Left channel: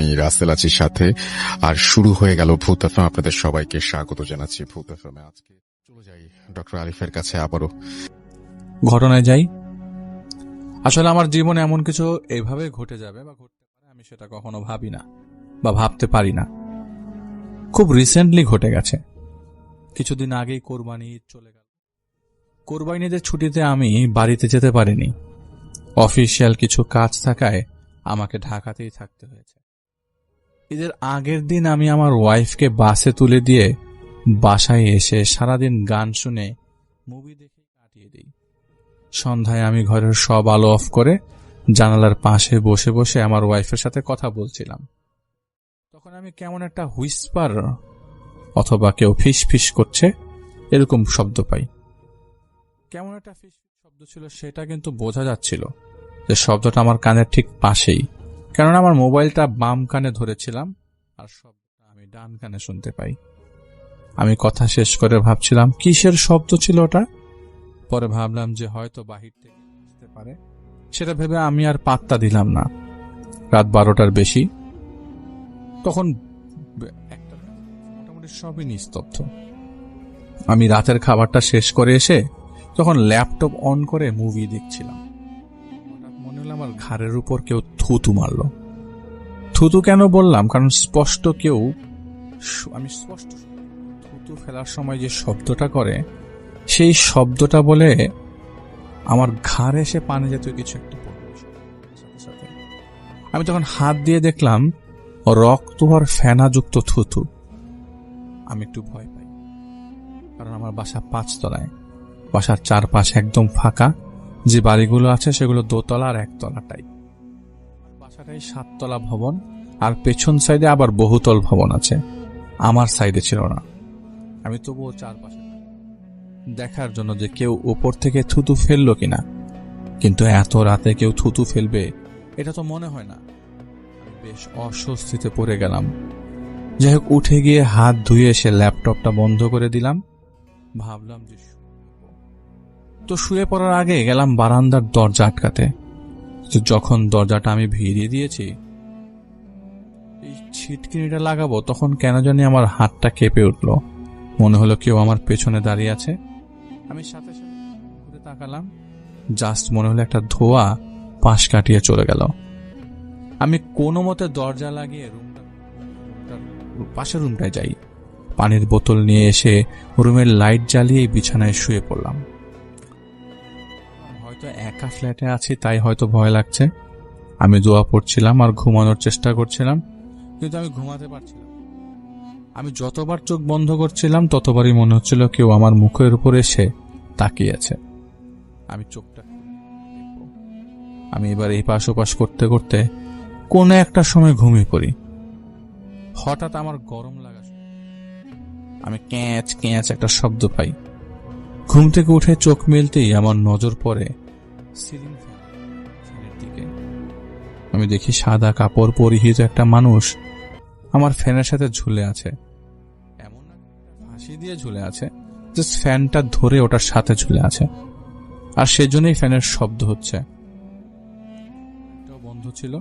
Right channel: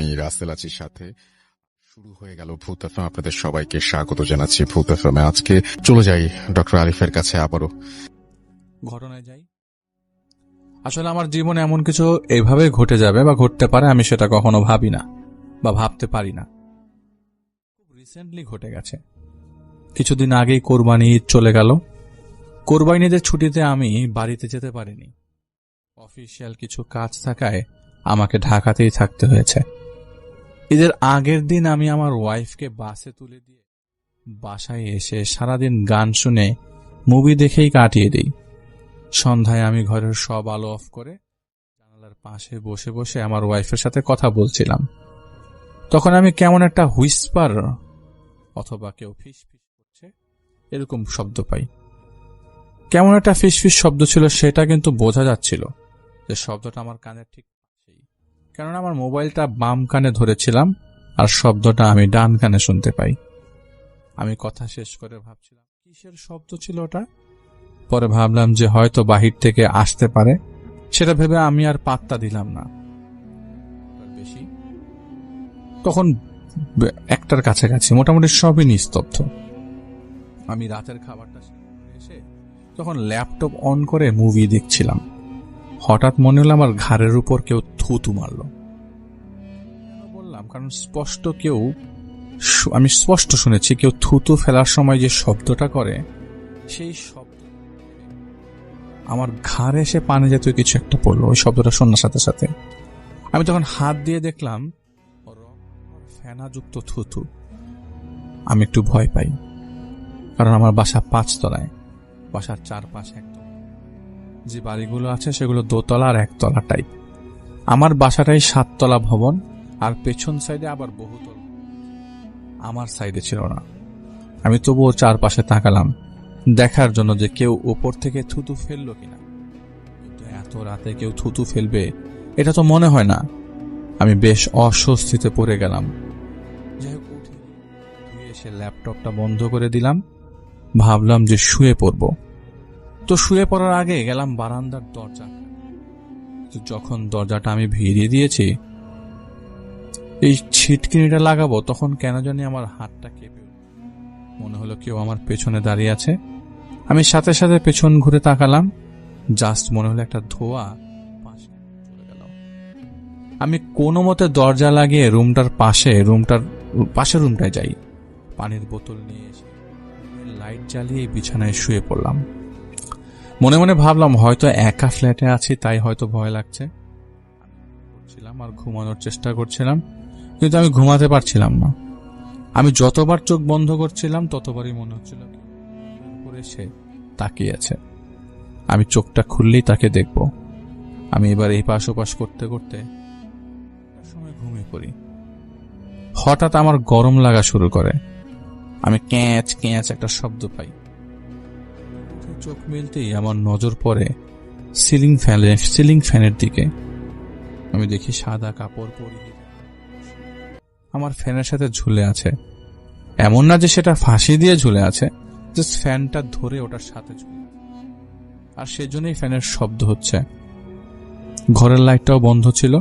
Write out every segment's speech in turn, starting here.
আমি রাসেল আছির সাথে। আর শুরু হয়ে গেল ভূত এফএম। আপনাদের সবাইকে স্বাগত জানাচ্ছি ভূত এফএমে। আজকে চলে যাই ডক্টর আরিফের কাছে আবারও। ঘটনায় যাই। আসলে আমার জীবনে এমন কিছু এভাবে ঘটে যাবে বা ঘটতে পারে আমি সেটা কখনো ভাবি না বা ভাবতে পারি না। খুব রিসেন্টলি ঘটে গেছে। কিছুদিন আগেই কোরবানি ঈদ চলে গেল। কোরবানি ঈদের ছুটিতে আমি বাড়িতে যেতে পারিনি। অফিসিয়াল কিছু কাজ থাকায় আমাকে ঢাকাতেই থাকতে হয়েছে। ঈদের আগের দিন আমি আমার ওয়াইফকে বাসে তুলে দিয়ে বাসায় এসে সারাদিন গান শুনে মুভি দেখেই কাটিয়ে দিই। সন্ধ্যায় আমি ঘরের সব আলো অফ করে জানালার পাশে বসে বসে আমার ওয়াইফের সাথে কথা বলছিলাম। তখন আমি কেমন একটা হুইসপার অথবা কেউ ফিস ফিস করছে এরকম শব্দ পাই। কেমন একটা ফিস ফিস শব্দ ছিল সেটা কিন্তু বোঝা যাচ্ছিল যে শব্দটা আমার কানের ঠিক পাশেই, কারণ আমার মোবাইলটা বাম কানে ধরেছিলাম আর শব্দটা আমি ডান কানে শুনতে পাই। আমি কথা শেষ করে ভাবছিলাম কিসের শব্দ ছিল ওটা। পরে ভাবলাম যে হয়তো বাহির থেকে আসতে পারে, সেটা ভেবে আমি আর পাত্তা দিলাম না। রাত 12টার বেশি, তখন 1টার কাছাকাছি, মোটামুটি সবই নিস্তব্ধ। আমি রাতের খাবারটা শেষ করে এসে তখন ল্যাপটপ অন করে মুভি দেখছিলাম। হঠাৎ মনে হলো আমার ঘাড়ের উপর কেউ থুতু মারল। থুতু কেন বললাম, কারণ আমি স্পষ্ট শুনেছি কেউ থুতু ফেলার সময় যে শব্দটা করে সেই শব্দটা বলে আমার ঘাড়ে এসে পানি জাতীয় কিছু একটা পড়লো। ওই শব্দটা শোনার সাথে সাথে আমি তখন হাত দিয়ে দেখলাম রক্ত আর ফেনাযুক্ত থুতু। আমি একটু ভয় পাই, কারণ আমার বাসা 5 তলায়। বাসার চারপাশে একদম ফাঁকা। যে বাড়িগুলো আছে সেগুলো 2 তলা আর 1 তলা টাইপ। আমার বাসাটাই 7 তলা ভবন, আর পেছন সাইডে আবার বহুতল ভবন আছে। আমার সাইডে ছিল না। আমি তবুও চারপাশে তাকালাম দেখার জন্য যে কেউ উপর থেকে থুতু ফেললো কিনা, কিন্তু এত রাতে কেউ থুতু ফেলবে এটা তো মনে হয় না। আমি বেশ অস্বস্তিতে পড়ে গেলাম। যাই হোক, উঠে গিয়ে হাত ধুয়ে এসে ল্যাপটপটা বন্ধ করে দিলাম। ভাবলাম যে শুয়ে পড়ব। তো শুয়ে পড়ার আগে গেলাম বারান্দার দরজা আটকাতে। যখন দরজাটা আমি ভিড়িয়ে দিয়েছি, এই ছিটকিনিটা লাগাবো, তখন কেন জানি আমার হাতটা কেঁপে উঠল। মনে হলো কেউ আমার পেছনে দাঁড়িয়ে আছে। আমি সাথে সাথে পেছন ঘুরে তাকালাম। জাস্ট মনে হলো একটা ধোঁয়া পাশ কাটিয়ে চলে গেল। আমি কোনো মতে দরজা লাগিয়ে রুমটার পাশের রুমটায় যাই। পানির বোতল নিয়ে এসে রুমের লাইট জ্বালিয়ে বিছানায় শুয়ে পড়লাম। মনে মনে ভাবলাম হয়তো একা ফ্ল্যাটে আছি, তাই হয়তো ভয় লাগছে। আমি দোয়া পড়ছিলাম আর ঘুমানোর চেষ্টা করছিলাম, কিন্তু আমি ঘুমাতে পারছিলাম না। আমি যতবার চোখ বন্ধ করছিলাম ততবারই মনে হচ্ছিল কেউ আমার মুখের উপর এসে তাকিয়ে আছে। আমি চোখটা খুললেই তাকে দেখব। আমি এবার এই পাশ ওপাশ করতে করতে কোনো একটা সময় ঘুমিয়ে পড়ি। হঠাৎ আমার গরম লাগা শুরু করে। আমি ক্যাঁচ ক্যাঁচ একটা শব্দ পাই। ঘুম থেকে উঠে চোখ মেলতেই আমার নজর পড়ে সিলিং ফ্যানের দিকে। আমি দেখি সাদা কাপড় পরিহিত একটা মানুষ আমার ফ্যানের সাথে ঝুলে আছে। এমন না যে সেটা ফাঁসি দিয়ে ঝুলে আছে, জাস্ট ফ্যানটা ধরে ওটার সাথে ঝুলে আছে। আর সেজন্যই ফ্যানের শব্দ হচ্ছে। ঘরের লাইটটাও বন্ধ ছিল,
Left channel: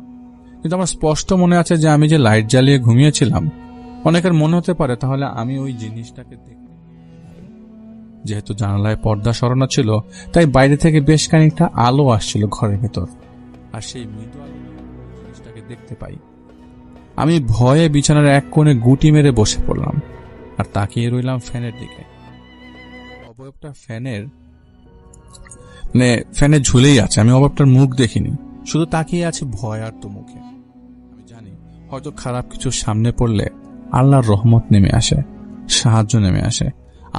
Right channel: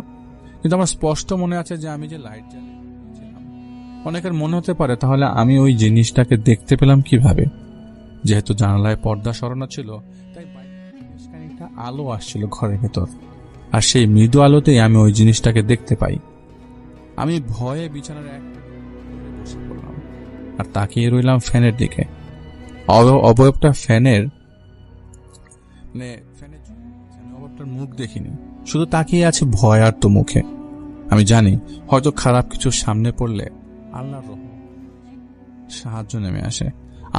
কিন্তু আমার স্পষ্ট মনে আছে যে আমি যে লাইট জ্বালিয়ে ঘুমিয়েছিলাম। অনেকের মনে হতে পারে তাহলে আমি ওই জিনিসটাকে দেখতে পেলাম কিভাবে। যেহেতু জানালায় পর্দা সরানো ছিল, তাই বাইরে থেকে বেশ খানিকটা আলো আসছিল ঘরের ভেতর, আর সেই মৃদু আলোতেই আমি ওই জিনিসটাকে দেখতে পাই। আমি ভয়ে বিছানার এক কোণে গুটি মেরে বসে পড়লাম আর তাকিয়ে রইলাম ফ্যানের দিকে। অবয়বটা ফ্যানে ঝুলেই আছে। আমি অবয়বটার মুখ দেখিনি, শুধু তাকিয়ে আছে ভয় আর তো মুখে। আমি জানি হয়তো খারাপ কিছু সামনে পড়লে আল্লাহর রহমত নেমে আসে, সাহায্য নেমে আসে।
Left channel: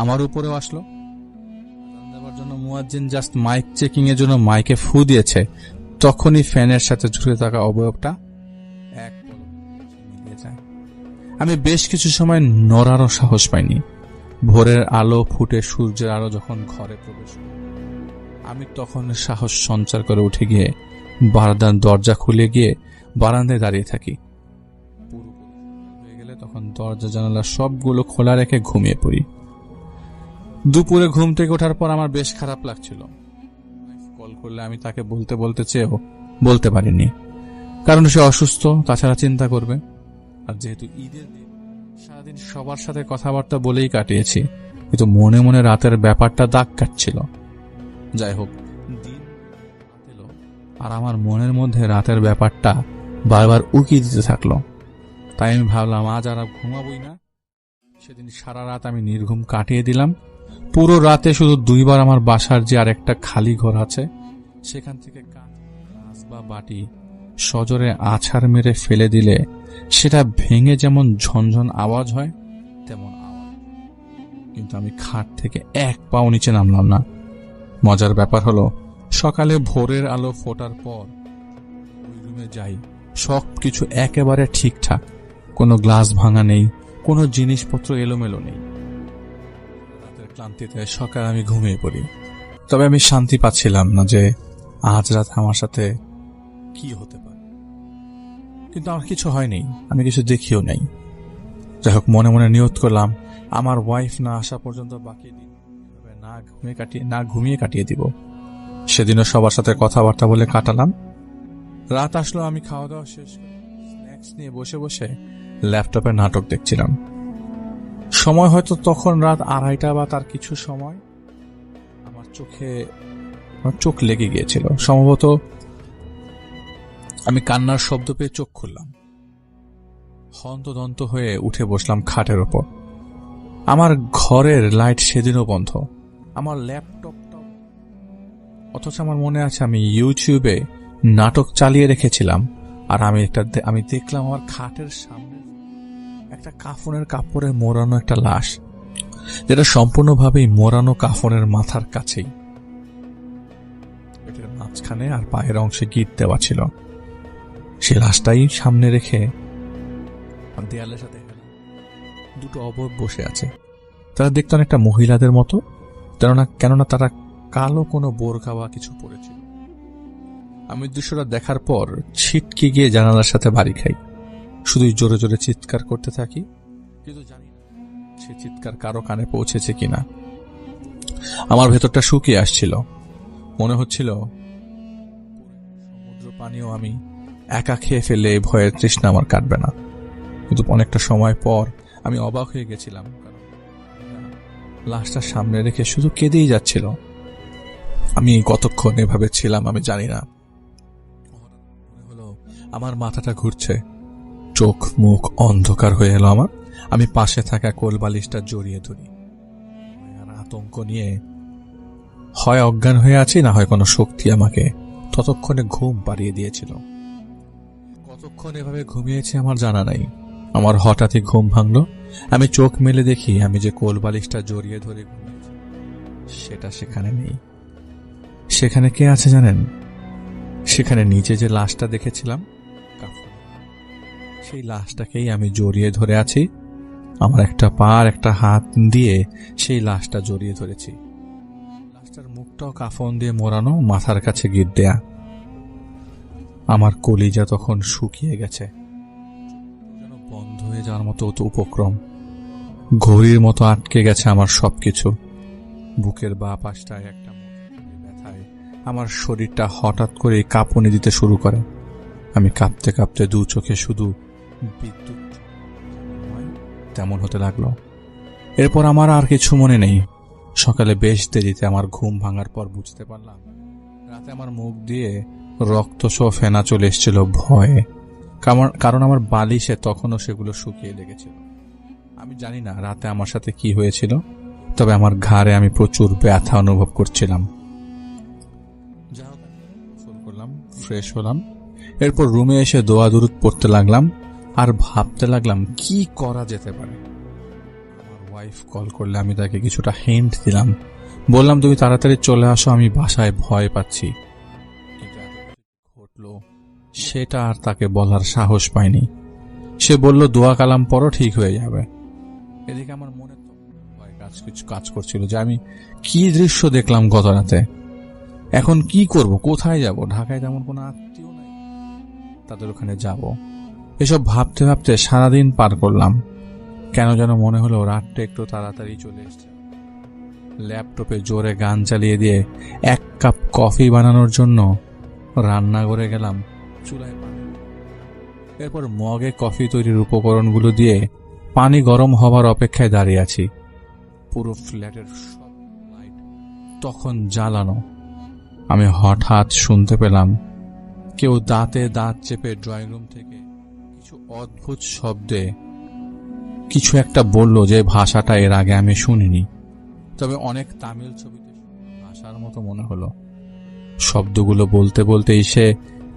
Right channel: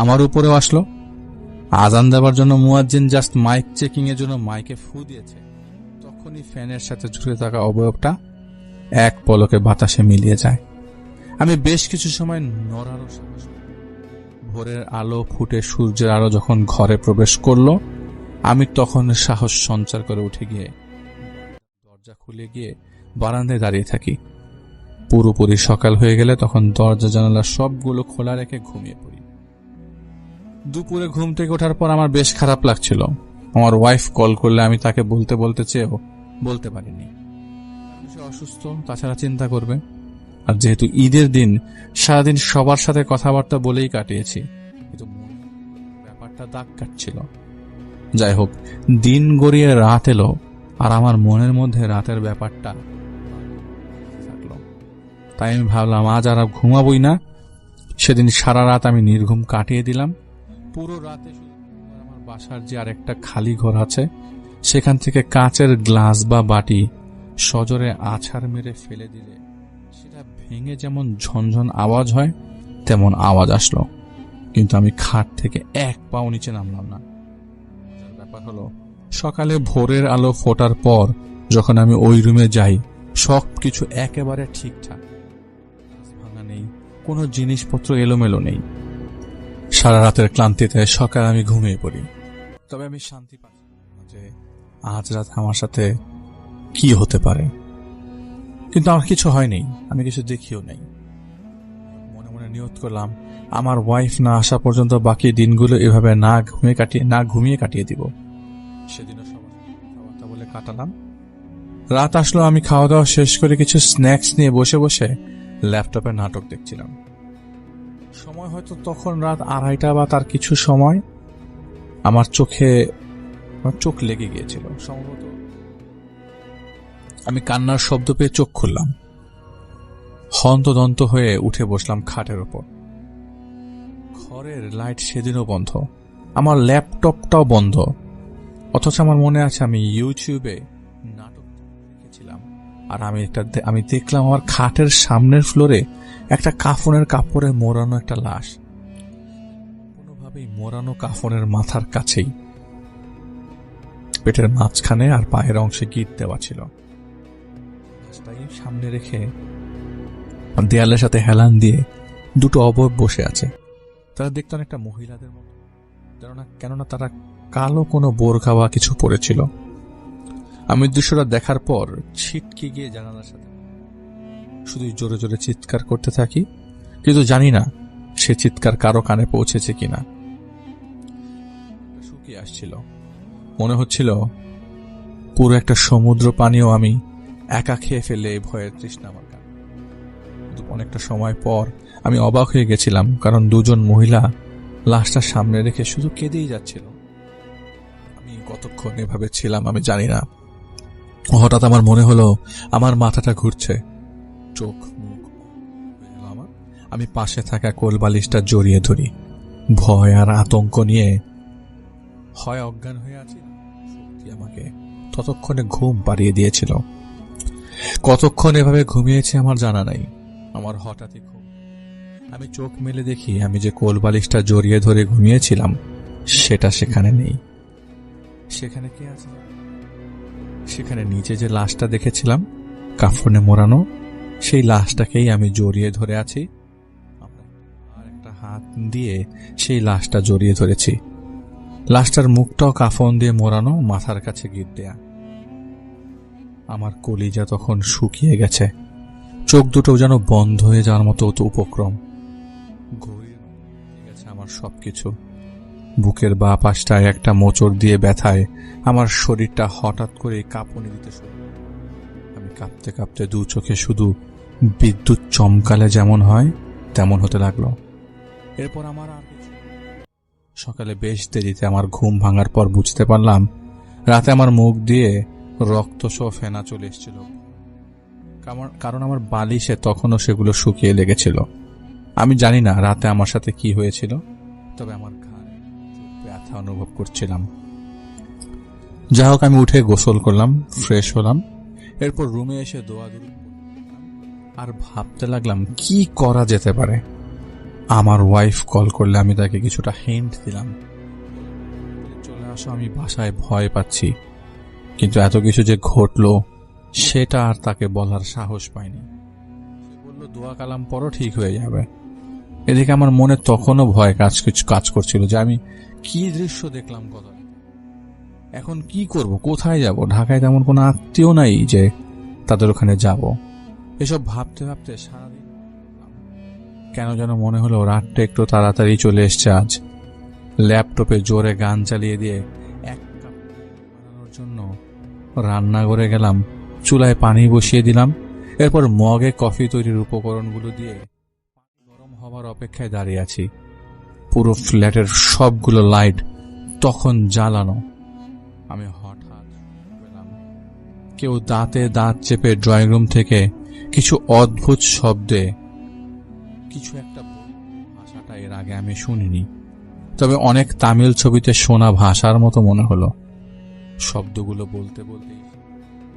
আমার উপরেও আসলো। আজান দেওয়ার জন্য মুয়াজ্জিন জাস্ট মাইক চেকিং এর জন্য মাইকে ফু দিয়েছে, তখনই ফ্যানের সাথে ঝুলে থাকা অবয়বটা এক পলকে বাতাসে মিলিয়ে যায়। আমি বেশ কিছু সময় নড়ারও সাহস পাইনি। ভোরের আলো ফুটে সূর্যের আলো যখন ঘরে প্রবেশ করলো, আমি তখন সাহস সঞ্চার করে উঠে গিয়ে বারান্দার দরজা খুলে গিয়ে বারান্দায় দাঁড়িয়ে থাকি। পুরোপুরি সকাল হয়ে গেলে তখন দরজা জানালা সবগুলো খোলা রেখে ঘুমিয়ে পড়ি। দুপুরে ঘুম থেকে ওঠার পর আমার বেশ খারাপ লাগছিল। আমার ওয়াইফ কল করলে আমি তাকে বলতে চেয়েও বলতে পারিনি। কারণ সে অসুস্থ, তাছাড়া চিন্তা করবে। আর যেহেতু ঈদের দিন সারাদিন সবার সাথে কথাবার্তা বলেই কাটিয়েছি, কিন্তু মনে মনে রাতের ব্যাপারটা দাগ কাটছিল। যাই হোক, দিন গড়িয়ে রাত এলো, আর আমার মনের মধ্যে রাতের ব্যাপারটা বারবার উকি দিতে থাকলো। তাই আমি ভাবলাম আজ আর ঘুমাবই না। সেদিন সারা রাত আমি নির্ঘুম কাটিয়ে দিলাম। পুরো রাতে শুধু 2 বার আমার বাসার যে আরেকটা খালি ঘর আছে সেখান থেকে কাচের গ্লাস বা বাটি সজোরে আছাড় মেরে ফেলে দিলে সেটা ভেঙে যেমন ঝনঝন আওয়াজ হয় তেমন আওয়াজ আসলো, কিন্তু আমি খাট থেকে 1 পাও নিচে নামলাম না। মজার ব্যাপার হলো, সকালে ভোরের আলো ফোটার পর যখন আমি ওই রুমে যাই, সবকিছু একেবারে ঠিকঠাক, কোনো গ্লাস ভাঙা নেই, কোনো জিনিসপত্র এলোমেলো নেই। সারা রাতের ক্লান্তিতে সকালে আমি ঘুমিয়ে পড়ি। তবে আমি শান্তি পাচ্ছিলাম না যে আজ রাত আমার সাথে কি হতে পারে। কিন্তু আমার কিছু হয়নি, আমি কিছু দেখিও নাই। যাই হোক, মনে মনে নিয়ত করলাম আমার ওয়াইফ না আসা পর্যন্ত বাকি দিনগুলো এভাবে না ঘুমিয়ে কাটিয়ে দিব। সেদিনও সবার সাথে কথাবার্তা বলে কাটালাম। রাত আসলো, আমি খাওয়া দাওয়া শেষ করে কিছু স্ন্যাক্স নিয়ে বসে বসে ল্যাপটপে নাটক দেখছিলাম। সময় হয়তো তখন রাত 2:30 বা তার কিছু সময়। আমার চোখ লেগে গিয়েছিল। সম্ভবত আমি কান্নার শব্দ পেয়ে চোখ খুললাম। হন্তদন্ত হয়ে উঠে বসলাম খাটের ওপর। আমার ঘরের লাইট সেদিনও বন্ধ, আমার ল্যাপটপটাও বন্ধ। অথচ আমার মনে আছে আমি ইউটিউবে নাটক চালিয়ে রেখেছিলাম। আর আমি দেখলাম আমার খাটের সামনের ফ্লোরে একটা কাফনের কাপড়ে মোড়ানো একটা লাশ, যেটা সম্পূর্ণভাবেই মোড়ানো কাফনের মাথার কাছেই। পেটের মাঝখানে আর পায়ের অংশে গিট দেওয়া ছিল। সে লাশটাই সামনে রেখে দেয়ালের সাথে হেলান দিয়ে 2টো অবয়ব বসে আছে। তারা দেখতে অনেকটা মহিলাদের মতো, কেননা তারা কালো কোনো বোরকা বা কিছু পরেছিল। আমি দৃশ্যটা দেখার পর ছিটকে গিয়ে জানালার সাথে বাড়ি খাই। শুধুই জোরে জোরে চিৎকার করতে থাকি, কিন্তু জানি না সে চিৎকার কারো কানে পৌঁছেছে কিনা। আমার ভেতরটা শুকিয়ে আসছিল। মনে হচ্ছিল পুরো একটা সমুদ্র পানিও আমি একা খেয়ে ফেললে এই ভয়ের তৃষ্ণা আমার কাটবে না। কিন্তু অনেকটা সময় পর আমি অবাক হয়ে গেছিলাম, কারণ 2জন মহিলা লাশটা সামনে রেখে শুধু কেঁদেই যাচ্ছিল। আমি কতক্ষণ এভাবে ছিলাম আমি জানি না। হঠাৎ আমার মনে হলো আমার মাথাটা ঘুরছে, চোখ মুখ অন্ধকার হয়ে এলো আমার। আমি পাশে থাকা কোলবালিশটা জড়িয়ে ধরি। ভয় আর আতঙ্ক নিয়ে হয় অজ্ঞান হয়ে আছি, না হয় কোনো শক্তি আমাকে ততক্ষণে ঘুম পাড়িয়ে দিয়েছিল। কতক্ষণ এভাবে ঘুমিয়েছি আমার জানা নাই। আমার হঠাৎই ঘুম ভাঙল। আমি চোখ মেলে দেখি আমি যে কোলবালিশটা জড়িয়ে ধরে ঘুমিয়েছিলাম সেটা সেখানে নেই। সেখানে কে আছে জানেন? সেখানে নিচে যে লাশটা দেখেছিলাম কাফনে মোড়ানো, সেই লাশটাকেই আমি জড়িয়ে ধরে আছি। আমার একটা পা আর একটা হাত দিয়ে সেই লাশটা জড়িয়ে ধরেছি। লাশটার মুখটাও কাফন দিয়ে মোড়ানো, মাথার কাছে গিট দেয়া। আমার কলিজা তখন শুকিয়ে গেছে, চোখ দুটো যেন বন্ধ হয়ে যাওয়ার মতো উপক্রম। ঘড়ির মতো আটকে গেছে আমার সবকিছু। বুকের বাঁ পাশটায় একটা মোচড় দিয়ে ব্যথায় আমার শরীরটা হঠাৎ করে কাঁপুনি দিতে শুরু করে। আমি কাঁপতে কাঁপতে 2 চোখে শুধু বিদ্যুৎ চমকালে যেমন হয় তেমন হতে লাগলো। এরপর আমার আর কিছু মনে নেই। সকালে বেশ দেরিতে আমার ঘুম ভাঙার পর বুঝতে পারলাম রাতে আমার মুখ দিয়ে রক্তসহ ফেনা চলে এসেছিল ভয়ে, কারণ আমার বালিশে তখনও সেগুলো শুকিয়ে লেগেছিল। আমি জানি না রাতে আমার সাথে কি হয়েছিল, তবে আমার ঘাড়ে আমি প্রচুর ব্যথা অনুভব করছিলাম। যাই হোক, আমি উঠে গোসল করলাম, ফ্রেশ হলাম। এরপর রুমে এসে দোয়া দুরুদ পড়তে লাগলাম আর ভাবতে লাগলাম কি করা যেতে পারে। আমার ওয়াইফ কল করলে আমি তাকে কিছুটা হিন্ট দিলাম, বললাম তুমি তাড়াতাড়ি চলে আসো, আমি বাসায় ভয় পাচ্ছি। কিন্তু এত কিছু যে ঘটলো সেটা আর তাকে বলার সাহস পাইনি। সে বলল দোয়া কালাম পরও ঠিক হয়ে যাবে। এদিকে আমার মনে তখনও ভয় কাজ করছিল যে আমি কি দৃশ্য দেখলাম গত রাতে। এখন কি করব, কোথায় যাব? ঢাকায় তেমন কোনো আত্মীয় নাই যে তাদের ওখানে যাব। এসব ভাবতে ভাবতে সারাদিন পার করলাম। কেন যেন মনে হলো রাতটা একটু তাড়াতাড়ি চলে এসছে আজ। ল্যাপটপে জোরে গান চালিয়ে দিয়ে 1 কাপ কফি বানানোর জন্য রান্নাঘরে গেলাম চুলায় পানি বসিয়ে দিলাম। এরপর মগে কফি তৈরির উপকরণগুলো দিয়ে পানি গরম হবার অপেক্ষায় দাঁড়িয়ে আছি। পুরো ফ্ল্যাটের সবগুলো লাইট তখন জ্বালানো। আমি হঠাৎ শুনতে পেলাম কেউ দাঁতে দাঁত চেপে ড্রয়িং রুম থেকে কিছু অদ্ভুত শব্দে কিছু একটা বলল, যে ভাষাটা এর আগে আমি শুনিনি, তবে অনেক তামিল ছবিতে শোনা ভাষার মতো মনে হলো। শব্দগুলো বলতে বলতেই সে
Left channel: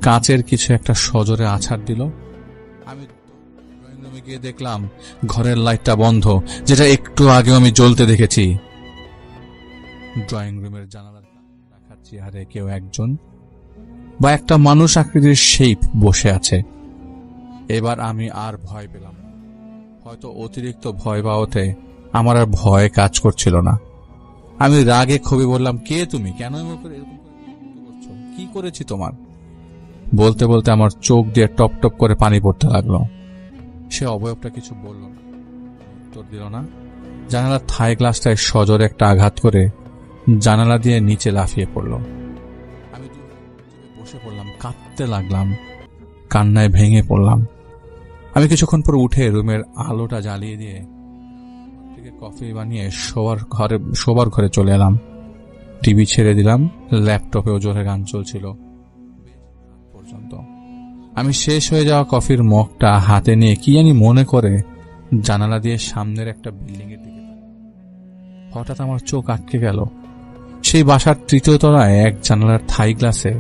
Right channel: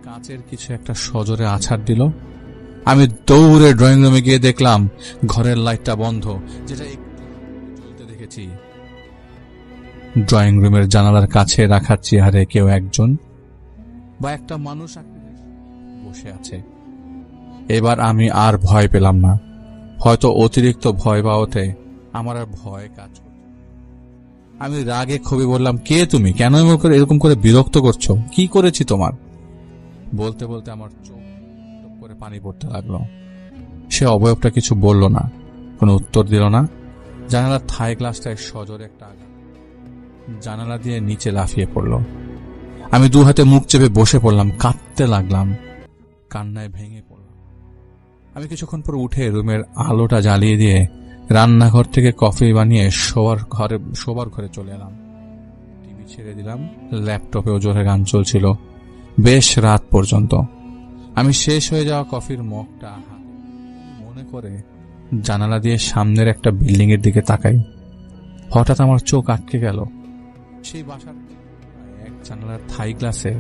কাঁচের কিছু একটা সজোরে আছাড় দিল। আমি দৌড়ে ড্রয়িং রুমে গিয়ে দেখলাম ঘরের লাইটটা বন্ধ, যেটা একটু আগেও আমি জ্বলতে দেখেছি। ড্রয়িং রুমের জানালার কাছে রাখা চেয়ারে কেউ একজন বা একটা মানুষ আকৃতির শেপ বসে আছে। এবার আমি আর ভয় পেলাম না। হয়তো অতিরিক্ত ভয় পাওয়াতে আমার আর ভয় কাজ করছিল না। আমি রাগে ক্ষোভে বললাম, কে তুমি? কেন এরকম করে বিরক্ত করছো? কি করেছি তোমার? বলতে বলতে আমার চোখ দিয়ে টপ টপ করে পানি পড়তে লাগলো। সে অবয়বটা কিছু বলল না, কোনো উত্তর দিল না। জানালার থাই গ্লাসটায় সজোরে একটা আঘাত করে জানালা দিয়ে নিচে লাফিয়ে পড়ল। আমি দু হাতে মুখ চেপে বসে পড়লাম, কাঁদতে লাগলাম, কান্নায় ভেঙে পড়লাম। আমি কিছুক্ষণ পর উঠে রুমের আলোটা জ্বালিয়ে দিয়ে রান্নাঘর থেকে কফি বানিয়ে শোবার ঘরে চলে এলাম। টিভি ছেড়ে দিলাম, ল্যাপটপেও জোরে গান চলছিল বেশ রাত পর্যন্ত। আমি শেষ হয়ে যাওয়া কফির মগটা হাতে নিয়ে কি জানি মনে করে জানালা দিয়ে সামনের একটা বিল্ডিং এর দিকে তাকাই। হঠাৎ আমার চোখ আটকে গেল। সেই বাসার তৃতীয় তলায় এক জানালার থাই গ্লাসে,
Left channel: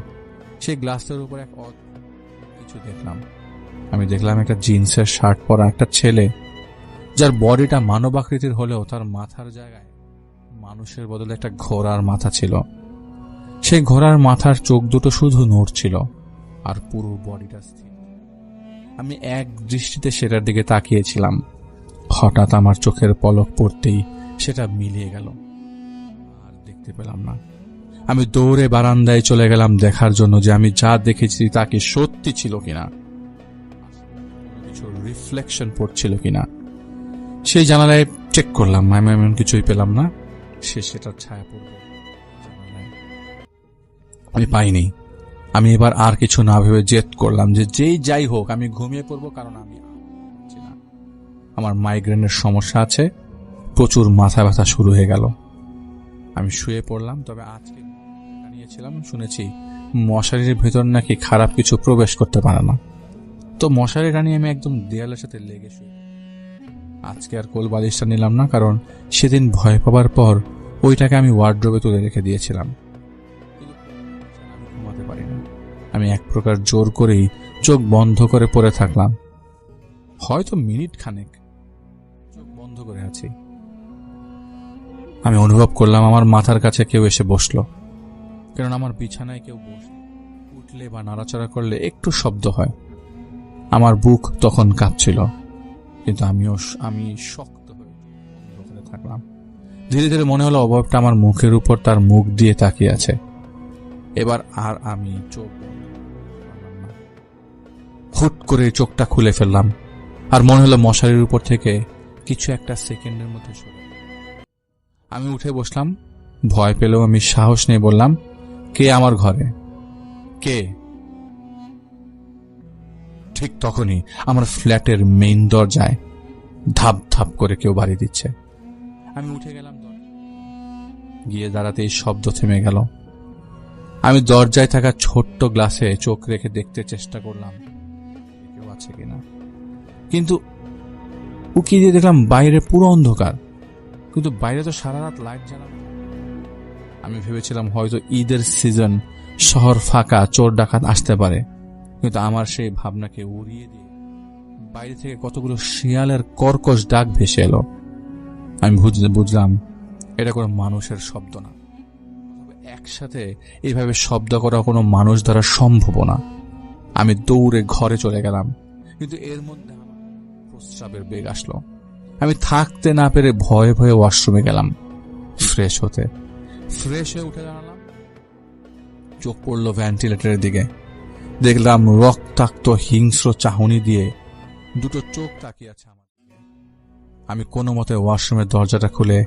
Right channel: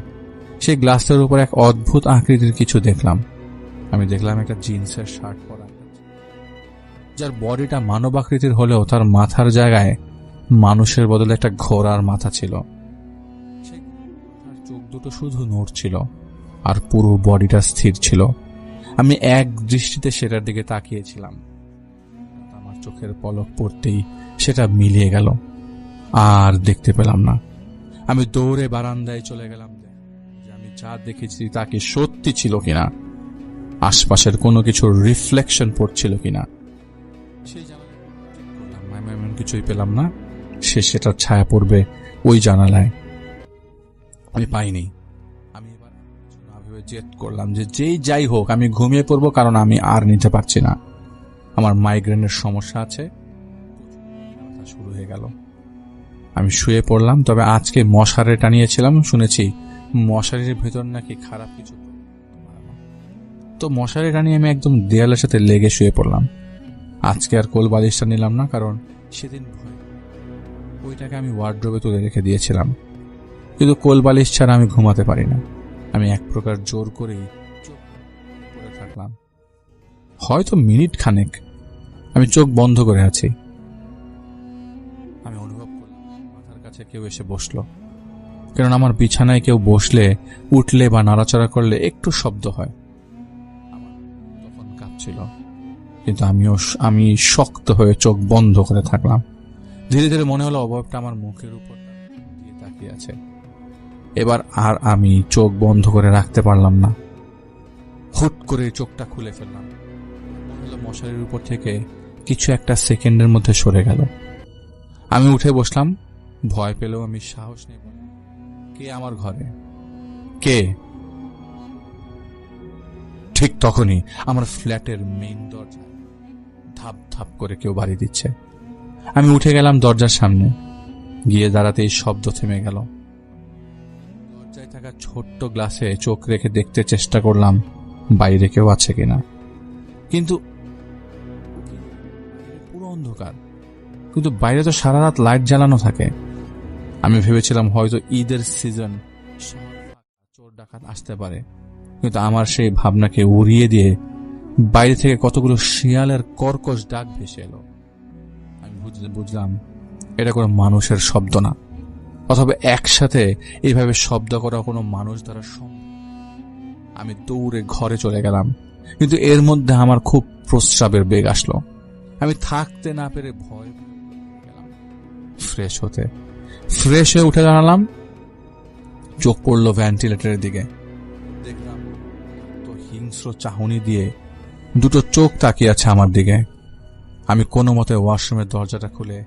সেই গ্লাসের উপর এক অদ্ভুত আকৃতির কিছু দেখলাম। আমি দেখলাম একটা জিন্সের শার্ট পরা একটা ছেলে, যার বডিটা মানব আকৃতির হলেও তার মাথার জায়গায় মানুষের বদলে একটা ঘোড়ার মাথা ছিল। সেই ঘোড়ার মাথার চোখ দুটো শুধু নড়ছিল আর পুরো বডিটা স্থির ছিল। আমি এক দৃষ্টিতে সেটার দিকে তাকিয়েছিলাম। হঠাৎ আমার চোখের পলক পড়তেই সেটা মিলিয়ে গেল, আর দেখতে পেলাম না। আমি দৌড়ে বারান্দায় চলে গেলাম দেখার জন্য যে আমি যা দেখেছি তা কি সত্যি ছিল কিনা, আশপাশের কোনো কিছুর রিফ্লেকশন পড়ছিল কিনা। সেই জানালায় চেক করলাম, আমি এমন কিছুই পেলাম না। সেটার ছায়া পড়বে ওই জানালায়, আমি পাইনি। আমি এবার আর কিছু না ভেবে জেদ করলাম যে যেই যাই হোক আমি ঘুমিয়ে পড়বো, কারণ আমি আর নিতে পারছি না। আমার মাইগ্রেনের সমস্যা আছে, প্রচুর মাথা ব্যথা শুরু হয়ে গেল। আমি শুয়ে পড়লাম। তবে আজকে মশারি টানিয়েছিলাম, শুনেছি মশারির ভেতর নাকি খারাপ কিছু প্রবেশ করতে পারে না। তো মশারি টানিয়ে আমি একদম দেয়ালের সাথে লেগে শুয়ে পড়লাম। আজকে আর কোল বালিশটা নিলাম না, কারণ সেদিন ভয় পাবার পর ওইটাকে আমি ওয়ার্ড্রোবে তুলে রেখে দিয়েছিলাম। কিন্তু কোল বালিশ ছাড়া আমি ঘুমাতে পারি না। আমি এক প্রকার জোর করেই চোখ বন্ধ করে পড়ে থাকলাম। হয়তো মিনিট খানেক আমি চোখ বন্ধ করে আছি। আমি অনুভব করলাম আমার মাথার কাছে কেউ এসে বসল, কারণ আমার বিছানায় কেউ বসলে, উঠলে বা নাড়াচাড়া করলে একটু শব্দ হয়। আমার বুক তখন কাঁপছিল, কিন্তু আমি শক্ত হয়ে চোখ বন্ধ করে থাকলাম। ধীরে ধীরে মনে হলো অবয়বটা আমার মুখের উপর তার মুখ দিয়ে তাকিয়ে আছে। এবার আর আমি চোখ বন্ধ করে রাখতে পারলাম না। হুট করে চোখটা খুলে ফেললাম, আর মনে হলো মশারির উপর থেকে কিছু একটা সেকেন্ডের মধ্যে সরে গেল। আমি উঠে বসলাম। ভয় পেলেও আমি সাহস নিয়ে বললাম, কে আমার ঘরে? কে? ঠিক তখনই আমার ফ্ল্যাটের মেইন দরজায় ধাপ ধাপ করে কেউ বাড়ি দিচ্ছে। আমি উঠে গেলাম দরজার সামনে, গিয়ে দাঁড়াতেই শব্দ থেমে গেল। আমি দরজায় থাকা ছোট্ট গ্লাসে চোখ রেখে দেখতে চেষ্টা করলাম বাইরে কেউ আছে কিনা, কিন্তু উকি দিয়ে দেখলাম বাইরে পুরো অন্ধকার। কিন্তু বাইরে তো সারা রাত লাইট জ্বালানো থাকে। আমি ভেবেছিলাম হয়তো ঈদের সিজন, শহর ফাঁকা, চোর ডাকাত আসতে পারে। কিন্তু আমার সেই ভাবনাকে উড়িয়ে দিয়ে বাইরে থেকে কতগুলো শিয়ালের কর্কশ ডাক ভেসে এলো। আমি বুঝলাম এটা কোনো মানুষের শব্দ না, অথবা একসাথে এইভাবে শব্দ করা কোনো মানুষ দ্বারা সম্ভব না। আমি দৌড়ে ঘরে চলে গেলাম, কিন্তু এর মধ্যে আমার খুব প্রস্রাবের বেগ আসলো। আমি থাকতে না পেরে ভয়ে ভয়ে ওয়াশরুমে গেলাম ফ্রেশ হয়ে উঠে দাঁড়ালাম। চোখ পড়ল ভেন্টিলেটরের দিকে। দেখলাম রক্তাক্ত হিংস্র চাহনি দিয়ে দুটো চোখ তাকিয়ে আছে আমার দিকে। আমি কোনো মতে ওয়াশরুমের দরজাটা খুলে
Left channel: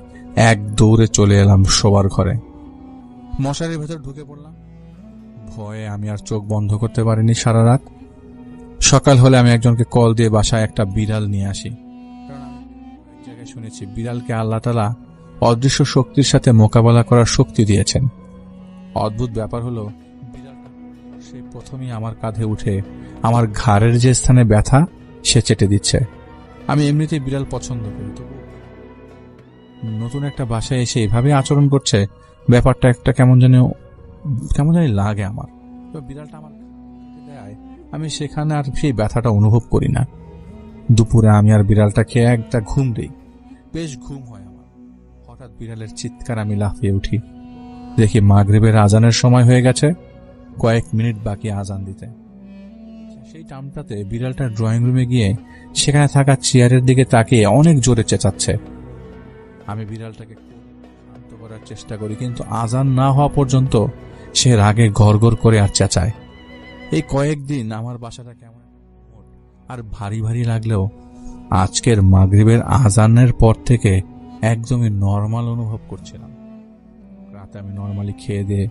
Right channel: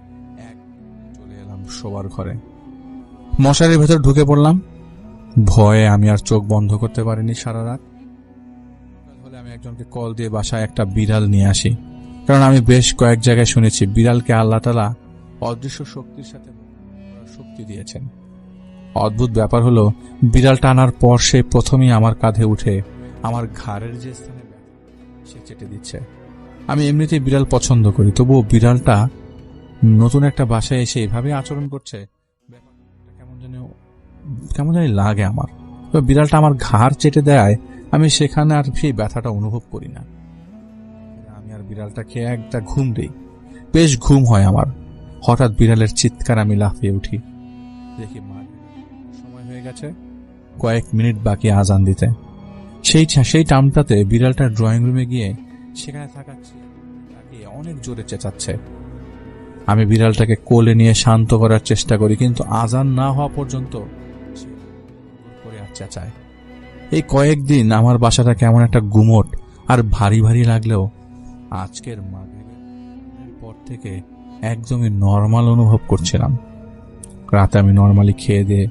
এক দৌড়ে চলে এলাম শোবার ঘরে। মশারির ভেতর ঢুকে পড়লাম। ভয়ে আমি আর চোখ বন্ধ করতে পারিনি সারা রাত। সকাল হলে আমি একজনকে কল দিয়ে বাসায় একটা বিড়াল নিয়ে আসি, কারণ আমি বেশ কয়েক জায়গায় শুনেছি বিড়ালকে আল্লাহ তাআলা অদৃশ্য শক্তির সাথে মোকাবেলা করার শক্তি দিয়েছেন। অদ্ভুত ব্যাপার হলো, বিড়ালটা আনার পর সে প্রথমেই আমার কাঁধে উঠে আমার ঘাড়ের যে স্থানে ব্যথা সে চেটে দিচ্ছে। আমি এমনিতেই বিড়াল পছন্দ করি, তবুও বিড়ালটা নতুন একটা বাসায় এসে এভাবে আচরণ করছে, ব্যাপারটা একটা কেমন জানি লাগে আমার। তো বিড়ালটা আমার ঘাড় চেটে দেয়, আমি সেখানে আর সেই ব্যথাটা অনুভব করি না। দুপুরে আমি আর বিড়ালটাকে একটা ঘুম দিই, বেশ ঘুম হয় আমার। হঠাৎ বিড়ালের চিৎকার, আমি লাফিয়ে উঠি, দেখি মাগরিবের আজানের সময় হয়ে গেছে, কয়েক মিনিট বাকি আজান দিতে। সেই টাইমটাতে বিড়ালটা ড্রয়িং রুমে গিয়ে সেখানে থাকা চেয়ারের দিকে তাকিয়ে অনেক জোরে চেঁচাচ্ছে। আমি বিড়ালটাকে কোলে নিয়ে শান্ত করার চেষ্টা করি, কিন্তু আজান না হওয়া পর্যন্ত সে রাগে গড়গড় করে আর চেঁচায়। এই কয়েকদিন আমার বাসাটা কেমন একটা গুমোট আর ভারী ভারী লাগলেও আজকের মাগরিবের আজানের পর থেকে একদমই নর্মাল অনুভব করছিলাম। রাতে আমি নর্মালি খেয়ে দিয়ে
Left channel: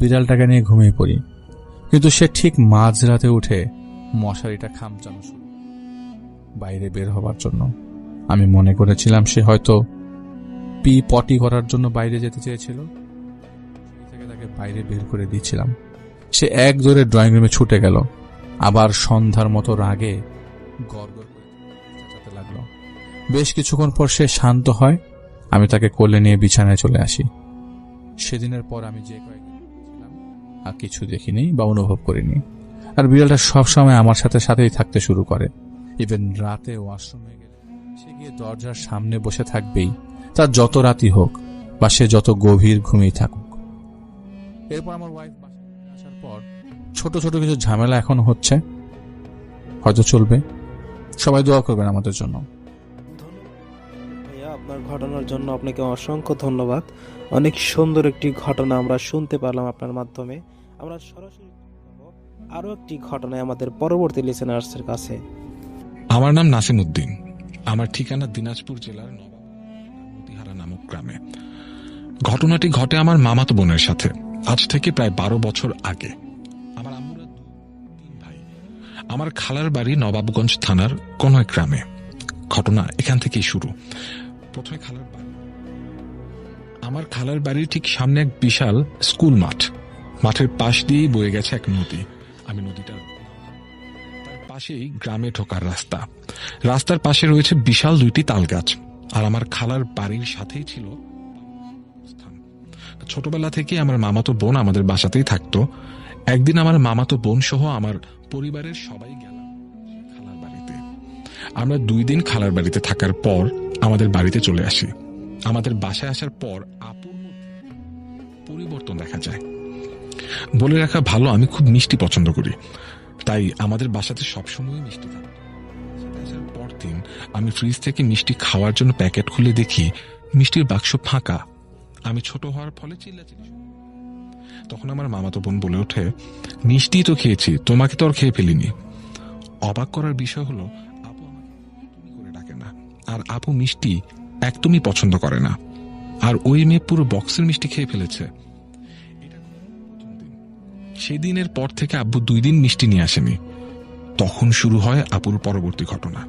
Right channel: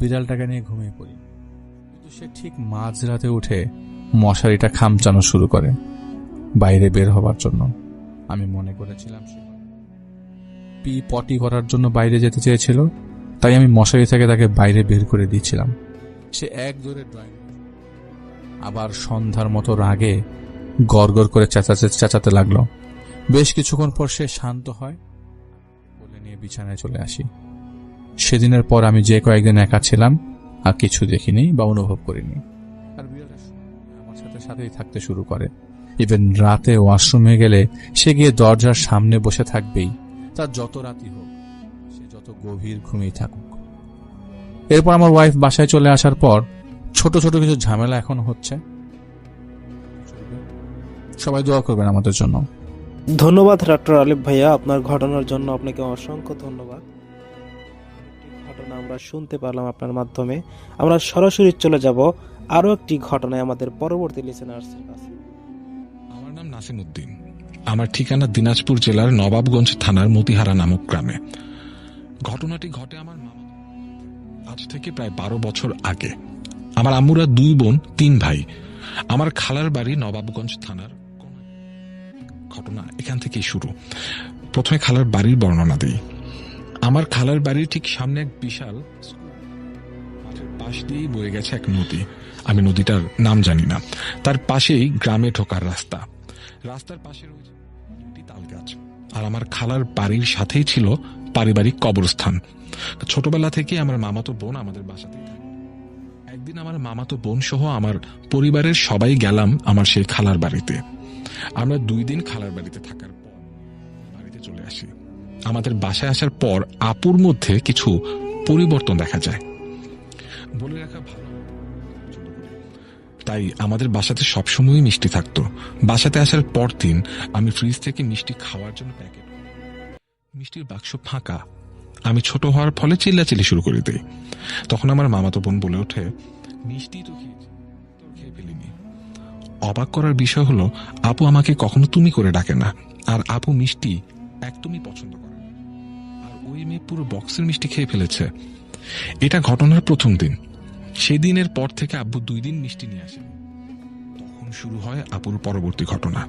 বিড়ালটাকে নিয়ে ঘুমিয়ে পড়ি, কিন্তু সে ঠিক মাঝরাতে উঠে মশারিটা খামচানো শুরু করে বাইরে বের হবার জন্য। আমি মনে করেছিলাম সে হয়তো পটি করার জন্য বাইরে যেতে চেয়েছিল, তাই আমি মশারি থেকে তাকে বাইরে বের করে দিয়েছিলাম। সে এক জোরে ড্রয়িং রুমে ছুটে গেল, আবার সন্ধ্যার মতো রাগে গড়গড় করে চেঁচাতে লাগলো। বেশ কিছুক্ষণ পর সে শান্ত হয়, আমি তাকে কোলে নিয়ে বিছানায় চলে আসি। সেদিনের পর আমি যে কয়েকদিন একা ছিলাম আর কিছু দেখিনি বা অনুভব করিনি। আর বিড়ালটা সবসময় আমার সাথেই থাকতে শুরু করে। ইভেন রাতে ওয়াশরুমে গেলে সে গিয়ে দরজার সামনে বসে থাকবেই, তার যত রাতই হোক বা সে যত গভীর ঘুমিয়ে থাকুক। এরপর আমার ওয়াইফ বাসায় চলে আসার পর ছোট ছোট কিছু ঝামেলা এখন হচ্ছে, হয়তো চলবে। সবাই দোয়া করবেন আমাদের জন্য। ধন্যবাদ ডক্টর আলিফ ভাইয়া, আপনার ঘটনার জন্য আপনাকে অসংখ্য ধন্যবাদ। অনেক সুন্দর একটি ঘটনা আমরা শুনতে পারলাম আপনার মাধ্যমে। আমরা সরাসরি চলে যাব আরো একটি ঘটনায় আমাদের পরবর্তী লিসেনার্সের কাছে। আমার নাম নাসিম উদ্দিন। আমার ঠিকানা দিনাজপুর জেলার নবাবগঞ্জ থানার মতিহারা নামক গ্রামে। ঘটনাটি ঘটে আমার মামাতো বোনের সাথে আজ থেকে প্রায় 12 বছর আগে। আমার আম্মুরা 2 বোন 3 ভাই। আমার খালার বাড়ি নবাবগঞ্জ থানার কোন এক গ্রামে। ঘটনা এখান থেকেই শুরু। প্রথমে খালার বাড়ির বর্ণনা দিই। আমার খালার বাড়ির ঠিক সামনে এক বিশাল স্কুল মাঠ। মাঠের পাশ দিয়েই বয়ে গেছে এক নদী। আমি নদীটার নাম জানি না। তার পাশেই গ্রামে ঢোকার রাস্তা। রাস্তার পাশে রয়েছে বিশাল 2টি তাল গাছ। আর আমার খালার বাড়ির সাথেই ছিল পারিবারিক কবরস্থান। ছোটবেলা থেকে আমার মামাতো বোন আমাদের বাসাতেই থাকতো। একদিন আমার মামাতো বোন সহ আমার পরিবারের সবাই গেলাম আমার সেই খালার বাড়িতে। আমরা 2 দিন খালার বাড়িতে থাকার পর আমাদের বাড়িতে চলে আসি। আমাদের বাসায় আসার পর আপুর মধ্যে কিছু পরিবর্তন দেখা যায়। বলে রাখা ভালো, আমি খুব মিষ্টি পছন্দ করি, তাই আমাদের বাসাতে সবসময়ই মিষ্টি থাকতো। বাসাতে আসার পর দিন আমি ফ্রিজ থেকে মিষ্টি খাওয়ার জন্য প্যাকেট খুলে দেখি মিষ্টির বাক্স ফাঁকা। আমি ছোট হওয়ার ফলে চিল্লাচিল্লি শুরু করে দিই। তখন আমার মামাতো বোন বলে ওঠে, মিষ্টি তো খেয়েছি, তোমাকে তো আর খেয়ে ফেলিনি। অবাক করার বিষয় হলো আপু আমাকে কখনো তুমি করে ডাকে না, আর আপু মিষ্টি একদমই পছন্দ করে না। আর ওই মেয়ে পুরো বক্সের মিষ্টি খেয়ে ফেলেছে। এটা ঘটনার প্রথম দিন। সেই দিনের পর থেকে আব্বু 2 দিন মিষ্টি নিয়ে আসেনি। তখন শুরু হয় আপুর পরবর্তী ঘটনা।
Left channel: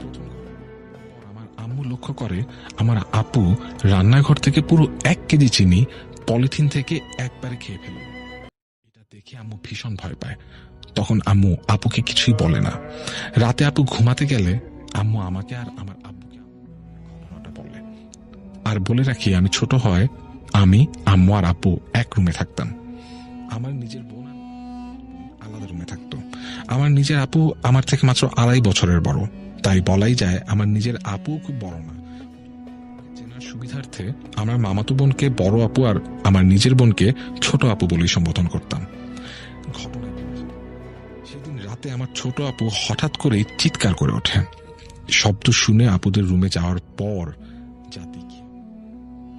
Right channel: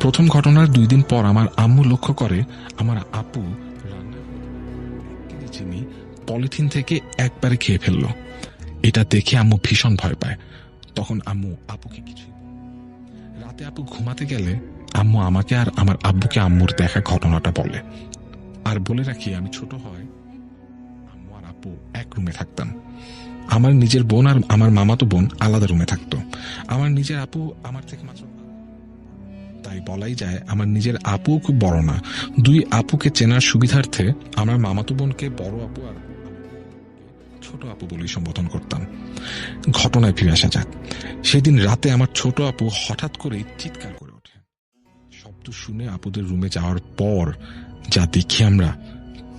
প্রথম ঘটনার 2 দিন পর আমার আম্মু লক্ষ্য করে আমার আপু রান্নাঘর থেকে পুরো 1 কেজি চিনি পলিথিন থেকে একবারে খেয়ে ফেলল। এটা দেখে আম্মু ভীষণ ভয় পায়। তখন আম্মু আপুকে কিছুই বলে না। রাতে আপু ঘুমাতে গেলে আম্মু আমাকে আর আমার আব্বুকে আম্মুর দেখা ঘটনাটা বলে। আর বলে রাখি, আমি ছোট হয় আমি, আম্মু আর আব্বু এক রুমে থাকতাম। আমার নিজের বোন আর আমার মামাতো বোন আলাদা রুমে থাকতো। আমার নিজের আপু আমার থেকে মাত্র 2.5 বছরের বড়, তাই বলাই যায় আমার নিজের আপু খুব বড় না। 2 আপুকে চেনার সুবিধার্থে আমার মামাতো বোনকে বড় আপু আর আমার নিজের বোনকে ছোট আপু বলেই সম্বোধন করতাম। ঘটনায় ফিরে আসা যাক। সেদিন রাতে আমার ছোট আপু হঠাৎ করেই চিৎকার করে ওঠে। শব্দ শুনে আপুদের রুমে যাওয়ার পর যা দেখি আমরা,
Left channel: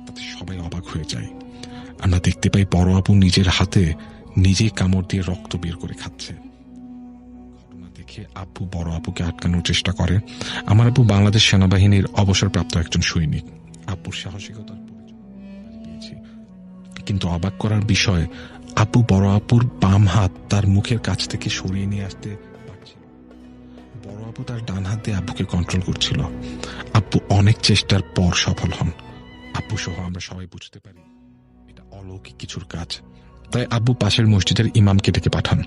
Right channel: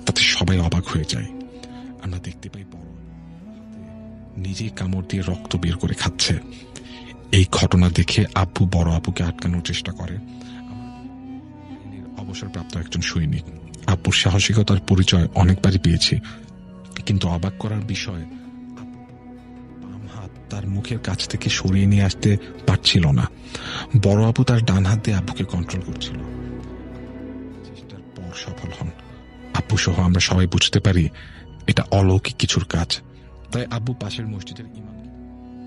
তাতে সবাই অবাক হয়ে যায়। আমরা দেখতে পাই বড় আপু নিজের হাতে নিজেই কামড় দিয়ে রক্ত বের করে খাচ্ছে। এই ঘটনা দেখে আব্বু বড় আপুকে আটকানোর চেষ্টা করে। আমার আব্বু বাংলাদেশ সেনাবাহিনীর অবসরপ্রাপ্ত একজন সৈনিক। আব্বুর সাহসিকতার পরিচয় অনেকবারই পেয়েছি, কিন্তু অবাক করার বিষয় আব্বু বড় আপুর বাম হাত তার মুখের কাছ থেকে সরিয়ে নিয়ে আসতে পারছিল না। বড় আপু তার ডান হাত দিয়ে আব্বুকে কন্ট্রোল করছিল। আব্বু অনেক চেষ্টার পর সফল হন। আব্বু সহ আমরা সবাই বুঝতে পারি এটা অলৌকিক কিছুর কাজ। তাই আব্বু পাশের মসজিদের ইমামকে ডেকে পাঠান।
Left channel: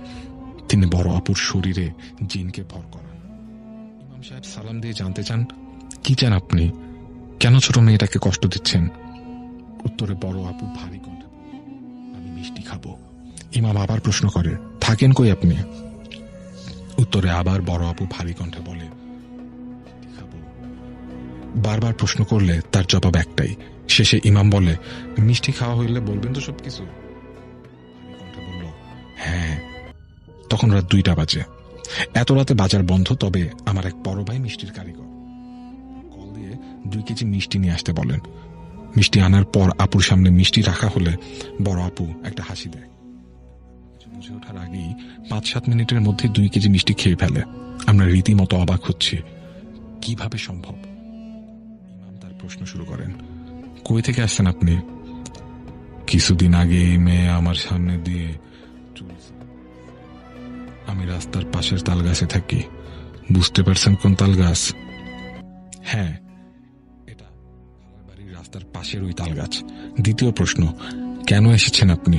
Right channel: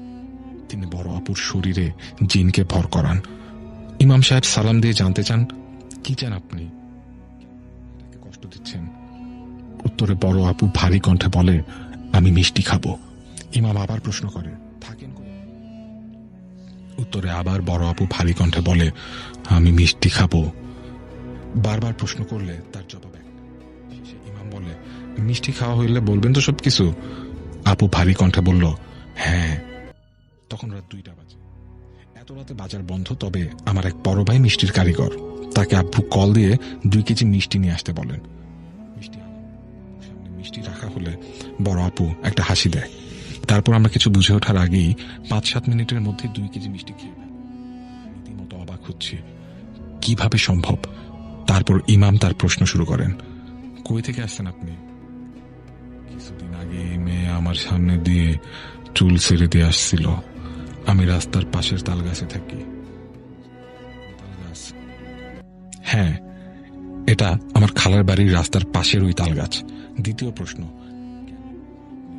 তিনি বড় আপুর শরীরে জিনকে ভর করান। ইমাম সাহেব সালাম দিয়ে জানতে চান, কি চান আপনি, কেন ছোট মেয়েটাকে কষ্ট দিচ্ছেন? উত্তরে বড় আপু ভারী কণ্ঠে বলে, আমি মিষ্টি খাবো। ইমাম আবার প্রশ্ন করে, থাকেন কই আপনি? উত্তরে আবার বড় আপু ভারী কণ্ঠে বলে, আমি মিষ্টি খাবো। বারবার প্রশ্ন করলে তার জবাব একটাই। শেষে ইমাম বলে, মিষ্টি খাওয়া হইলে বলবেন তো সবকিছু? আপু ভারী কণ্ঠে বলল, হ্যাঁ। তখন রাত 2টা বাজে। এত রাতে বাজার বন্ধ, তবে আমার এক বড় ভাই মিষ্টির কারিগর, তাকে আব্বু কল দিয়ে 2 কেজি মিষ্টি নিয়ে আসতে বলেন। মিষ্টি আনার পর আপুর সামনে মিষ্টি রাখা হলে বড় আপু একটা হাসি দেয়। তারপর আমরা কিছু বুঝে ওঠার আগেই 5-7 মিনিটের মধ্যে 2 কেজি মিষ্টি খেয়ে ফেলে। আমরা রীতিমতো অবাক হচ্ছি, কিভাবে সম্ভব? তারপর ইমাম তার প্রশ্ন শুরু করেন, কই থেকে আসছেন আপনি? কিছুদিন আগে এই মেয়ে আমার সামনে দিয়ে চুল ছেড়ে দিয়ে আসছিল। আমি রাস্তার পাশের তাল গাছে থাকি। বুঝতে পারছেন কোন তাল গাছ? হ্যাঁ, এটা আমার খালার বাড়ির রাস্তার পাশের ওই তাল গাছ। দ্বিতীয় প্রশ্ন, কেন এসেছেন আপনি?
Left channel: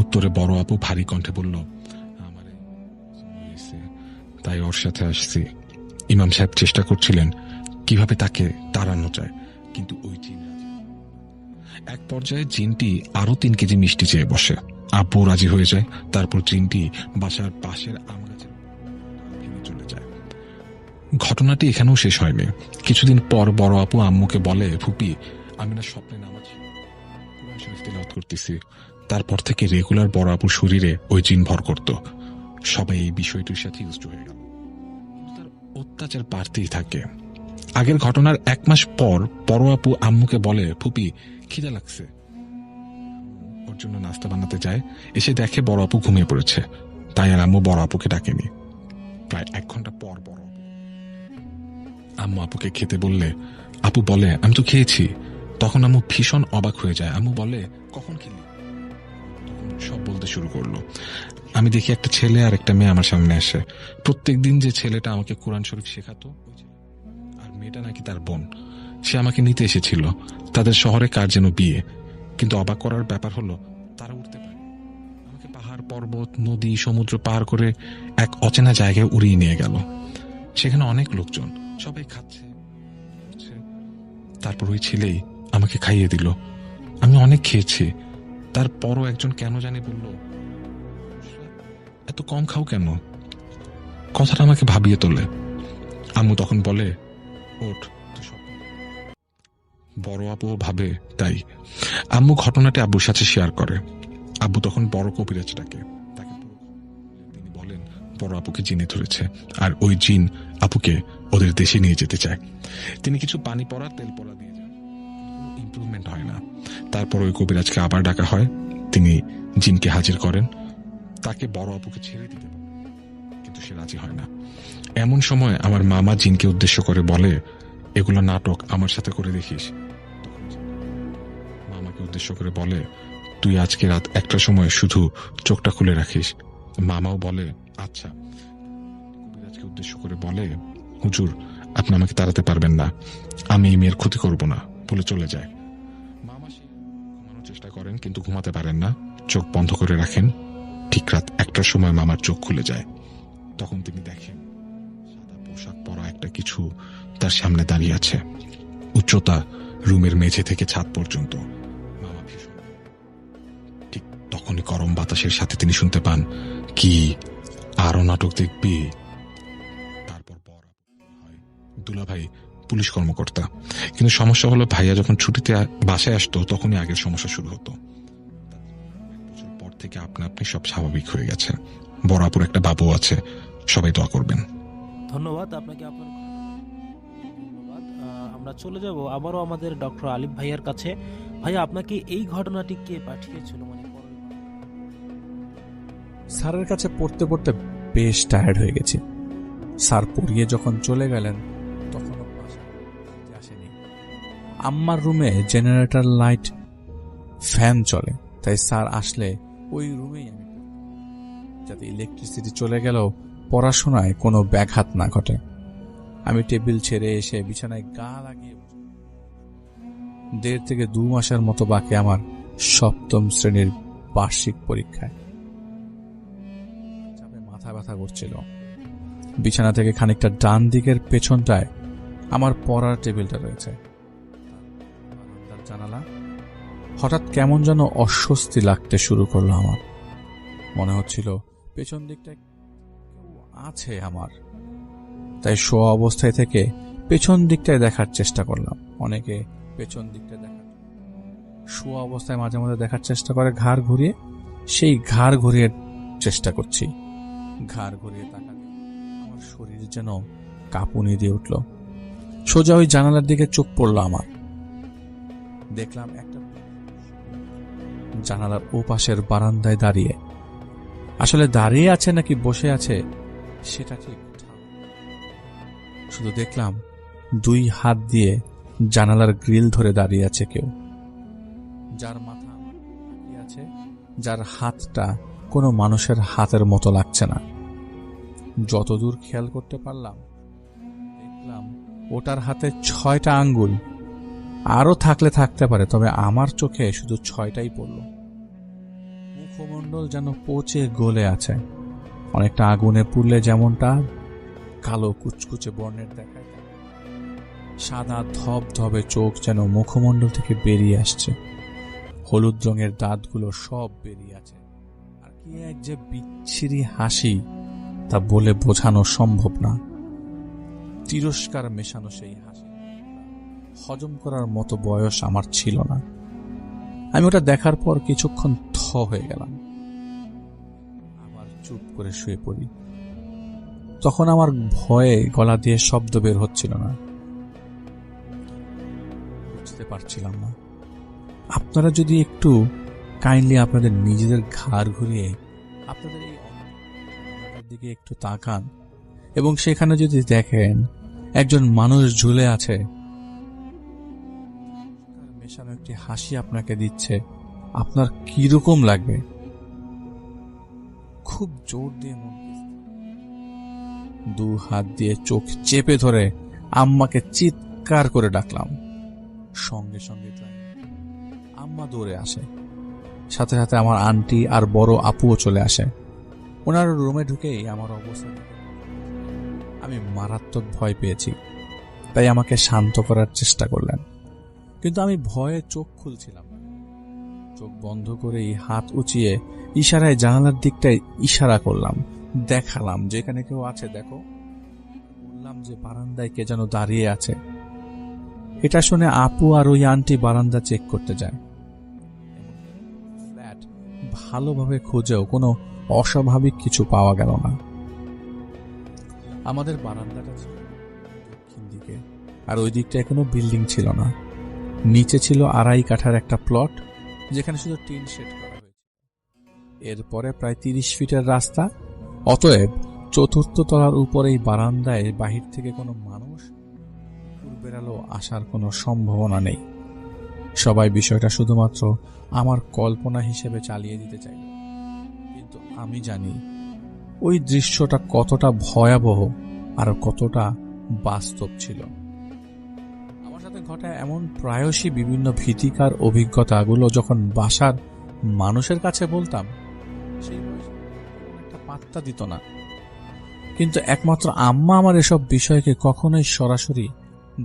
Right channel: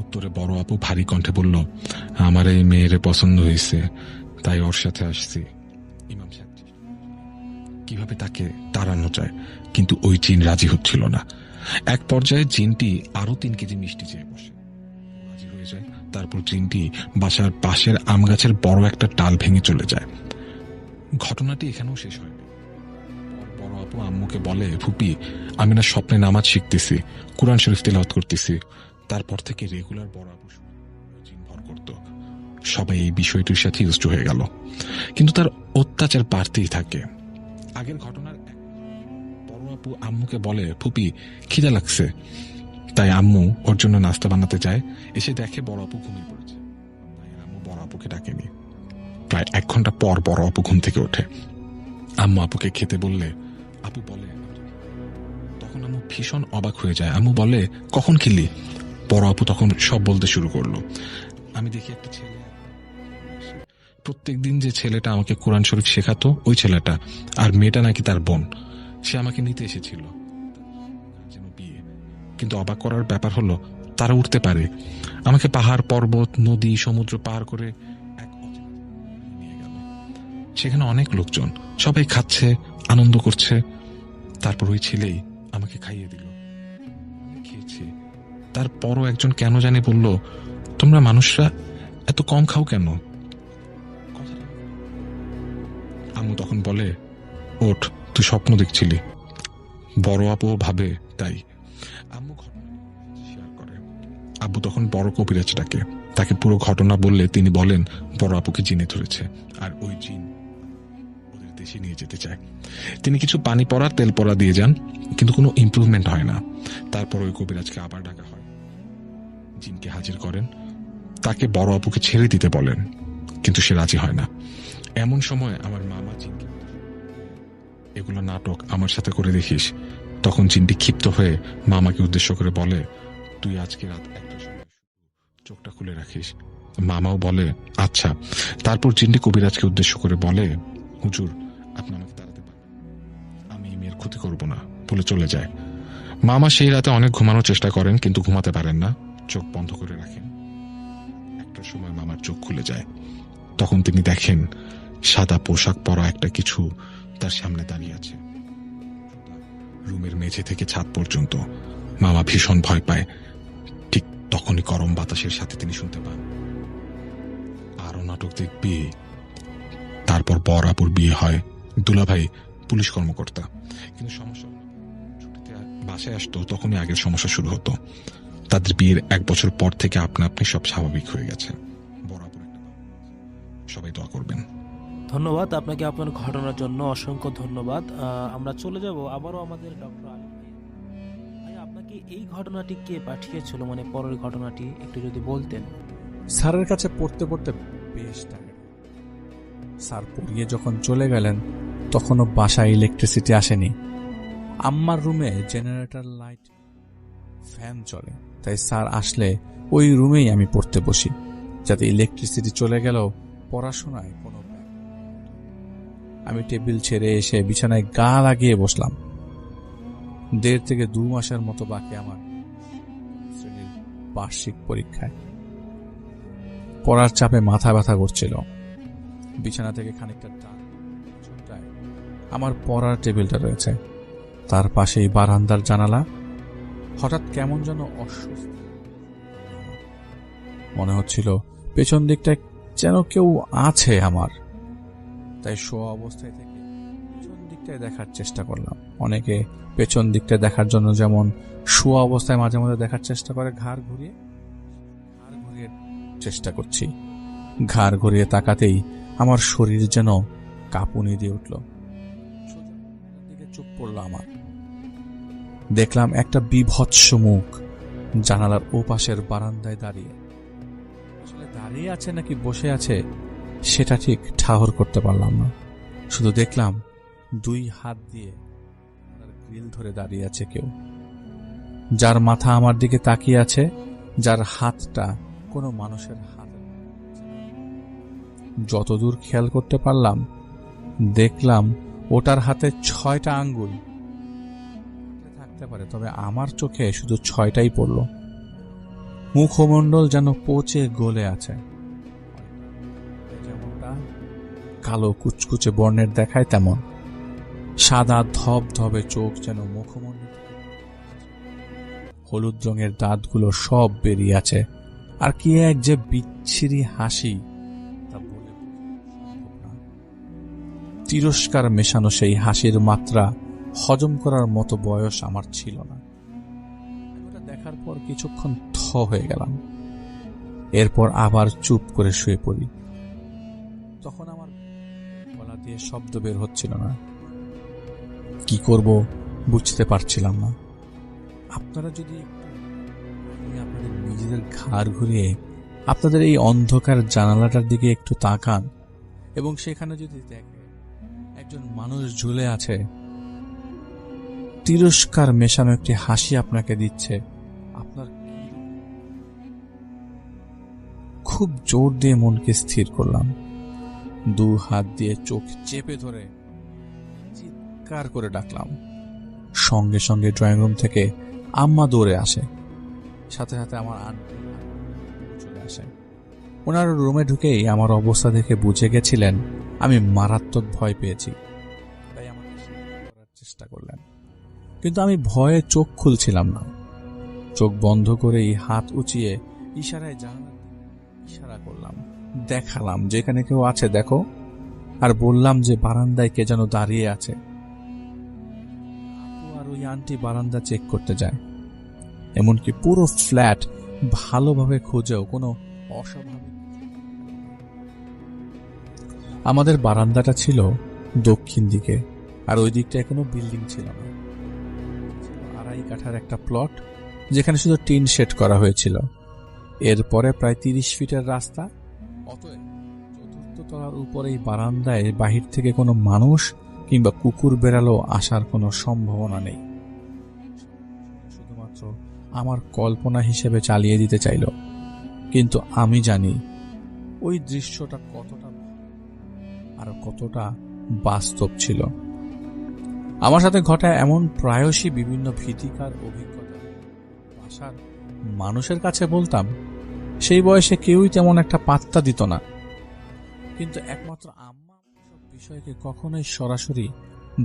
উত্তরে বড় আপু ভারী কণ্ঠে বলল, আমার এই মেয়েরে পছন্দ হয়েছে, তাই ওর সাথে আসছি। ইমাম সাহেব চেষ্টা করছিলেন কিভাবে তাকে তাড়ানো যায়, কিন্তু ওই জিন রাজি হচ্ছিল না। এক পর্যায়ে জিনটি আরো 3 কেজি মিষ্টি চেয়ে বসে। আব্বু রাজি হয়ে যায়। তারপর জিনটি বাসার পাশের আম গাছের বড় একটা ডাল ভেঙে চলে যায়। ঘটনাটি এখানেও শেষ হয়নি। কিছুদিন পর বড় আপু আম্মুকে বলে, ফুপি, আমি না স্বপ্নে নামাজ শিখতেছি, কুরআন শরীফ তিলাওয়াত করতেছি। তারপর থেকে রেগুলার বড় আপুর শরীরে ওই জিন ভর করত। সবাই এই বিষয়টির সাথে ইউজড হয়ে গেল, কিন্তু তার অত্যাচার বাড়তেই থাকে। আগের ঘটনার 1 মাস পর বড় আপু আম্মুকে বলে, ফুপি, খিদা লাগছে। তাই আম্মু ওর জন্য নাস্তা বানাতে যায়। এসে দেখে বড় আপু ঘুমিয়ে পড়েছে। তাই আর আম্মু বড় আপুকে ডাকেনি। প্রায় 1 ঘন্টা পর বড় আপু ঘুম থেকে ওঠে। আম্মু আপুকে খেতে বললে আপু বলে, আমি তো খেয়েছি। তখন আম্মু ভীষণ অবাক হয়ে যায়। আম্মু বলে, কখন খেলি? বড় আপু তখন সব বলতে শুরু করলো। আমি দেখি একটা ছেলে আর একটা মেয়ে আমার সামনে আসে। প্রত্যেকদিন যে ছেলেটা আমাকে কোরআন শরীফ শেখাতো ওই ছেলেটা, আর মেয়েটা নাকি তার বোন। সে আমাকে নিতে এসেছিল। তাদের শহরে কার যেন বিয়ে। কিন্তু অবাক করার ব্যাপার হলো তারা উঠতে পারে। আমাকে পাহাড়, পর্বত, নদী, সমুদ্র পার করে এক অচেনা জায়গায় উড়িয়ে নিয়ে গেল। সেখানে অনেক লোকজন, সবাই খাচ্ছে, আনন্দ করছে। তারপর ওই ছেলেই আমাকে খাইয়ে দিল। আমি অনেক খেয়েছি। তারপরও একজন কেন জানি বলল, তোমরা মানুষরা এত কম খাও কেন? কথাটা আমাকে ভাবিয়ে তোলে। আম্মু তখন বলে, ওঠ, তুই স্বপ্ন দেখছিলি। বড় আপু ভাবে তাই। আম্মু ঘটনাটি আব্বুর সাথে শেয়ার করে। আব্বু তখন বড় কবিরাজ ডাকে। তাকে পুরো ঘটনা বললে তিনি বলেন বড় আপুকে জিনে ধরেছে, আর ওই জিন আপুকে ওদের দেশে নিয়ে যেতে চায়। তিনি কিছু পানি পড়া, তেল পড়া দিয়ে যান, কিন্তু কোনো ইমপ্রুভমেন্ট হয় না। তারপর ওই কবিরাজকে আবার ডাকা হয়। তিনি জিনকে হাজির করেন, তাকে বড় আপুকে ছেড়ে দিতে বলেন, কিন্তু সে রাজি হয় না। এমন সময় আমার মামা জিনকে উদ্দেশ্য করে বলে, এগুলো নাটক, আমার সাথে করে দেখিস। তখন জিনটি ক্ষিপ্ত হয়ে মামাকে উদ্দেশ্য করে বলে, তুই আজকে রাত 1টার সময় শুধু চোখটা খুলে রাখিস। মামাও বলে, আচ্ছা। তারপর জিনটি কবিরাজকে উদ্দেশ্য করে বলে, হুজুর, আপনি আমাকে তাড়াতে পারবেন না, আমি এই মেয়ের ক্ষতি করব না বলে চলে যায়। মামা সেই রাতে অনেক ঘুমানোর চেষ্টা করেন, কিন্তু ঘুমাতে পারেন না, চোখ বন্ধ করে রাখেন। ঠিক রাত 1টার সময় মামার চোখ খুলে যায়। তখন তিনি দেখেন সাদা পোশাক পরা একটা কিছু তার সামনে দাঁড়িয়ে আছে। উচ্চতা রুমের মেঝে থেকে ছাদ পর্যন্ত। মামা ভীষণ ভয় পায়। ঠিক তখনই গরম বাতাসের সাথে তিনি শুনতে পান, কি আরো নাটক দেখবি? তারপর বর আপুর বিয়ে হয়। দুলাভাই পুলিশ কর্মকর্তা, কিন্তু সমস্যা হলো ভাইয়া যখন ছুটিতে বাসায় আসতো তখনই আগের সমস্যা শুরু হতো। তাদের বিয়ের 1 বছর পর থেকে আপনা আপনি সব স্বাভাবিক হয়ে গেছে। বড় আপুর একটা বাবু আছে। সবাই দোয়া করবেন। ধন্যবাদ আপনাকে আপনার ঘটনার জন্য, অসংখ্য ধন্যবাদ। আমরা চলে যাব আবারও আমাদের ডক্টর আলিফ ভাইয়ার কাছে। ভাইয়া, আপনাকে এই ঘটনাটি কে পাঠিয়েছিল, মানে পরের ঘটনাটি একটু যদি বলতেন। স্যারের কাছে পড়তে পড়তে বেশ টায়ার্ড হয়ে গেছি। স্যার পড়িয়ে যখন চলে গেলেন তখনও বাসায় ইলেকট্রিসিটি আসেনি। আম্মার রুমে জেনারেটর লাইট, ফ্যান চলে, তাই স্যার আসলে ওই রুমেই আমি পড়তে বসি, যাতে ইলেকট্রিসিটি চলে গেলেও পড়াশোনায় কোনো ব্যাঘাত না ঘটে। আমি টেবিল ছেড়ে এসে বিছানায় গা লাগিয়ে বসলাম। 1.5 থেকে 2 মাসের মতো বাকি আমার 7ম শ্রেণীর বার্ষিক পরীক্ষায়। পড়ার চাপে মাথা ব্যথা করছিল। বিছানা থেকে খানিকটা ডান দিকের পেছনটায় আমার পড়ার টেবিলটা রয়েছে, তার পাশেই বারান্দার জানালা। হঠাৎ কেমন যেন অস্বস্তি লাগতে শুরু করলো আমার। মনে হচ্ছিল পেছন দিকটায় যেন কেউ আছে আমার। তাই শোয়া অবস্থায় থেকে পেছন দিকটায় দেখার চেষ্টা করলাম। অনেকে পেছন দিকটায় দেখার জন্য যেমন শোয়া অবস্থায় মাঝে মাঝে দেখার চেষ্টা করে ঘাড় ঘুরিয়ে, সেই ঘাড় ঘুরিয়ে চেষ্টা করছি। ঘাড় ঘুরিয়ে তাকাতেই আমার শরীর যেন কাঁপুনি দিয়ে উঠল। সোজা ওই জানালার দিকে চোখ পড়ল আমার। দেখলাম একটা বিভৎস মুখ জানালার ওপাশের বারান্দায় দাঁড়িয়ে। আসলে দাঁড়িয়ে আছে নাকি বসে আছে সেটা ঠিক ঠাহর করতে পারলাম না। শুধু দেখলাম 2 হাত দিয়ে জানালার গ্রিল ধরে দাঁড়িয়ে আছে কেউ, যার মাথা আমার দিকে তাকিয়ে আছে, যার হাতটা কোনো মানুষের হাতের মতো লাগছে না। যতদূর খেয়াল করতে পারলাম দেখলাম ওটার হাতে 6টা আঙ্গুল। আরও থাকলে থাকতে পারে, তবে আমার চোখে শুধু 6টাই পড়ল। মুখমণ্ডল যেন পচে গলে আছে, অনেকটা আগুনে পুড়লে যেমনটা কালো কুচকুচে বর্ণের দেখায় তেমন। সাদা ধবধবে চোখ যেন মুখমণ্ডল থেকে বেরিয়ে আসছে। হলুদ রঙের দাঁতগুলো সব বেরিয়ে আছে। আর কি এক যে বিচ্ছিরি হাসি, তা বলে বোঝানো সম্ভব না। তিরস্কার মেশানো সেই হাসির মাত্রা হজম করার মতো বয়স আমার ছিল না। আমি ওটা দেখার পর কিছুক্ষণ থ হয়ে গেলাম। এরপর আবার চুপ করে শুয়ে পড়ি। তখন আমার ভয়ে গলা দিয়ে শব্দ বের হচ্ছিল না। কি করব বুঝতে পারছিলাম না। আপনারা যদি একটু কাইন্ডলি আপনাদের নিজেদের ঘাড় ঘুরিয়ে আপনাদের এই অন্ধকার জানালাটার দিকে একটু তাকান এবং সেখানে যদি দেখেন একজন মানুষ ঝুলে আছে, তিরস্কার মেশানো একটি হাসি আপনাকে দিচ্ছে, আপনার কিরকম লাগবে? খুব জোর দিয়ে মনকে স্থির করলাম। 2 হাত দিয়ে চোখ চেপে ধরে আম্মাকে চিৎকার করে ডাকলাম। সঙ্গে সঙ্গে ড্রয়িং রুম থেকে আম্মা দৌড়ে আসে। সাথে সাথে আমার আন্টি আর বড় আপুও চলে আসে। ওনারা রুমে ঢুকেই আমার অবস্থা দেখে বুঝে গেছিলেন আমি মারাত্মক ভয় পেয়েছি, তাই আমাকে শান্ত করার চেষ্টা করলেন। কিন্তু আমি ভয়ে চোখ খুলছিলাম না। চোখ বন্ধ করেই হাত উঁচিয়ে ইশারায় জানালার দিকটায় ইশারা করলাম, দেখালাম যেখানে কেউ আছে দেখো, আর বললাম যে বারান্দায় কে যেন দাঁড়িয়ে আছে। এটা শুনে আপু আর ওই আন্টি বারান্দা চেক করতে যায়। এমনকি পুরো ফ্ল্যাট ভালোভাবে খুঁজেও কোনো অস্বাভাবিক কিছু পাওয়া গেল না। আমাদের বারান্দাটা ছিল দক্ষিণ দিকে, আর ওই দিকটায় কোনো বিল্ডিং ছিল না। নিচে ছিল 2.5 কাঠার একটা প্লট, যেখানে শুধু টিন শেড করা হয়েছিল। এরপরে প্রায় 30 ফিটের রাস্তা। অতএব 4র্থ তলার উপরেই বারান্দায় বাহির থেকে কোনো মানুষ কিংবা কুকুর বেড়ালো আসার কোনো সম্ভাবনা নেই। সবাই বিষয়টা শুধুমাত্র আমার কল্পনা হিসেবে চালিয়ে দিতে চাইল, কিন্তু আমি জানি ওই দৃশ্যটা কতটা ভয়াবহ আর কতটা বাস্তব ছিল। আমার সাথে ঘটা এমন প্রায়শই বিভিন্ন ভীতিকর অভিজ্ঞতাগুলো যখন বাসার মানুষের কাছে বলতাম, সেই বয়সে কেউই তেমন একটা পাত্তা দিত না। কিন্তু একমাত্র আম্মা আমার এসব বিষয়কে কখনোই সরাসরি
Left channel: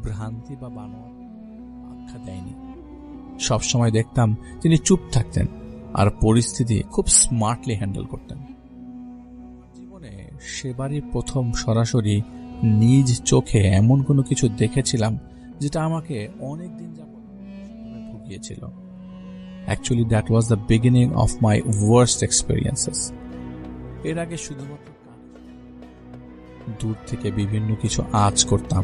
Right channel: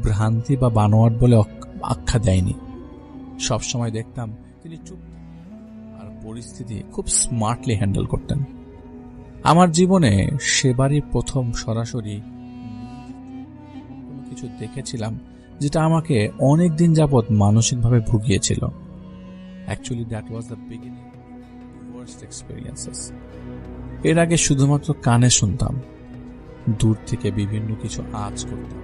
ভ্রান্তি বা বানোয়াট বলে আখ্যা দেয়নি। সবসময় দেখতাম তিনি চুপ থাকতেন আর পরিস্থিতি খুব স্মার্টলি হ্যান্ডেল করতেন। আমার জীবনে সেবারই প্রথম সরাসরি নিজ চোখে এমন কোনো কিছু দেখেছিলাম যেটা আমাকে অনেক দিন যাবৎ মানসিকভাবে ভুগিয়েছিল। Actually that was the beginning of my worst experiences. এর আগে শুধুমাত্র কানে শুনতাম, দূর থেকে বিভিন্ন কিছু আঁচ করতাম,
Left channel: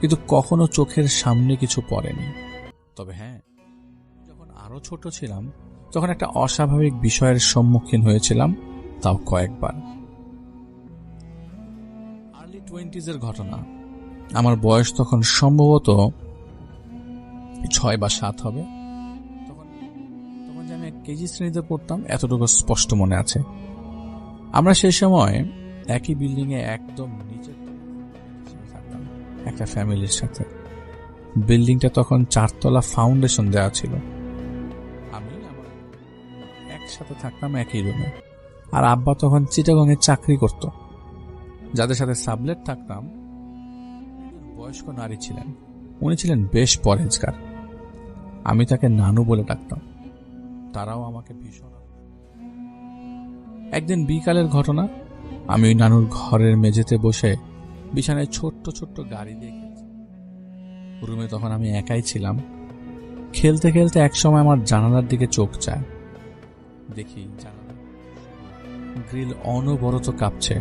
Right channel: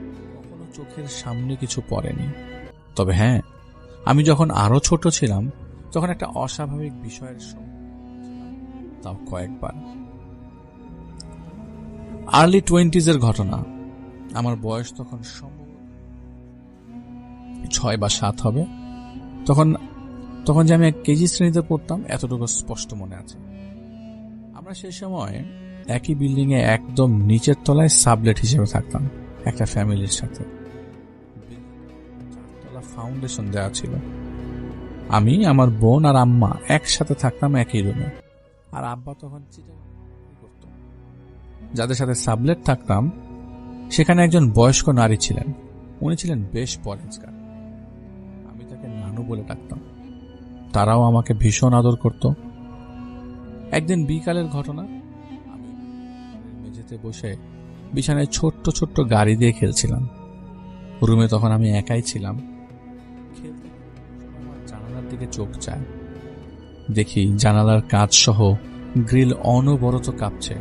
কিন্তু কখনো চোখের সামনে কিছু পড়েনি। তবে হ্যাঁ, আমি যখন আরো ছোট ছিলাম তখন একটা অস্বাভাবিক বিষয়ের সম্মুখীন হয়েছিলাম, তাও কয়েকবার। আর্লি 20s ঘটনা। আমার বয়স তখন সম্ভবত 6 বা 7 হবে। তখন তখন যে আমি 1 কেজি শ্রেণীতে পড়তাম এতটুকু স্পষ্ট মনে আছে। আমরা সেই সময় একই বিল্ডিং এ একদম নিচের তলায় সাবলেট হিসেবে থাকতাম একটা ফ্যামিলির সাথে। বিল্ডিংটা তখন 4 তলা ফাউন্ডেশন দেওয়া ছিল। আমি, আমার বোন আর আম্মা একসাথে থাকতাম একই রুমে। আর আব্বা তখন চিটাগংয়ে চাকরি করত। যাদের সাথে সাবলেট থাকতাম সেখানে একজন বয়স্ক নারী ছিলেন। উনি ছিলেন বেশ পরহেজগার। আমি তাকে নানু বলে ডাকতাম। তারাও আমাকে ভীষণ আদর করত। একদিন বিকালের ঘটনা, আমি ওই নানুর ঘরের মেঝেতে বসে বিছানায় ছোট্ট ছোট্ট গাড়ি দিয়ে খেলছিলাম। রুমে তখন আমি একাই ছিলাম। খেলতে খেলতে একসময় আমার জানালার দিকে চোখ যায়। দেখি জানালার কাঁচ সহ গ্রিল অনবরত কাঁপছে।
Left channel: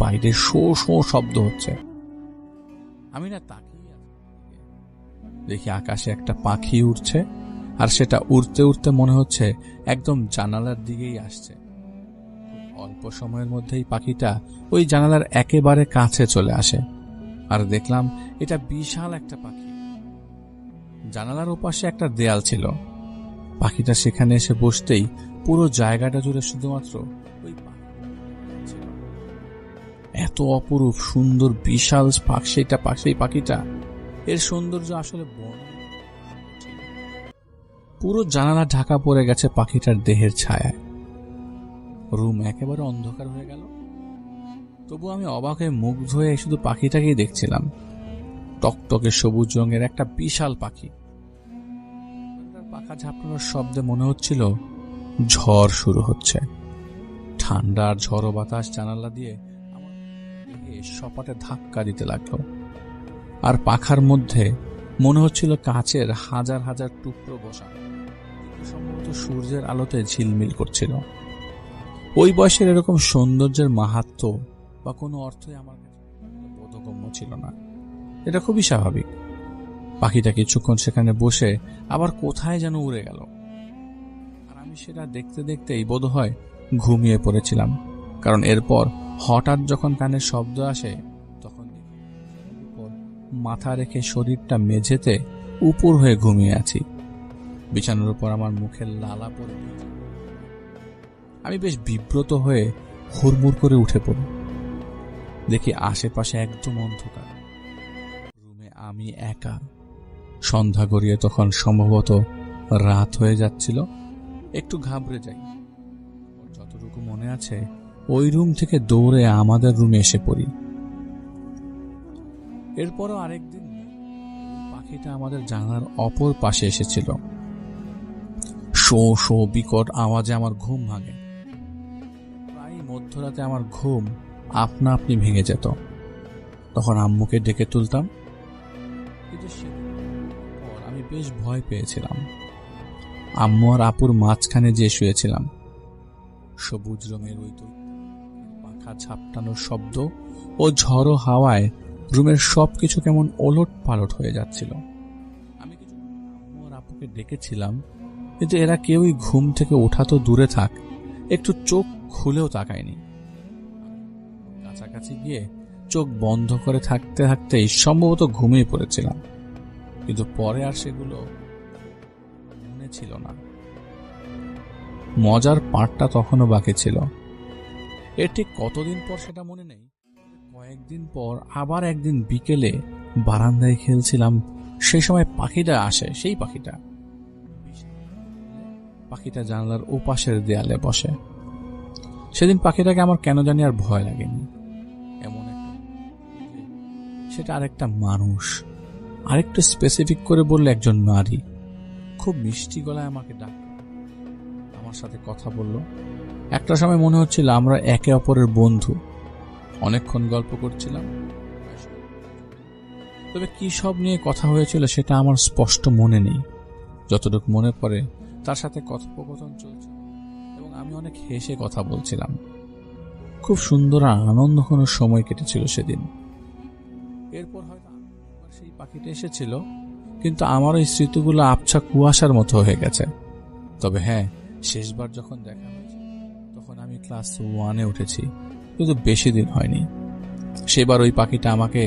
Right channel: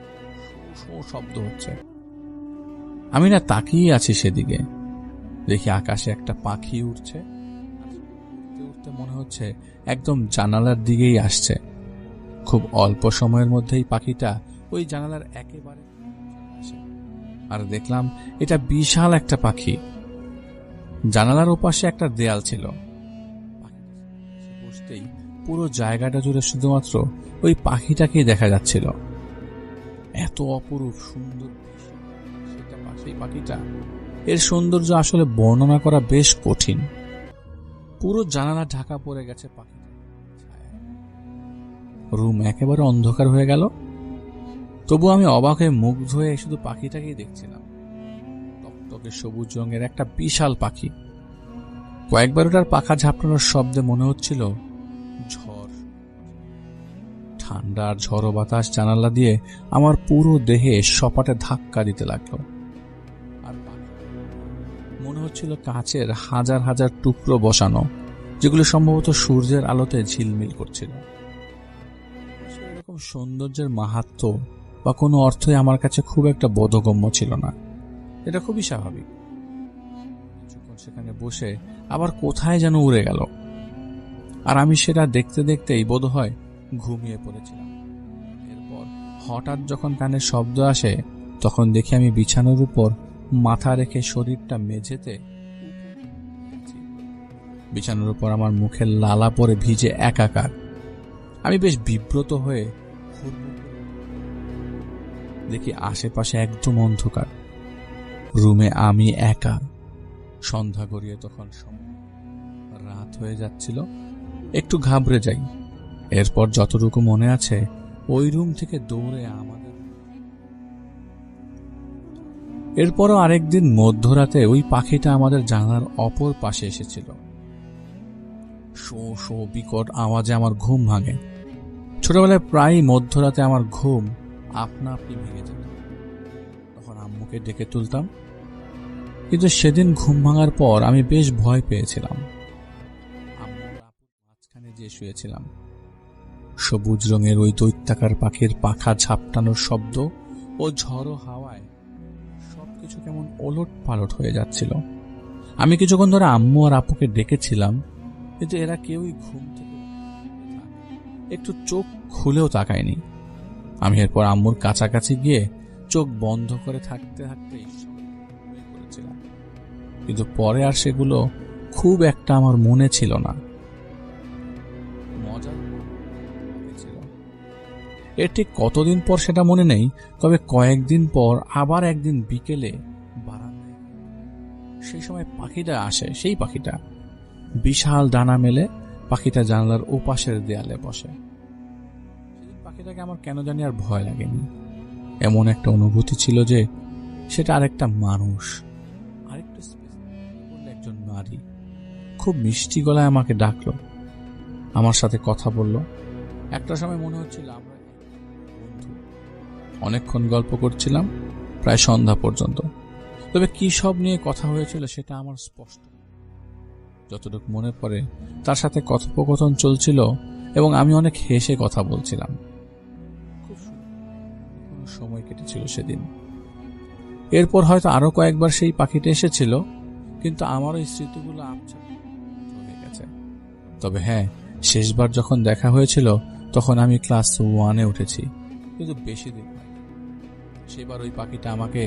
বাইরে শো শো শব্দ হচ্ছে। আমি না তাকিয়ে আছি সেদিকে। দেখি আকাশে একটা পাখি উড়ছে, আর সেটা উড়তে উড়তে মনে হচ্ছে একদম জানালার দিকেই আসছে। খুব অল্প সময়ের মধ্যেই পাখিটা ওই জানালার একেবারে কাছে চলে আসে। আর দেখলাম এটা বিশাল একটা পাখি। জানালার ওপাশে একটা দেয়াল ছিল। পাখিটা সেখানে এসে বসতেই পুরো জায়গাটা জুড়ে শুধুমাত্র ওই পাখিটাকেই দেখা যাচ্ছিল। এত অপরূপ সুন্দর বিশাল সেই পাখিটা, এর সৌন্দর্য আসলে বর্ণনা করা বেশ কঠিন। পুরো জানালা ঢাকা পড়ে গেছে পাখিটার দেহের ছায়ায়। রুম একেবারে অন্ধকার হয়ে গেল। তবু আমি অবাক হয়ে মুগ্ধ হয়ে শুধু পাখিটাকেই দেখছিলাম। টকটকে সবুজ রঙের একটা বিশাল পাখি। কয়েকবার ওটার পাখা ঝাপটানোর শব্দে মনে হচ্ছিল ঝড় শুরু হচ্ছে। ঠান্ডা আর ঝড়ো বাতাস জানালা দিয়ে আমার পুরো দেহে সপাটে ধাক্কা দিতে লাগলো। আর পাখার মধ্যে মনে হচ্ছিল কাচের হাজার হাজার টুকরো বসানো, যেগুলো সম্ভবত সূর্যের আলোতে ঝিলমিল করছিল। ওই বয়সের এরকম সৌন্দর্যের মাহাত্ম্য বা কোনো অর্থই আমার কাছে খুব একটা বোধগম্য ছিল না। এটা খুবই স্বাভাবিক। পাখিটা কিছুক্ষণ সেখানে বসে আবার কোথায় যেন উড়ে গেল। আর আমি সেটা দেখতে দেখতেই বোধহয় ঘুমিয়ে পড়েছিলাম। কারণ এরপর হঠাৎ যখন কানে শব্দ আসে, তখন দেখি আমি বিছানার উপর মাথা রেখে শরীরটা মেঝেতে উপর হয়ে ঘুমিয়ে আছি। বিছানার উপর আমার মুখের লালা পরে ভিজে একাকার। আমি বেশ বিব্রত হয়ে হুড়মুড় করে উঠে পড়ি। দেখি আশেপাশে একদম অন্ধকার। রুমে আমি একা। সন্ধ্যা গড়িয়ে তখন সম্ভবত রাত হয়ে যাচ্ছিল। একটু ঘাবড়ে যাই। এরপর যতটুকু মনে আছে, ওই রুম থেকে দৌড়ে আমাদের রুমে এসে পড়ি। এরপরও আরেকদিন মধ্যরাতে ওই পাখিটা আমাদের জানালার অপর পাশে এসেছিল। শো শো বিকট আওয়াজে আমার ঘুম ভাঙে। ছোটবেলায় প্রায় মধ্যরাতে আমার ঘুম আপনা আপনি ভেঙে যেত। তখন আম্মুকে ডেকে তুলতাম। কিন্তু সেদিন ঘুম ভাঙার পর আমি বেশ ভয় পেয়েছিলাম। আম্মু আর আপুর মাঝখানে যেয়ে শুয়েছিলাম। সবুজ রঙের ওই দৈত্যাকার পাখির পাখা ঝাপটানোর শব্দ ও ঝড়ো হাওয়ায় রুমের সবকিছু কেমন ওলট পালট হয়ে যাচ্ছিল। আমি কিছুক্ষণ ধরে আম্মু আর আপুকে ডেকেছিলাম, কিন্তু এরা কেউই ঘুম থেকে ওঠা তো দূরে থাক, একটু চোখ খুলেও তাকায়নি। আমি এরপর আম্মুর কাছাকাছি গিয়ে চোখ বন্ধ করে থাকতে থাকতেই সম্ভবত ঘুমিয়ে পড়েছিলাম। কিন্তু পরে আর সেগুলো খুব একটা আমার মনে ছিল না। মজার পার্টটা তখনও বাকি ছিল। এর ঠিক কতদিন পর সেটা মনে নেই, তবে কয়েকদিন পর আবার একদিন বিকেলে বারান্দায় খেলছিলাম। সেই সময় পাখিটা আসে। সেই পাখিটা বিশাল ডানা মেলে পাখিটা জানালার ওপাশের দেয়ালে বসে। সেদিন পাখিটাকে আমার কেন জানি আর ভয় লাগেনি। এমন একটা অনুভূতি ছিল যে সেটা আরেকটা মানুষ। আরেকটু স্পেসিফিক করে বললে একজন নারী। খুব মিষ্টি গলায় আমাকে ডাকলো, আমার সাথে কথা বলল। একটা সময় মনে হচ্ছিল আমরা একে অপরের বন্ধু। অনেকক্ষণ গল্প করছিলাম, প্রায় সন্ধ্যা পর্যন্ত। তবে কি সব নিয়ে কথা হয়েছিল সেটা আমার স্পষ্ট মনে নেই। যতটুকু মনে পড়ে তার সাথে কথোপকথন চলছিল এবং আমি অনেক হেসে কথা বলছিলাম। খুব সুন্দর আর আনন্দঘন সময় কেটেছিল সেদিন। এরপর হয়তো আরো কয়েকবার সেই পাখিটা এসেছিল, কিন্তু আমার ওই স্মৃতিগুলো আবছা কুয়াশার মতো হয়ে গেছে। তবে হ্যাঁ, শেষবার যখন দেখা হয়েছিল তখন আমি ক্লাস 1-এ উঠেছি, কিন্তু বেশি দিন হয়নি। সেবার ওই পাখিটা আমাকে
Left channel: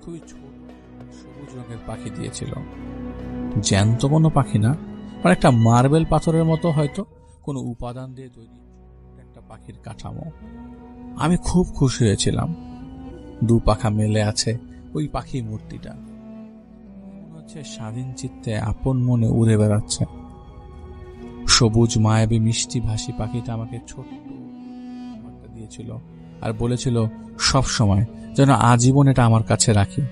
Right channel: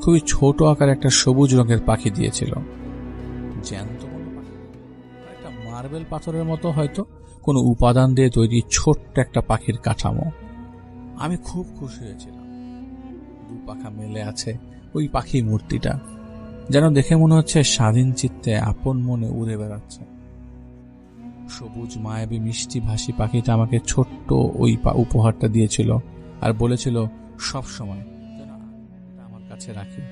খুবই ছোট আকার একটা সবুজ রঙের পাখি দিয়েছিল। জ্যান্ত কোনো পাখি না, মানে একটা মার্বেল পাথরের মতো হয়তো কোনো উপাদান দিয়ে তৈরি ছোট্ট একটা পাখির কাঠামো। আমি খুব খুশি হয়েছিলাম। দু পাখা মেলে আছে ওই পাখি মূর্তিটা, যেন দেখে মনে হচ্ছে স্বাধীন চিত্তে আপন মনে উড়ে বেড়াচ্ছে। সবুজ মায়াবী মিষ্টি ভাসী পাখিটা আমাকে ছোট্ট ওই উপহারটা দিয়েছিল আর বলেছিল সব সময় যেন আজীবন এটা আমার কাছে রাখি,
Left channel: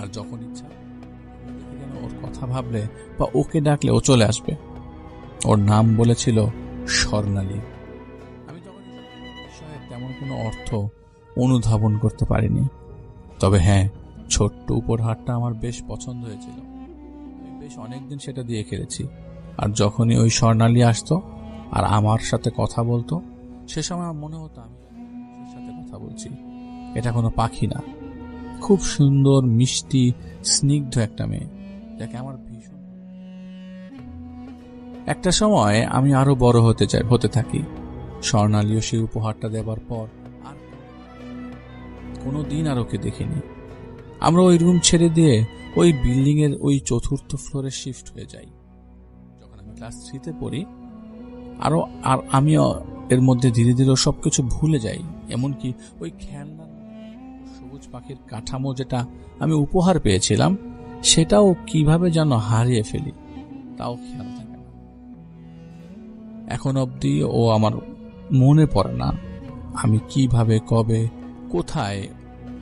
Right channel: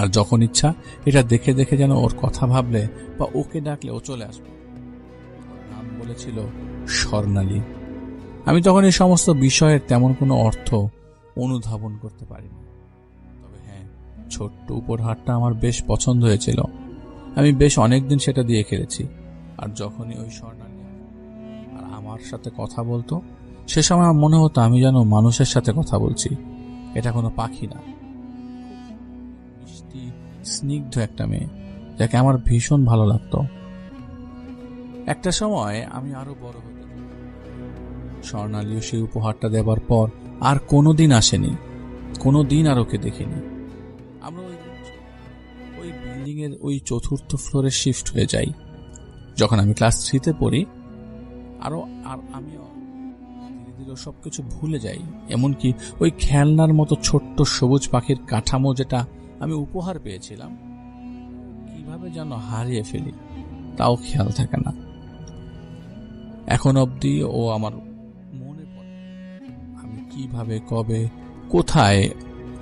আর যখন ইচ্ছা এটা দেখে দেখে যেন ওর কথা ভাবলে বা ওকে ডাকলে ও চলে আসবে। ওর নাম বলেছিল স্বর্ণালী। আমি তখন এই সমস্ত বিষয়ের তেমন কোনো অর্থ অনুধাবন করতে পারিনি। তবে হ্যাঁ, ছোট্ট উপহারটা আমার বেশ পছন্দ হয়েছিল। আমি বেশ অনেকদিন সেটা দিয়ে খেলেছি। আর যখনই ওই স্বর্ণালী আসতো আর আমার সাথে কথা বলতো, সে সময় আমার মনে হতো আমি যেন মানুষের সাথে কথা বলছি, এটা কোনো পাখি না। খুব সুন্দর মিষ্টি স্নিগ্ধ একটা মেয়ে, যাকে আমার ভীষণ ভালো লাগতো। একটা সময় আমি আরো বড় হতে থাকি। স্বর্ণালীও সেই উপহারটা দেবার পর আর কোনোদিন আসেনি, কোনোদিন আর ওকে দেখিনি। আমরা ওই রুম ছেড়ে দিয়ে ওই বিল্ডিং এর ওই 4th ফ্লোরে শিফট হয়ে যাই। যখন আমি ক্লাস 3-তে পড়ি, আর আমি এর মধ্যে ধীরে ধীরে সবকিছু ভুলে যাই। এমনকি ওই খেলনার মতো ছোট্ট সবুজ পাখির কাঠামো যেটা আমি উপহার পেয়েছিলাম, সেটাও কিভাবে যেন হারিয়ে ফেলি, তাও খেয়াল থাকে না। এখন অবধি ও আমার মনে পড়ে না আমি কিভাবে, কবে, কোথায়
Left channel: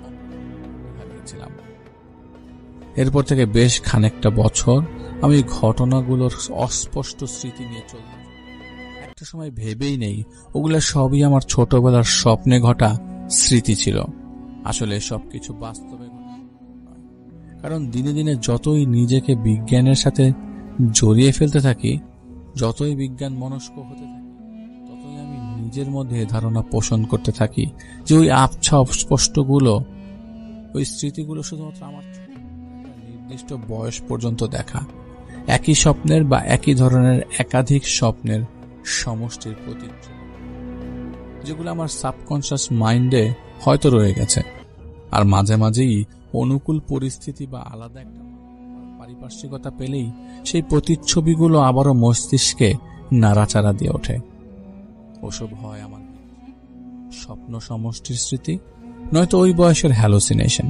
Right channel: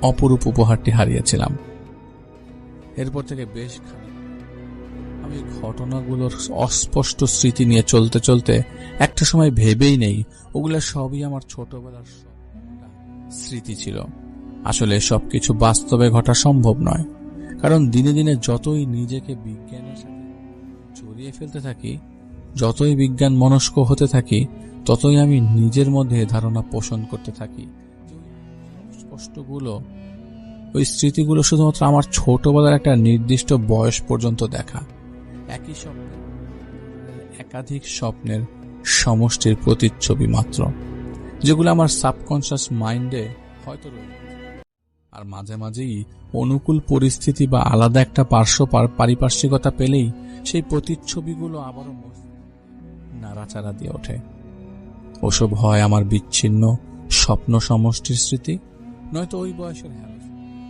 অপরূপ উপহারটি হারিয়েছিলাম। এরপর থেকে বেশ খানিকটা বছর আমি ঘটনাগুলোর অস্পষ্ট স্মৃতি নিয়ে চলতে চলতে একটা সময় ভেবেই নেই ওগুলো সবই আমার ছোটবেলার স্বপ্নে ঘটা স্মৃতি ছিল। আসলে সবকিছু বাস্তবে ঘটা সম্ভব নয়, কারণ দিনে দিনে যতই নিজেকে বিজ্ঞানের সাথে জড়িয়ে ফেলতে থাকি, যতই বিজ্ঞান মনস্ক হতে থাকি, ততই আমি নিজের মধ্যে ধারণা পোষণ করতে থাকি যে ওই আবছা অস্পষ্টগুলো, ওই স্মৃতিগুলো শুধুমাত্র আমার ছোটবেলার একটা নির্দিষ্ট বয়স পর্যন্ত দেখা একই স্বপ্নের বা একই ধরনের একাধিক স্বপ্নের সমষ্টির প্রতিচ্ছবি মাত্র, যেগুলো আমার সাবকনশিয়াস মাইন্ডে হয়তো রয়ে গেছে। আর মাঝে মাঝেই অনুকূল পরিস্থিতি বা আলাদা একটা পারিপার্শ্বিকতা পেলেই সেই প্রতিচ্ছবিগুলো আবারও মস্তিষ্কে নাড়াচাড়া দিয়ে ওঠে। ওসব হয় আমার বিচ্ছিন্ন স্বপ্ন সমষ্টির স্মৃতি, নয়তো ওই বয়সের হ্যালোসিনেশন।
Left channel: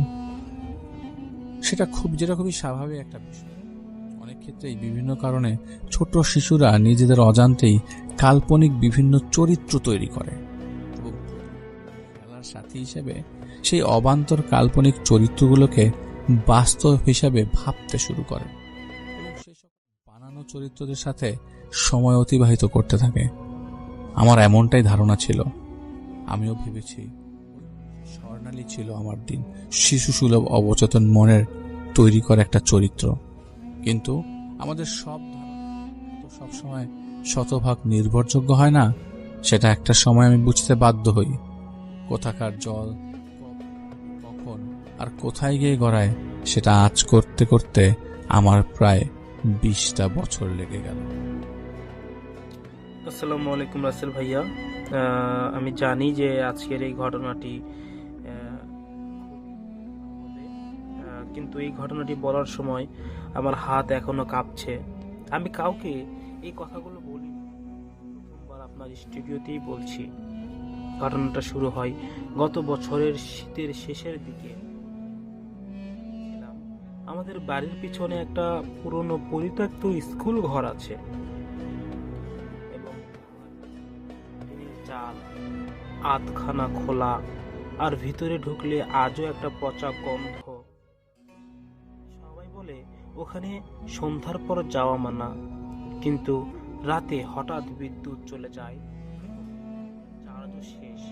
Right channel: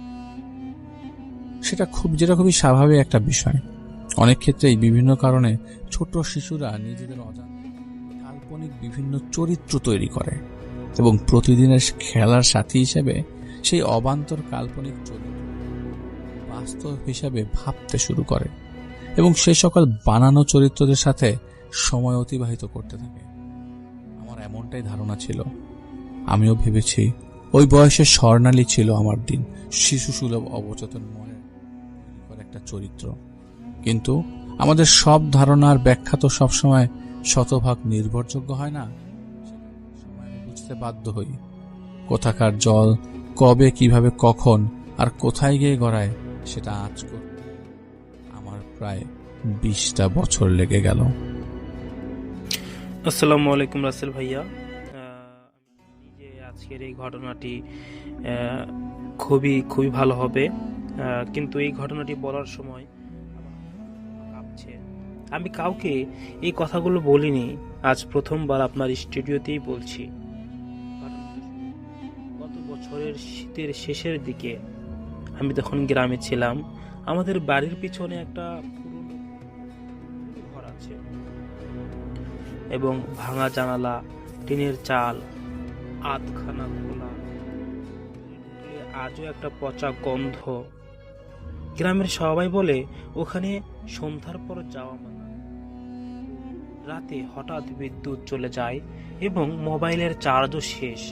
যেটা খুবই স্বাভাবিক একটা বিষয়। অনেক ক্ষেত্রেই বিভিন্ন কারণে ছোট শিশুরা নিজেদের অজান্তেই কাল্পনিক বিভিন্ন চরিত্র তৈরি করে এবং প্রতিদিনের খেলার সাথী হিসেবে সেই অবান্তর কাল্পনিক চরিত্রগুলোকে বাস্তব হিসাবে ভাবতে শুরু করে এবং সে সকল বানানো চরিত্রদের সাথে সময় অতিবাহিত করতে থাকে। আমার এমনটাই ধারণা ছিল। আমিও ভেবেছি ওই বয়সে স্বর্ণালী ছিল আমার দিন শিশুসুলভ অবচেতন মনের তৈরি করা একটা চরিত্র। কিন্তু আমাদের সব ধারণার ব্যাখ্যা তো সবসময় শতভাগ নির্ভরযোগ্য হয় না। সেটা একটা সময় আমি বুঝতে বাধ্য হই। কোথাকার জল কবে, কিভাবে, কখন আর কোথায় গিয়ে গড়ায়, সেটা আজ করতে করতে আমার প্রায় 20টা বছর লেগে গেল। আসসালামু আলাইকুম রাসেল ভাইয়া। আমি জানি যে আজকের এই ঘটনাটি খুবই খুবই ভালো হবে, কিন্তু এই ঘটনাটি বলার সময় আমার হাত এখনো কাঁপছে। আমি কাউকে এই কথাগুলো বলিনি, আজ প্রথমবার আপনার স্টুডিওতেই বলছি। ঘটনাটা শুরু হয় গত বছরের শীতের শেষের দিকে। আমি তখন গ্রামে ছিলাম। আমাদের বাড়ির পিছনে একটা পুরনো পরিত্যক্ত স্কুল ঘর আছে এবং ভাঙা জানালা, টিনের চাল, আধখানা খোলা, আর ভিতরে ঢুকলে আজও একটা পচা গন্ধ। গ্রামের সবাই বলে ওখানে সন্ধ্যার পর যাওয়া মানা, কিন্তু রাতে হঠাৎ বিদ্যুৎ চলে যায় এবং মোবাইলের চার্জও শেষ।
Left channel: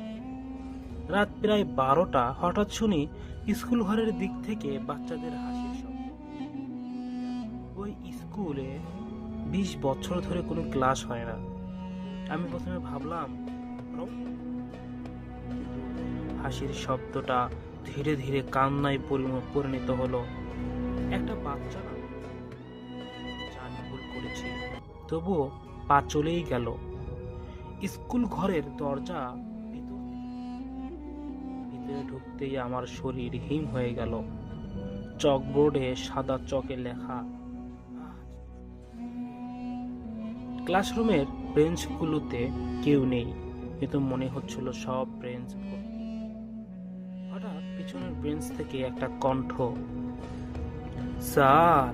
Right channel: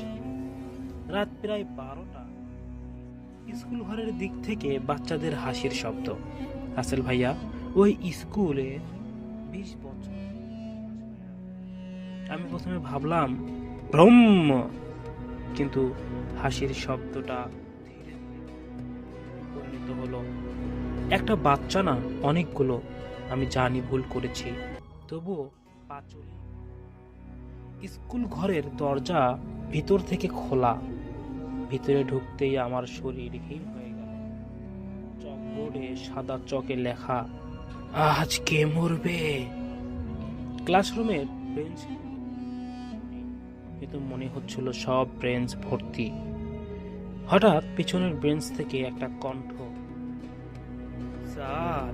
রাত প্রায় 12টা, হঠাৎ শুনি স্কুল ঘরের দিক থেকে বাচ্চাদের হাসির শব্দ। রাসেল ভাইয়া, ওই স্কুলে 20 বছর ধরে কোনো ক্লাস হয় না। আমি প্রথমে ভাবলাম ভ্রম, কিন্তু হাসির শব্দটা ধীরে ধীরে কান্নায় পরিণত হলো। একটা বাচ্চা না, অনেকগুলো। আমি জানি ভুল করেছি, তবুও পা চলেই গেল। স্কুল ঘরের দরজা ভিতর থেকে খোলা। ভিতরে ঢুকতেই আমার শরীর হিম হয়ে গেল। চকবোর্ডে সাদা চকে লেখা আজ কে মরবে? ক্লাসরুমের বেঞ্চগুলোতে কেউ নেই, কিন্তু মনে হচ্ছিল সব বেঞ্চ ভর্তি। হঠাৎ পিছনের বেঞ্চ থেকে একটা কণ্ঠ, স্যার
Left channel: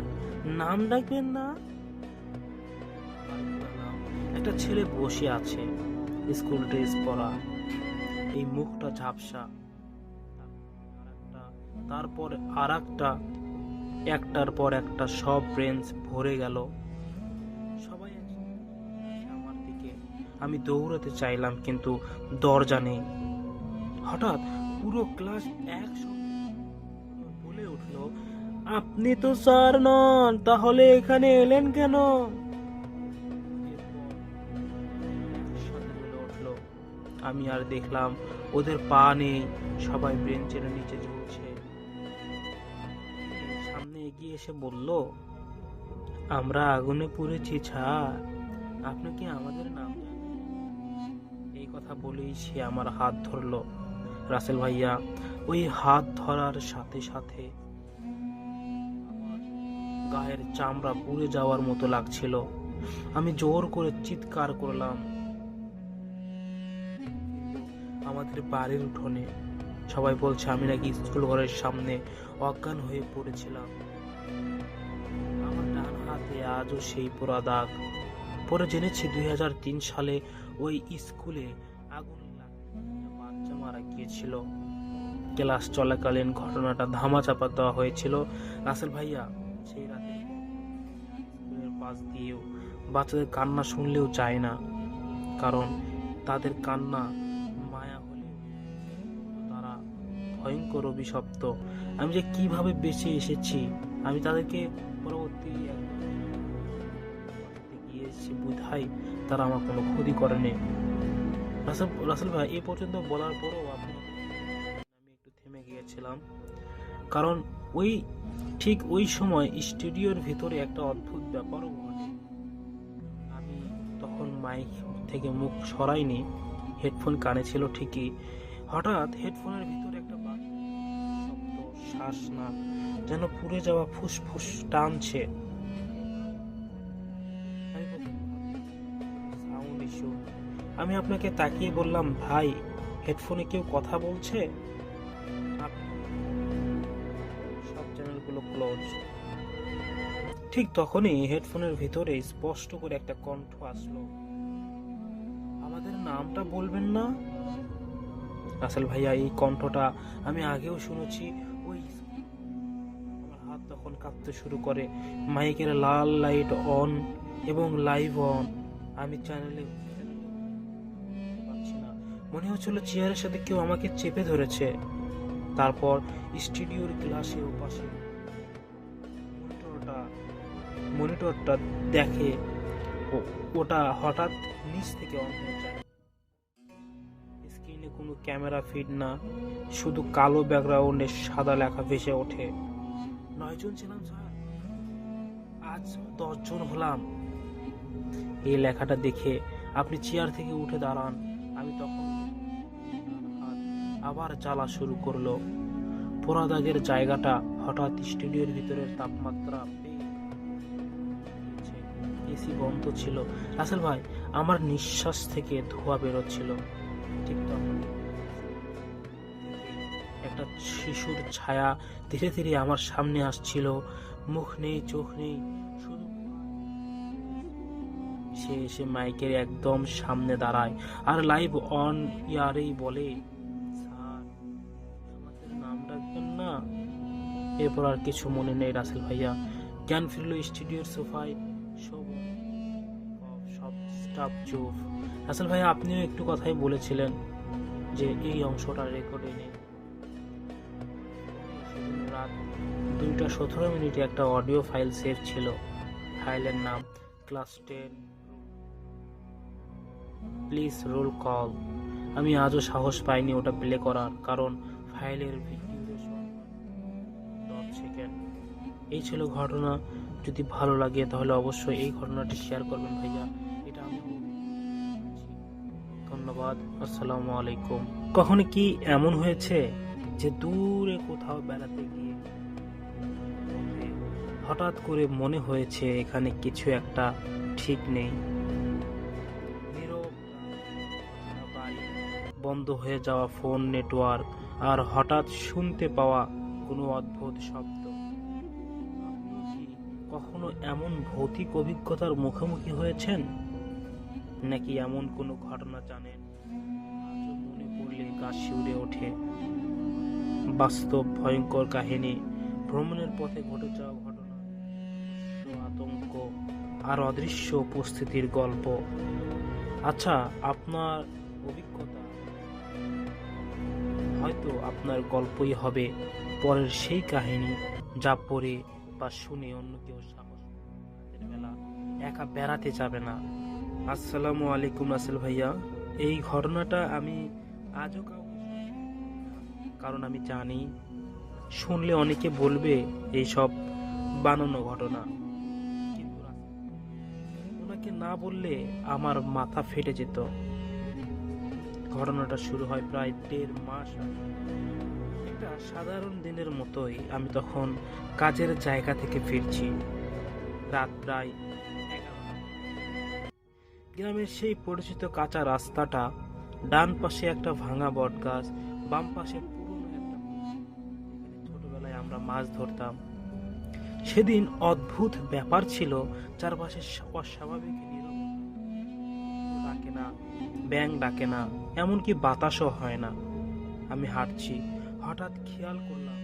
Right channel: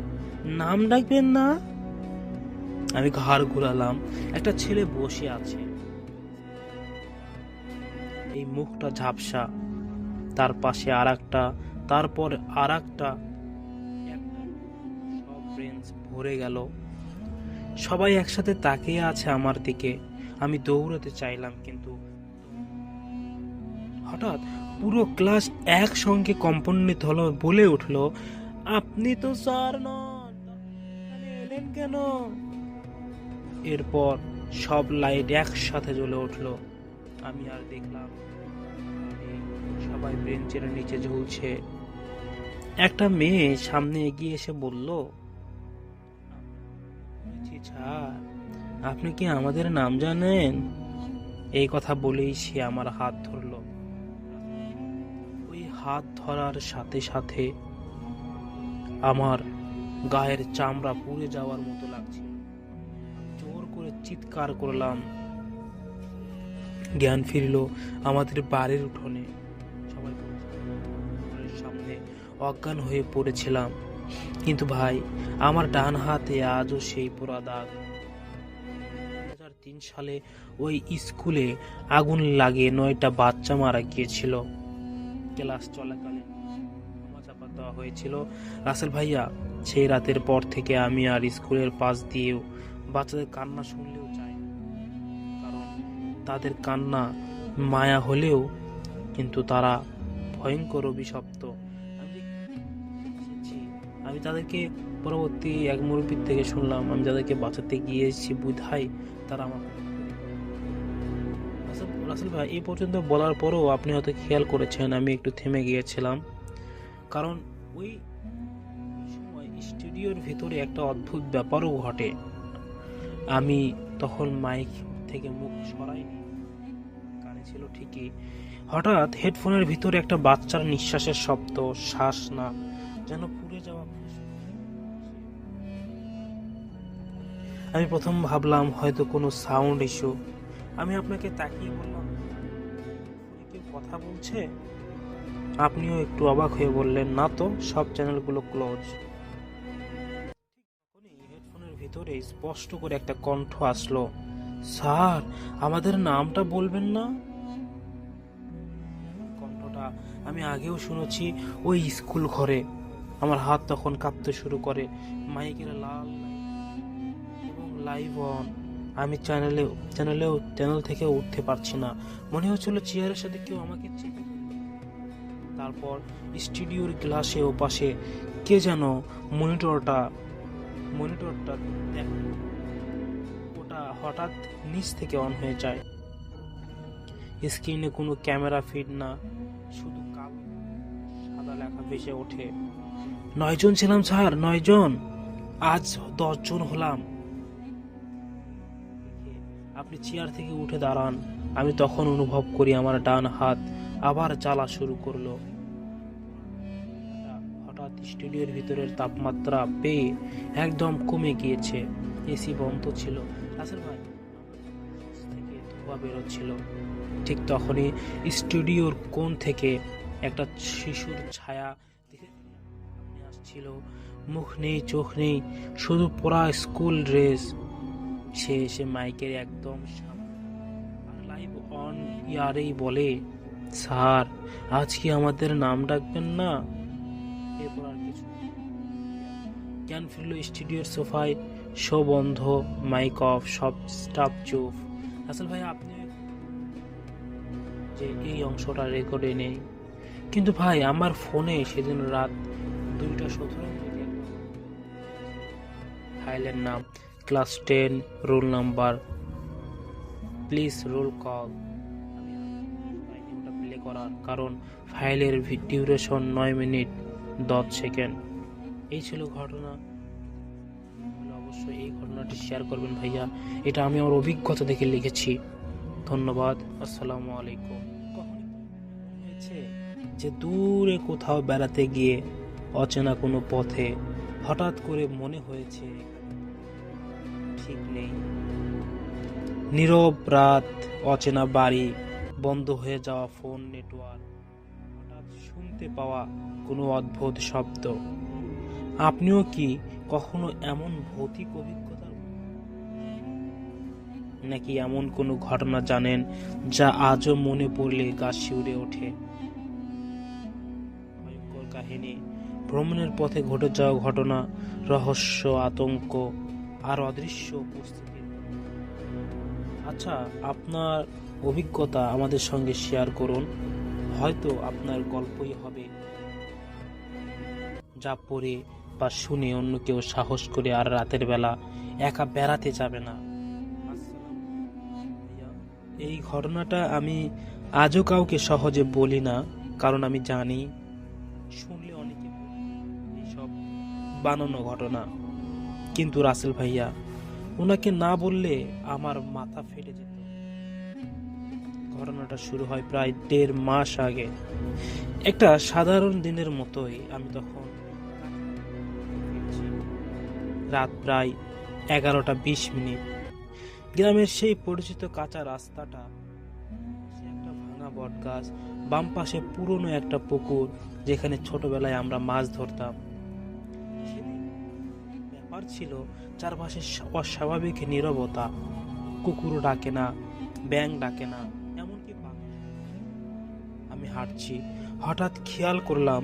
নাম ডাকবেন না? আমি ঘাড় ঘুরালাম। একটা ছেলে বসে আছে, স্কুল ড্রেস পরা, এই মুখটা ঝাপসা, তার পাশে আর একটা, তারপর আর একটা, একটার পর একটা সব বেঞ্চ ভরে গেল। সবাই একসাথে তাকিয়ে আছে আমার দিকে। আমি দৌড়াতে চাইলাম, কিন্তু দরজা নেই। হঠাৎ পুরো ক্লাস একসঙ্গে কম্পনিত হলো, বলে উঠলো, আপনি তো স্যার নন, তাহলে এখানে এলেন কেন? এরপর সব লাইট একসাথে জ্বলে উঠলো। আমি আর দেখলাম ওদের পা নেই, সবাই বেঞ্চের নিচে ঝুলছে। একটা মেয়ে সামনে এগিয়ে এসে বলল, আমরা আগুনে পুড়েছি স্যার, আপনি কি আমাদের নাম জানেন? এই কথা বলেই সে আমার হাত ধরলো। রাসেল ভাইয়া, ওই হাত ধরার সাথে সাথে আমার গায়ের চামড়া পুড়ে যাওয়ার মতো লাগছিল। আমি জোর করে চিৎকার করলাম। জ্ঞান ফিরল আমাদের বাড়ির উঠোনে। সবাই বলছে আমি নাকি স্কুল ঘরের সামনে অজ্ঞান হয়ে পড়েছিলাম। কিন্তু ভাই, আমার ডান হাতে আজও সেই পোড়া দাগ। পরে জেনেছি 2003 সালে ওই স্কুলে আগুন লাগে 9টা বাচ্চা মারা গিয়েছিল। ক্লাস চলাকালীন ঘটনাটা ধামাচাপা দেওয়া হয়েছিল। রাসেল ভাইয়া, সেই রাতের পর থেকে আমি আর স্কুলের পাশ দিয়েও বাচ্চাদের কান্না শুনলেও চাই না। কারণ তাদের কান্না মায়া হলেও কিন্তু তারা ভয়ঙ্কর অভিশপ্ত। আমি যে কিভাবে বেঁচে এসেছি, আমি তাদেরকে পরবর্তী এক মুরব্বীর থেকে শুনলাম, আমি যাদেরকে বাঁচাতে গিয়েছি বুধাই তারা আমার কোনো ক্ষতি করেনি। রাসেল ভাই, এই পর্যন্ত বলার পরেও আপনি হয়তো খেয়াল করেছেন আমি একটু থেমে গিয়েছিলাম, কারণ ঠিক ওই সময় স্টুডিওর ভিতরে একটা অদ্ভুত ব্যাপারও ঘটে। আমি তখন মাইক থেকে মুখ সরাইনি, হেডফোন কানে ছিল ঠিকই। হঠাৎ হেডফোনের ভিতরে একটা বাচ্চার নিঃশ্বাসের শব্দ, শ্বাস না, যেন পুড়ে যাওয়া ফুসফুস টানছে। আমি প্রথম ভাবলাম হয়তো কোনো সাউন্ড ইস্যু। আমি আপনাকে তাকিয়ে বললাম, ভাই হেডফোনে কেউ কথা বলছে? আপনিও একটু অবাক হয়ে বললেন, না তো, সব চ্যানেলগুলো ক্লোজ। ঠিক তখনই হেডফোনের ভিতরে স্পষ্ট করে একটা কণ্ঠ আসলো, স্যার আমাদের নামটা বলবেন না? রাসেল ভাইয়া, এই কণ্ঠটা আমি আগেও শুনেছি ওই স্কুল ঘরে। আমার হাত তখন কাঁপতে শুরু করে। মাইকের লাল লাইট অন এবং লাইভ অন। আমি চ্যানেল থেকে উঠতে পারছি না। মনে হচ্ছিল চেয়ারের সাথে কেউ আমাকে চেপে ধরেছে। তারপর স্টুডিওর গ্লাসে ও পাশে কে যেন মনিটরটা দেখে, ওটা হঠাৎ নিচ থেকে অন হয়ে যায়। স্ক্রিনে কোনো ক্যামেরা ফিড না, শুধু কালো ব্যাকগ্রাউন্ডে সাদা লেখা ভেসে ওঠে, 9 জন ছিলাম স্যার, 9 জন, আজ 10 জন হলাম। এই লেখাটা দেখে আপনি চেয়ার থেকে উঠে দাঁড়ান। আমি তখন অনুভব করি আমার ডান হাত আবার জ্বালা শুরু করলো। পোড়া দাগের জায়গাটা হঠাৎ স্টুডিওর ভিতরের তাপমাত্রা পেয়ে একদম কমে গিয়েছে। এসি বন্ধ ছিল। রাসেল ভাই, আমার নিঃশ্বাস থেকে ধোঁয়া বেরোচ্ছিল। ঠিক তখনই স্টুডিওর কোণ থেকে একটা শিশুর ছায়া ধীরে ধীরে আমার সামনে আসছিল। মুখ নেই, চোখ নেই, শুধু পোড়া স্কুল ড্রেস। সে এসে মাইকের একদম সামনে দাঁড়ায় আর লাইভ অন ইয়ারেই বলে, স্যার আজ কি আমাদের নাম ডাকবেন না? এরপর আর কিছু মনে নেই রাসেল ভাইয়া। জ্ঞান ফিরল স্টুডিওর সোফায়, শো বন্ধ, মাইক অফ, সব স্টাফ চুপ। রাসেল ভাইয়া, আপনিও একটু কথাই বলেছিলেন যে এই অংশটা রেকর্ডে নেই, কিন্তু ভাই আমার ফোনে সেদিন রাত 2:17 একটা অডিও ফাইল সেভ ছিল। ফাইলের নাম class 10, roll number, please roll call. আমি আজও সাহস পাইনি ওটা প্লে করার, কারণ ফাইলের ডিউরেশন 9 মিনিট 10 সেকেন্ড। এই ছিল ঘটনা। যদি ভালো লাগে তাহলে অবশ্যই এই ঘটনাটি শেয়ার করবেন ভাইয়া। এটা আমি আমার অভিজ্ঞতা থেকে লিখেছি। ধন্যবাদ। আসসালামু আলাইকুম। কখনো কি এমন হয়েছে যে দূরে কোথাও বেড়াতে গিয়ে অচেনা কোনো পথে হঠাৎ করে মনে হয়েছে এখানে কিছু একটা ঠিক নেই। নীরব রাত, অচেনা বাড়ি, বন্ধ হয়ে যাওয়া ফোন নেটওয়ার্ক, আর হঠাৎ শুনতে পাওয়া কোনো অদ্ভুত শব্দ। আপনিও কি কখনো এমন ভৌতিক অভিজ্ঞতার মুখোমুখি হয়েছেন? নাকি এমন কোনো ঘটনা জানেন যা আজও মনে পড়লে গা শিউরে ওঠে? বাস্তব ভয়ঙ্কর কাহিনী, ভ্রমণের পথে ঘটে যাওয়া ঘটনা, রহস্য, আতঙ্ক আর অদৃশ্য উপস্থিতির গল্প। আচ্ছা, আপনার অভিজ্ঞতা আমাদের সঙ্গে শেয়ার করুন। হয়তো আপনার গল্পই হবে পরের সেই কাহিনী যা পড়ে বা শুনে অন্য কেউ সাহস করে আর রাতের বেলা একা বেড়াতে যাবে না। আসসালামু আলাইকুম রাসেল ভাইয়া। এই ঘটনাটা আমি আজও কাউকে সহজে বলি না, কারণ আমি জানি শুনলে অনেকে বলবে এইসব বানানো ঘটনা। কিন্তু রাসেল ভাইয়া, ওনাকে না বললে আমার মাথা ফেটে যেত। ঘটনাটা শুরু হয় প্রায় 1.5 মাস আগে। একটা সাধারণ দিনের মতোই আমি তখন কাজের জায়গা থেকে ফিরছি। রাত প্রায় 11:20। গ্রামের সেই পরিচিত কাঁচা রাস্তাটা, ডান পাশে একটা ভাঙা বটগাছ, বাম পাশে পুরনো একটা পুকুর যেখানে ছোটবেলায় আমরা মাছ ধরতাম। সেদিন অদ্ভুত ব্যাপার ছিল, চারপাশে অস্বাভাবিক নীরবতা। কুকুরও ডাকে না, ব্যাঙ ডাকে না, এমনকি বাতাসও হয় না। আমি হাঁটছি, হঠাৎ খেয়াল করলাম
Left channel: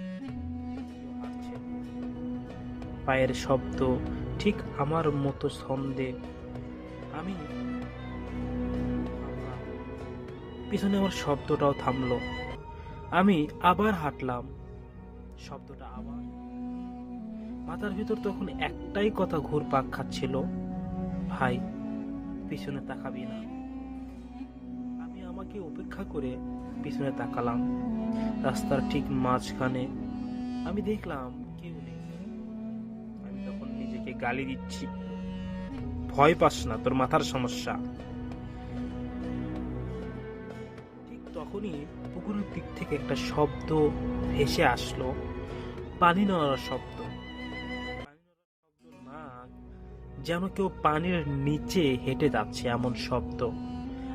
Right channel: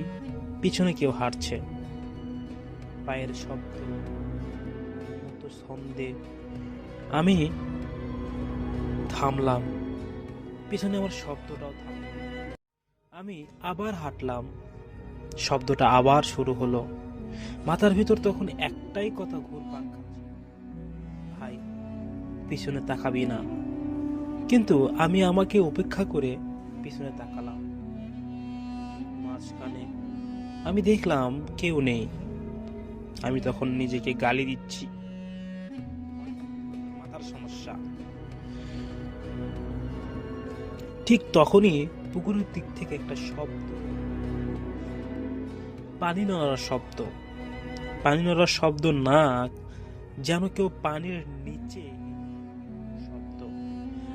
পিছনে কেউ হাঁটছে। পায়ের শব্দ ঠিক আমার মতো ছন্দে। আমি থামলাম, পিছনে আমার শব্দটাও থামলো। আমি আবার হাঁটলাম, শব্দটা আবার শুরু হলো। মাথার ভিতর তখন একটাই কথা ঘুরপাক খাচ্ছিল, ভাই পিছনে তাকাবি না। কিন্তু আমি আমাকে উপেক্ষা করে পিছনে তাকালাম। রাস্তার ঠিক মাঝখানে আমি দেখলাম কেউ নেই। আমি তখন নিজেকে গালি দিচ্ছি, ভয় পাস না, তোর মাথার সমস্যা। ঠিক তখনই পুকুরের দিক থেকে একটা শব্দ ভেসে আসলো, পানি নড়ার শব্দ। পানি নড়ার শব্দ না, যেন কেউ পানির নিচে হেঁটে যাচ্ছে এমন শব্দ।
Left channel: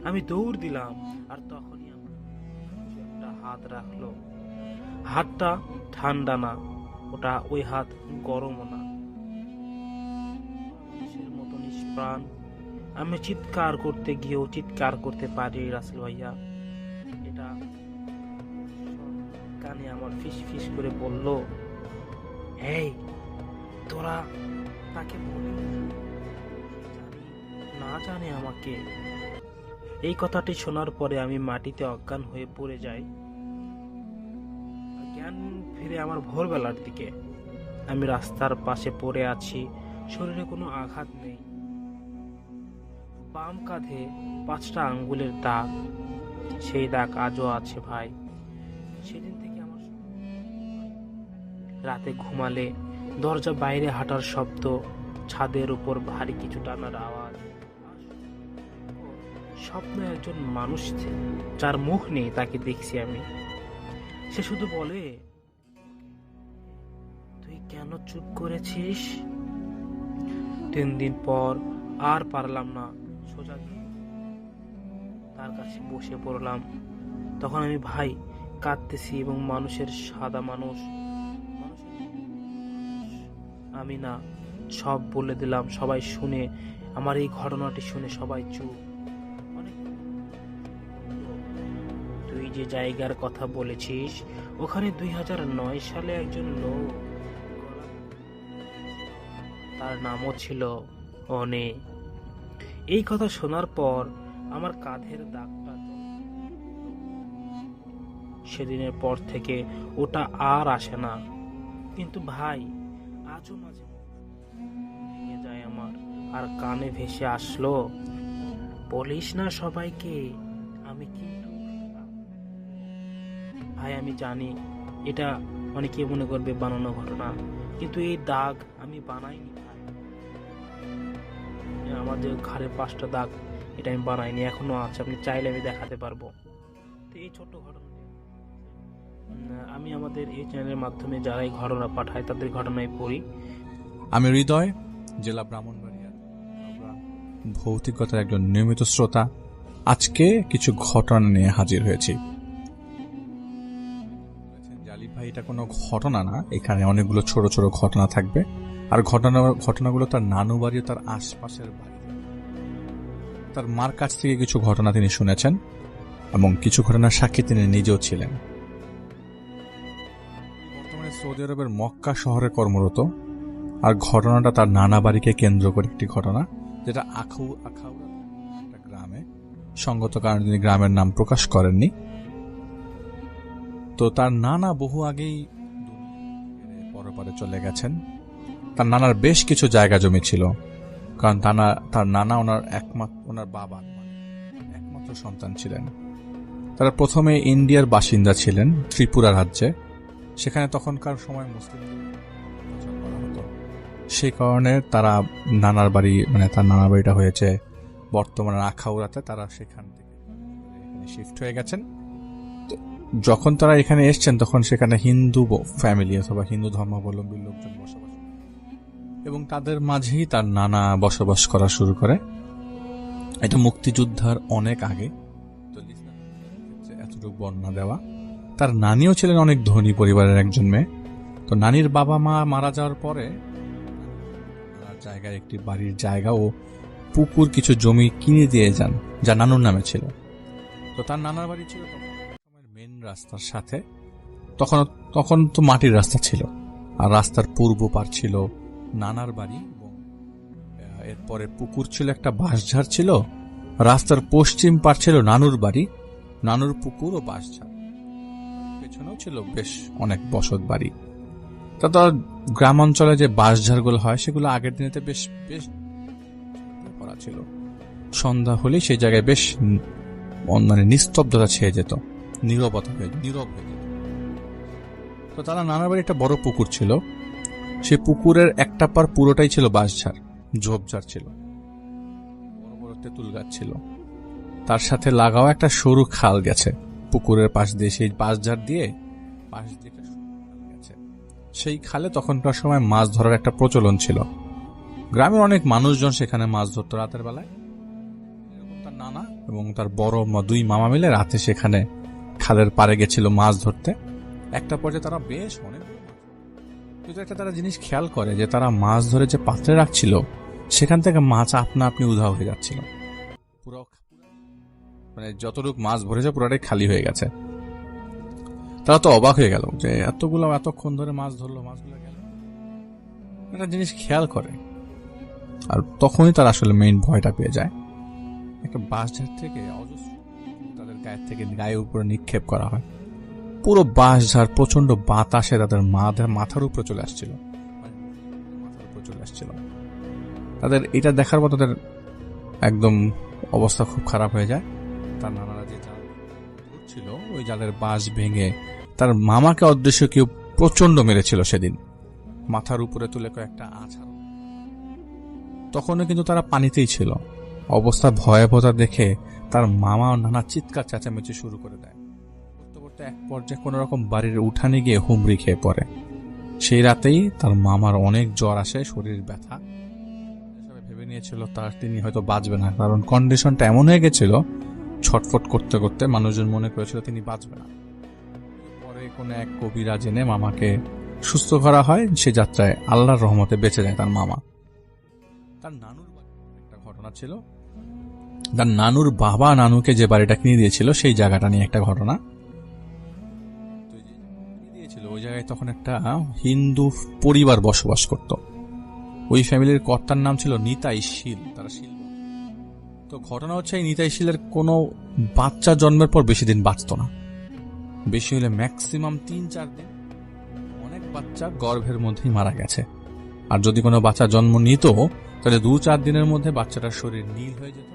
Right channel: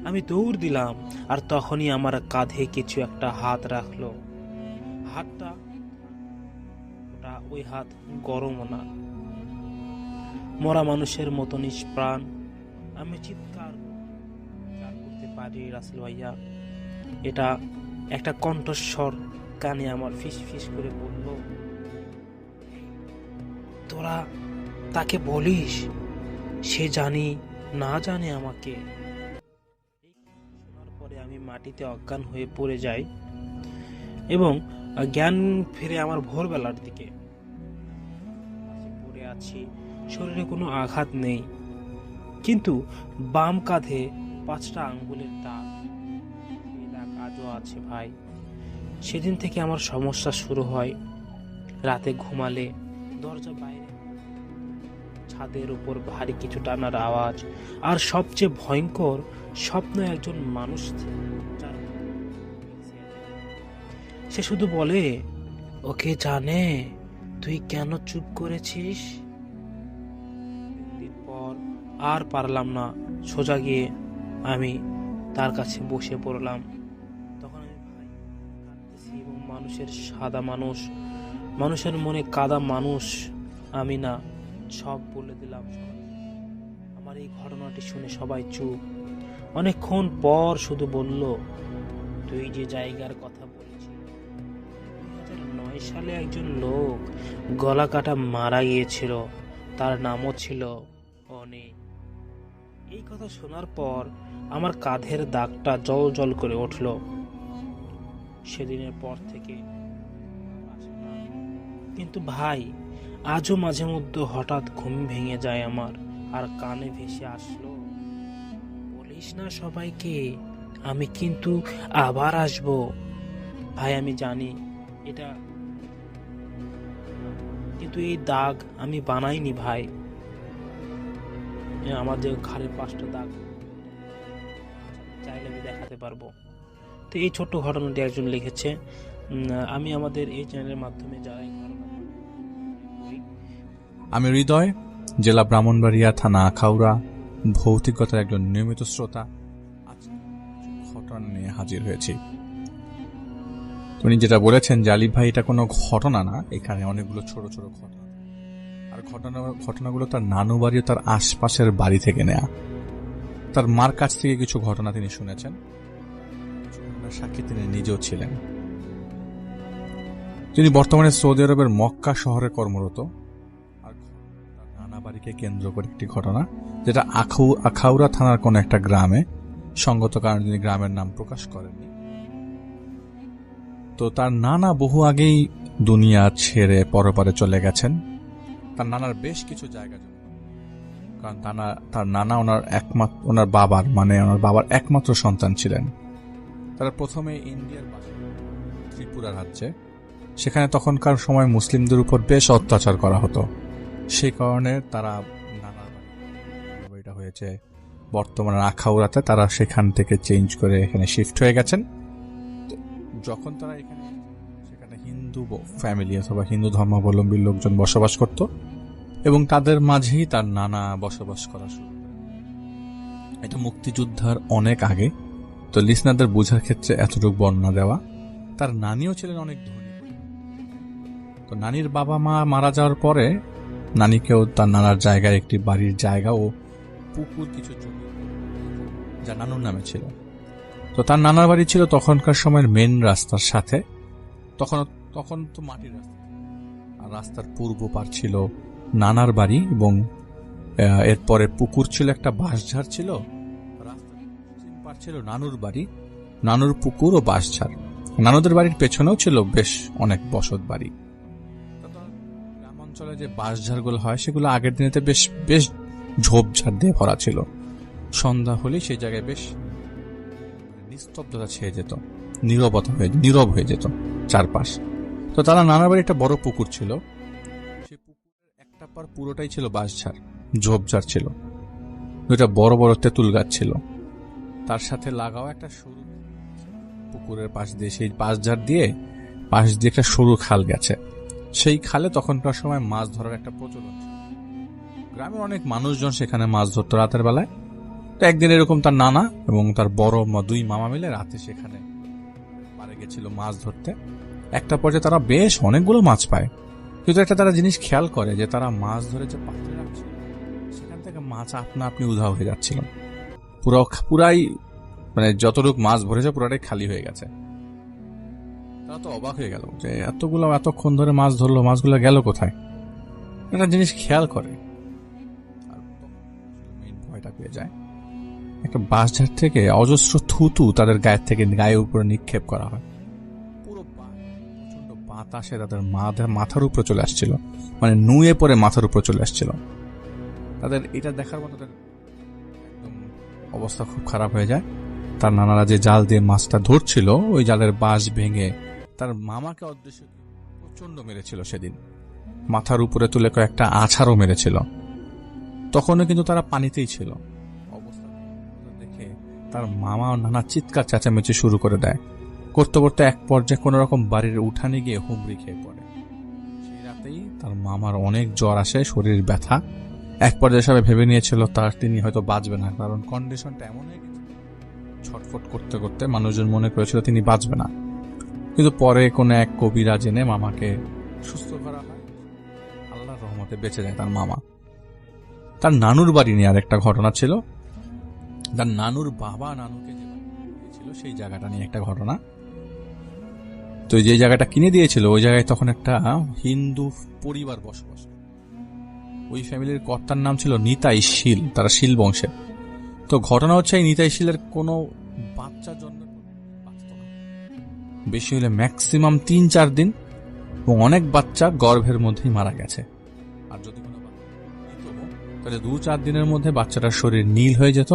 আমি দৌড় দিলাম, আর তখনই আমার কাঁধে কিছু একটা হাত রাখলো। হাতটা ঠান্ডা না, ওই হাত গরমও না, মরা মানুষের মতো নিষ্প্রাণ। আমি চিৎকার করতে গিয়েও চিৎকার করতে পারি রাসেল ভাইয়া। এটা একটা কণ্ঠস্বর কানে আমার ফিস ফিস করে বলল, এই তোরা তাকে বলিস সে জানি না জানে আমাকে। এই কথাটি শোনার পরে আমি মাটিতে অজ্ঞান হয়ে পড়ে যাই এবং জ্ঞান ফিরে আমার ভোরবেলার দিকে। আমি রাস্তার পাশে পড়ে আছি, শরীরে কোনো আঘাত নেই, কিন্তু বাম কাঁধে 5টা আঙ্গুলের দাগ। সেই দাগ আজও আছে ভাই। সেদিন থেকে আমার সমস্যা শুরু হয়। রাতে ঘুমালে দরজা বাইরে হাঁটার শব্দ, ছাদের উপর ভারী কিছু টানার আওয়াজ, আর সবচেয়ে ভয়ঙ্কর স্বপ্ন একজন মানুষ যার মুখ নেই তাকে দেখছি আমি। সে শুধু বলে, ওকে জানে তুই কেন চুপ করেছিস। 3 দিন পর আর পারলাম না, সোজা গিয়ে আমি তার কাছে বসে পড়লাম। তখন আমি ভাই কাঁদতেছি এবং মানুষের মনে কাদা মানুষ আমি না, সব বলে দিলাম। সবাই শুনে, আমার এই ঘটনাটি শুনে সবাই চুপ। অনেকক্ষণ পর শুধু বলল, তুই যে জায়গার কথা বলেছিস ওখানে 2009 সালে একজন লোক গলা কাটা মারা গিয়েছিল, তার নামও ছিল অনে। এই কথা শোনার পর আমার কাঁধের দাগটা জল জল করে উঠল। সেদিনের পর থেকে ওটা আর আসে না। কিন্তু ভাই, আজও মাঝে মধ্যে হঠাৎ ঘুম ভেঙে যায় আমার, আর কানে ভেসে আসলো, বলিস না সবাইকে, আমি কিন্তু আবার আসব। ভাই আমি জানি এটা অনেকে মনে করবে বানানো ঘটনা, কিন্তু এই দাগ আমি বানাইনি ভাই। আমাদের ঘাড়ে 5টা দাগ, এটা আমি বানাইনি, এখনো আছে, আপনি চাইলে আমি দেখাতে পারবো। তো এই ছোট্ট ঘটনাটি একজন লিখেছে। আমি আমাদের এই চ্যানেলের মাধ্যমে যারা এই ঘটনা পাঠায় তাদের ঘটনায় পড়ি। আমি হৃদয়, জেলা ব্রাহ্মণবাড়িয়া, থানা আখাউড়া, ভৌতিকতার একজন নিয়মিত শ্রোতা। আজকে কিছু ঘটনা নিয়ে হাজির হয়েছি। উনি যেটা বলেছেন যে আলিফ ভাই এটা কোনো ঘটনা না, এখানে অনেকগুলো ছোট ছোট ঘটনা থাকবে, আর ঘটনাগুলো তার নানু বাড়ি ও তার আশপাশের বাড়ি থেকে নেয়া। তার মার কাছ থেকে কিছু ঘটনা তিনি শুনেছেন এবং কিছু ঘটনার সাক্ষী তিনি নিজেও ছিলেন। তিনি বর্তমানে সৌদি আরবের মক্কা শহরে কর্মরত। আর ঘটনাটা তার নানা বাড়িকে কেন্দ্র করে একটি ঘটনা, যেটা আখাউড়া থানার কোন একটা গ্রামে। সঙ্গত কারণে তিনি গ্রামের নাম প্রকাশ করেননি। তো তার নানা বহু আগেই দুনিয়া ছেড়ে পরপারে চলে গেছেন। তার নানার বেশ কিছু জায়গা জমি ছিল, কারণ তার নানা ওনার বাবার একমাত্র সন্তান ছিলেন। তারা প্রথমে ইন্ডিয়ার বাসিন্দা ছিলেন, ত্রিপুরা রাজ্যে। সেখানে তখনকার সময় মুসলিমদের উপর বেশ অত্যাচার করা হতো। সেই কারণে তারা তার নানা বাড়িটা হয়েছে বর্তমানে আখাউড়াতে। তারা সেখান থেকে চেঞ্জ করে এখানে শিফট হয়ে গেছেন। যখন তারা এখানে এসছেন তখন সেখানে হিন্দু ফ্যামিলি অথবা হিন্দু ধর্মাবলম্বী লোকজন বসবাস করত এবং তাদের মাঝেই তার নানা বসবাস করা শুরু করে। এটা মুক্তিযুদ্ধের অনেক আগে, তো লিসনারদের বোঝার ক্ষেত্রে এতটুকু বর্ণনা দেওয়া। তার নানিও ছিলেন অনেক ধনী পরিবারের একজন মেয়ে। তো নানির বাবা মা মারা যাওয়ার পরে নানিকেও তার নানার জায়গায় একটি বাড়ির জায়গা ও পুকুর কিছু জমি কিনে দিয়ে যান, যা নানুর নামে ছিল। তো তার নানার বাড়ি ছিল তখনকার সময়ের মেন রাস্তার সাথে। তখন তো মাটির রাস্তা ছিল, আর রাস্তার পূর্ব পার ছিল নানার বাড়ি এবং এরপরে পুকুর ছিল, একটা বাঁশঝাড় ছিল। রাস্তার পশ্চিম পার ছিল নানুর বাড়ি, নানুর পুকুর ও বাঁশঝাড়। নানুদের বাড়ির পেছনেও ছিল বেশ অনেক বসত বাড়ি। তা গ্রাম অঞ্চলে যে বাঁশঝাড়গুলো হয় সেগুলো আগের দিনেতে বেশ বেশ ঝোপঝাড় দিয়ে ভরা ছিল। সন্ধ্যা হলেই সেই জায়গায় বেশ নিস্তব্ধতা ছেয়ে যেত, নীরব হয়ে যেত চারপাশ। তো তারা নানার বাড়ি একটা বড় পুকুর ছিল, সেই পুকুরের একটা পার পুরোটাই ছিল বাঁশঝাড়, ঝোপঝাড় ছিল। দুইটা বড় বড় তেঁতুল গাছ ছিল, তার সাথে লাগাও একটা সরু খাল গেছে পুকুরের পাশ দিয়ে। সেই বাঁশঝাড় দিয়ে পাশ দিয়ে একটা সরু খাল গেছে। সেই খালে তখনকার সময় মাছ ধরার একটা প্রচলন ছিল। গ্রামের অনেক মানুষজন সেখানে মাছ ধরত রাতের বেলায়। তো একদিন এরকম তার নানা এবং তার বড় দুই মামা মিলে রাতে সেখানে খালের পাড়ে গেছিল মাছ ধরতে। একটা পর্যায়ে তারা বেশ অনেকগুলো মাছ পায়, কিন্তু একটা তারা জিনিস খেয়াল করে যে তারা মাছ ধরে যে পাত্রে রাখছিল সেখান থেকে মাছ আপনা আপনি উধাও হয়ে যাচ্ছিল। পুরাই যতটুকু মাছ ভরেছে পুরাটাই খালি হয়ে গেছে। তারা তো অবাক হয়ে গেল যে এতক্ষণ ধরে মাছ ধরলো, মাছগুলো গেল কোথায়। একটা জিনিস খেয়াল করে, আর তখনই তারা আসলে মেইন ভয়টা পেয়ে যায়। একটা বাঁশঝাড় থেকে অজস্র থুতু তাদের গায়ের উপরে নিক্ষেপ করা হয়। পুরো বাঁশঝাড় প্রচন্ড বাতাসে তাদের মাথার উপরে চলে আসছিল, নুয়ে পড়ে মাথার উপরে চলে আসছিল। তাদের এটা দেখার পর তাদের একদম অবস্থা খুব খারাপ হয়ে যায়। তার নানারা যে জাল দিয়ে মাছটা ধরছিল, ওই জালের বাঁশ ভেঙে তার মামাকে অদৃশ্য কেউ প্রচন্ড মেরেছিল সেদিন। মাথার উপরে তুলে কয়েকটা আছাড়ও মেরেছিল। তখনও কিন্তু তারা পানিতেই ছিল। অবস্থা ভয়াবহতা দেখে তার মামা ও নানা চিৎকার চেঁচামেচি শুরু করে দেয়। করতে করতে এক পর্যায়ে কোন রকম বাড়ির উঠানে গিয়ে হুমড়ি খেয়ে পড়ে। সেই রাতেই তার মামার অনেক জ্বর আসে, শরীর ব্যথা। এক পর্যায়ে সবাই ভেবে নিয়েছিল তিনি হয়তো বাঁচবে না, কারণ কন্ডিশনটা এমন হয়ে গেছিল, ছটফট করতে করতে মানুষজন মনে করেছিল তিনি বাঁচবে না। কিন্তু পরে কোনো এক কবিরাজ এনে মামাকে সুস্থ করা হয়। সে যাত্রায় আল্লাহর রহমতে বেঁচে যায় তার মামা। তার নানুর বাড়ি নিয়ে আর একটা ঘটনা ছিল। তার নানুর বাবা নানুকে যে বাড়িটা কিনে দিয়েছিল সেই জায়গাটা নিয়ে একটা ঘটনা। তো যে জায়গাটা কিনে দিয়েছিল ওই জায়গায় তখন একটা হিন্দু পরিবার বসবাস করত। ওই ফ্যামিলির কর্তার নাম ছিল নিতাই শীল, তারা শীল বংশের। তো ঘটনা হচ্ছে এই নিতাই শীলের কোনো বাচ্চা জন্মের পর বেশি দিন বাঁচত না, বেশি হলে ম্যাক্সিমাম 3-4 দিন, এবং অনেক বাচ্চা গর্ভের মধ্যেই মারা গেছে। আর যদি কোনো বাচ্চা জন্ম নিত তাহলে 2-4 দিনের মধ্যে বাচ্চাটার শরীর নীল হয়ে যেত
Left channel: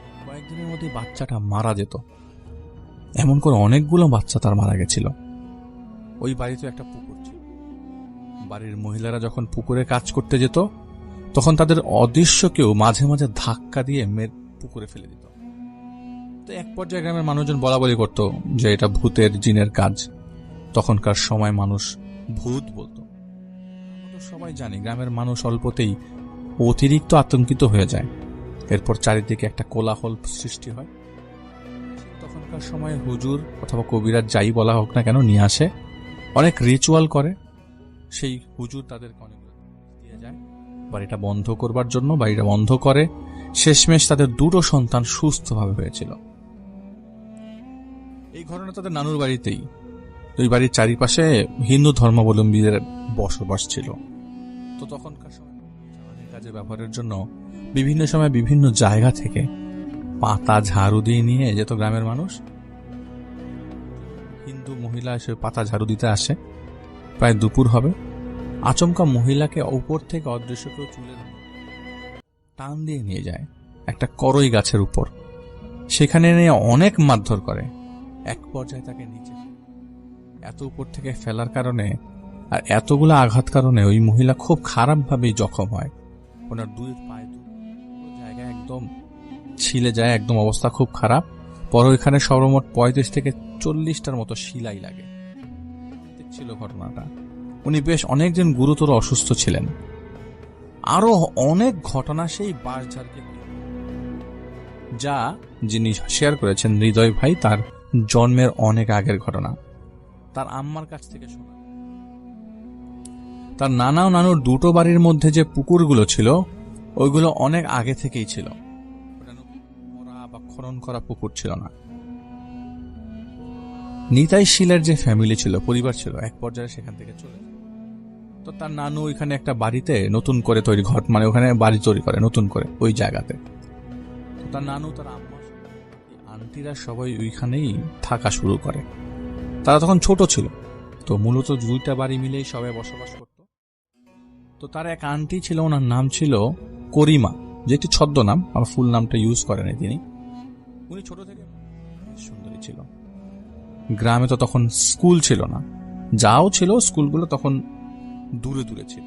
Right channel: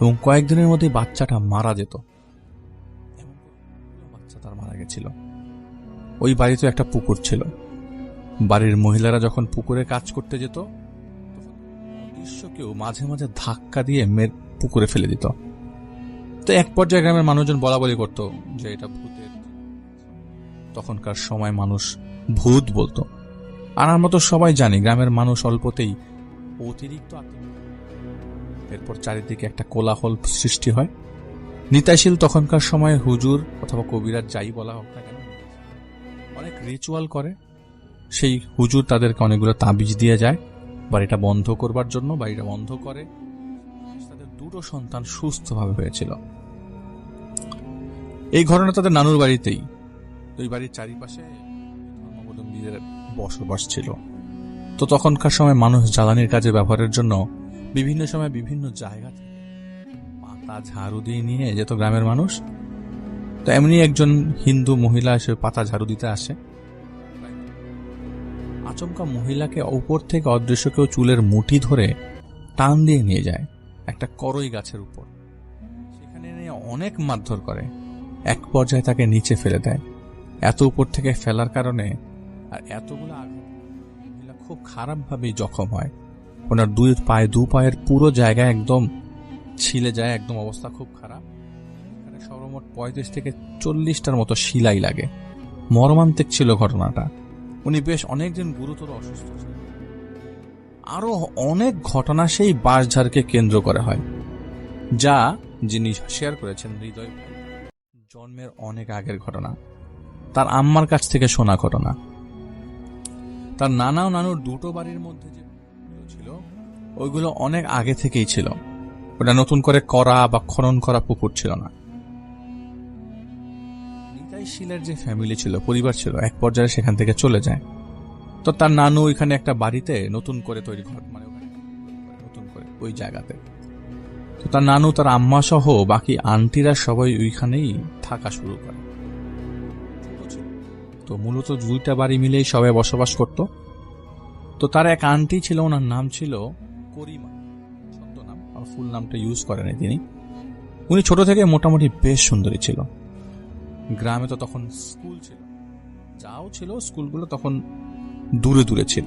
এবং কয়েকদিনের মধ্যে বাচ্চাটা মারা যেত। এমন করে অনেকগুলো বাচ্চা তার মারা গেছিল। ওই বাড়িতে একটা পুকুর ছিল। বাড়ির মহিলারা যখন পুকুরে কাজ করতে যেত তখন তাদের অদৃশ্য কেউ মাঝে মাঝে ধাক্কা দিয়ে পুকুরে ফেলে দিত। তো এক পর্যায়ে গ্রামের মানুষজন বলাবলি করত যে এটা ভূতের জিনের কাজ। তখনকার সময় মানুষ ভূত বলতো। আর আমরা তো সবাই জানি গ্রামের মানুষ অল্পতেই অতিরিক্ত আতঙ্কিত হয়ে যায়। এরপর চারিদিকে একটা কোলাহল সৃষ্টি হয়। নিতাইশীল তখনকার সময়ে হুজুর অথবা কবিরাজ যাই বলা হোক না কেন নিয়ে আসে, অনেক রিচুয়াল করে। সেই হুজুর তাদেরকে অনেকগুলো তাবিজ দিয়ে যায় বাড়িটা বন্ধ করবার জন্য। বাড়িটা বন্ধ করে, শেষমেশ তাদের দুটো সন্তান সুস্থভাবে হয়েছিল। এই ঘটনা তাদের নানুর বাড়িতেই। ওই বাড়ির চারিপাশে হিন্দু ধর্মাবলম্বীদের বসবাস ছিল। তো তখনকার সময় মানুষ জ্বালানির কাজে ব্যবহারের জন্য বিভিন্ন সময় বিভিন্ন জায়গা থেকে পাতা ঝাড়ু দিয়ে নিয়ে যেত গ্রামের মানুষ। তো এমনি একজন হিন্দু মহিলা এসে পাতা ঝাড়ু দিতে আসে। প্রায় দুপুর হবে। আচমকা মহিলাকে উপর থেকে অদৃশ্য কেউ চুলের মুঠি ধরে টান দিয়ে নিয়ে যায় একটা করই গাছের উপর। সেখানে নিয়ে অনেক মারধর করে, এক পর্যায়ে তাকে নিচে ফেলে দেয়। এত উপর থেকে ফেলার কারণে আর এতগুলো আঘাত কারণে ওই মহিলা খুব খারাপভাবেই জখম হয়। ওনার দু পায়ের পুরো জায়গায় একদম ছিলে যায়, একদম অবস্থা খুব খারাপ। পরে ওইখানে সর্বমোট 35 থেকে 40টার মতো শিলাই লাগে। মর্মান্তিক ছিল ঘটনাটা। উনি বেশ অনেকদিন গুরুতর অসুস্থ ছিলেন। আরো অনেক ঘটনা সেই বাঁশঝাড়কে কেন্দ্র করে হয়, যা যিনি শেয়ার করেছেন হৃদয় ভাই, তার জন্মের অনেক আগের ঘটনা, তার আম্মার কাছ থেকে শোনা ঘটনা। তার নানা ও নানুর দুটো বাড়ির মধ্যে যে পুকুরগুলো ছিল ওইগুলো অনেক আগে থেকেই ছিল। ওটা নতুন করে করা বা খনন করা পুকুর ছিল না। নিতাই শীলের যে ফ্যামিলি ছিল, পরিবার ছিল, এক পর্যায়ে সেখান থেকে চলে যায়। তো তার নানু ওইখানে একটা বাড়িতে নতুন করে তৈরি ঘর, মানে ওখানে বাড়ি তৈরি করে নতুন করে ওই জায়গাতে। তো তার নানু, তার আম্মা সহ বাকি আন্টিরা সবাই ওইখানেই থাকা শুরু করে। তারা তখন ছোট ছিল, তো মূলত দুইটা বাড়ি মিলেই সবাই বসবাস করত। তো তার এক আন্টি ছিল, ওনার নাম ছিল করিমা, যেটি ছদ্মনাম, আমার ফুল নামটা ইউজ করেনি তিনি। উনি ছোট থেকে মোটামুটি বেশ সুন্দরী ছিল। গ্রামে তো তখন স্কুল ছিল না, যাও ছিল স্কুলগুলো তখন দূরে দূরে ছিল।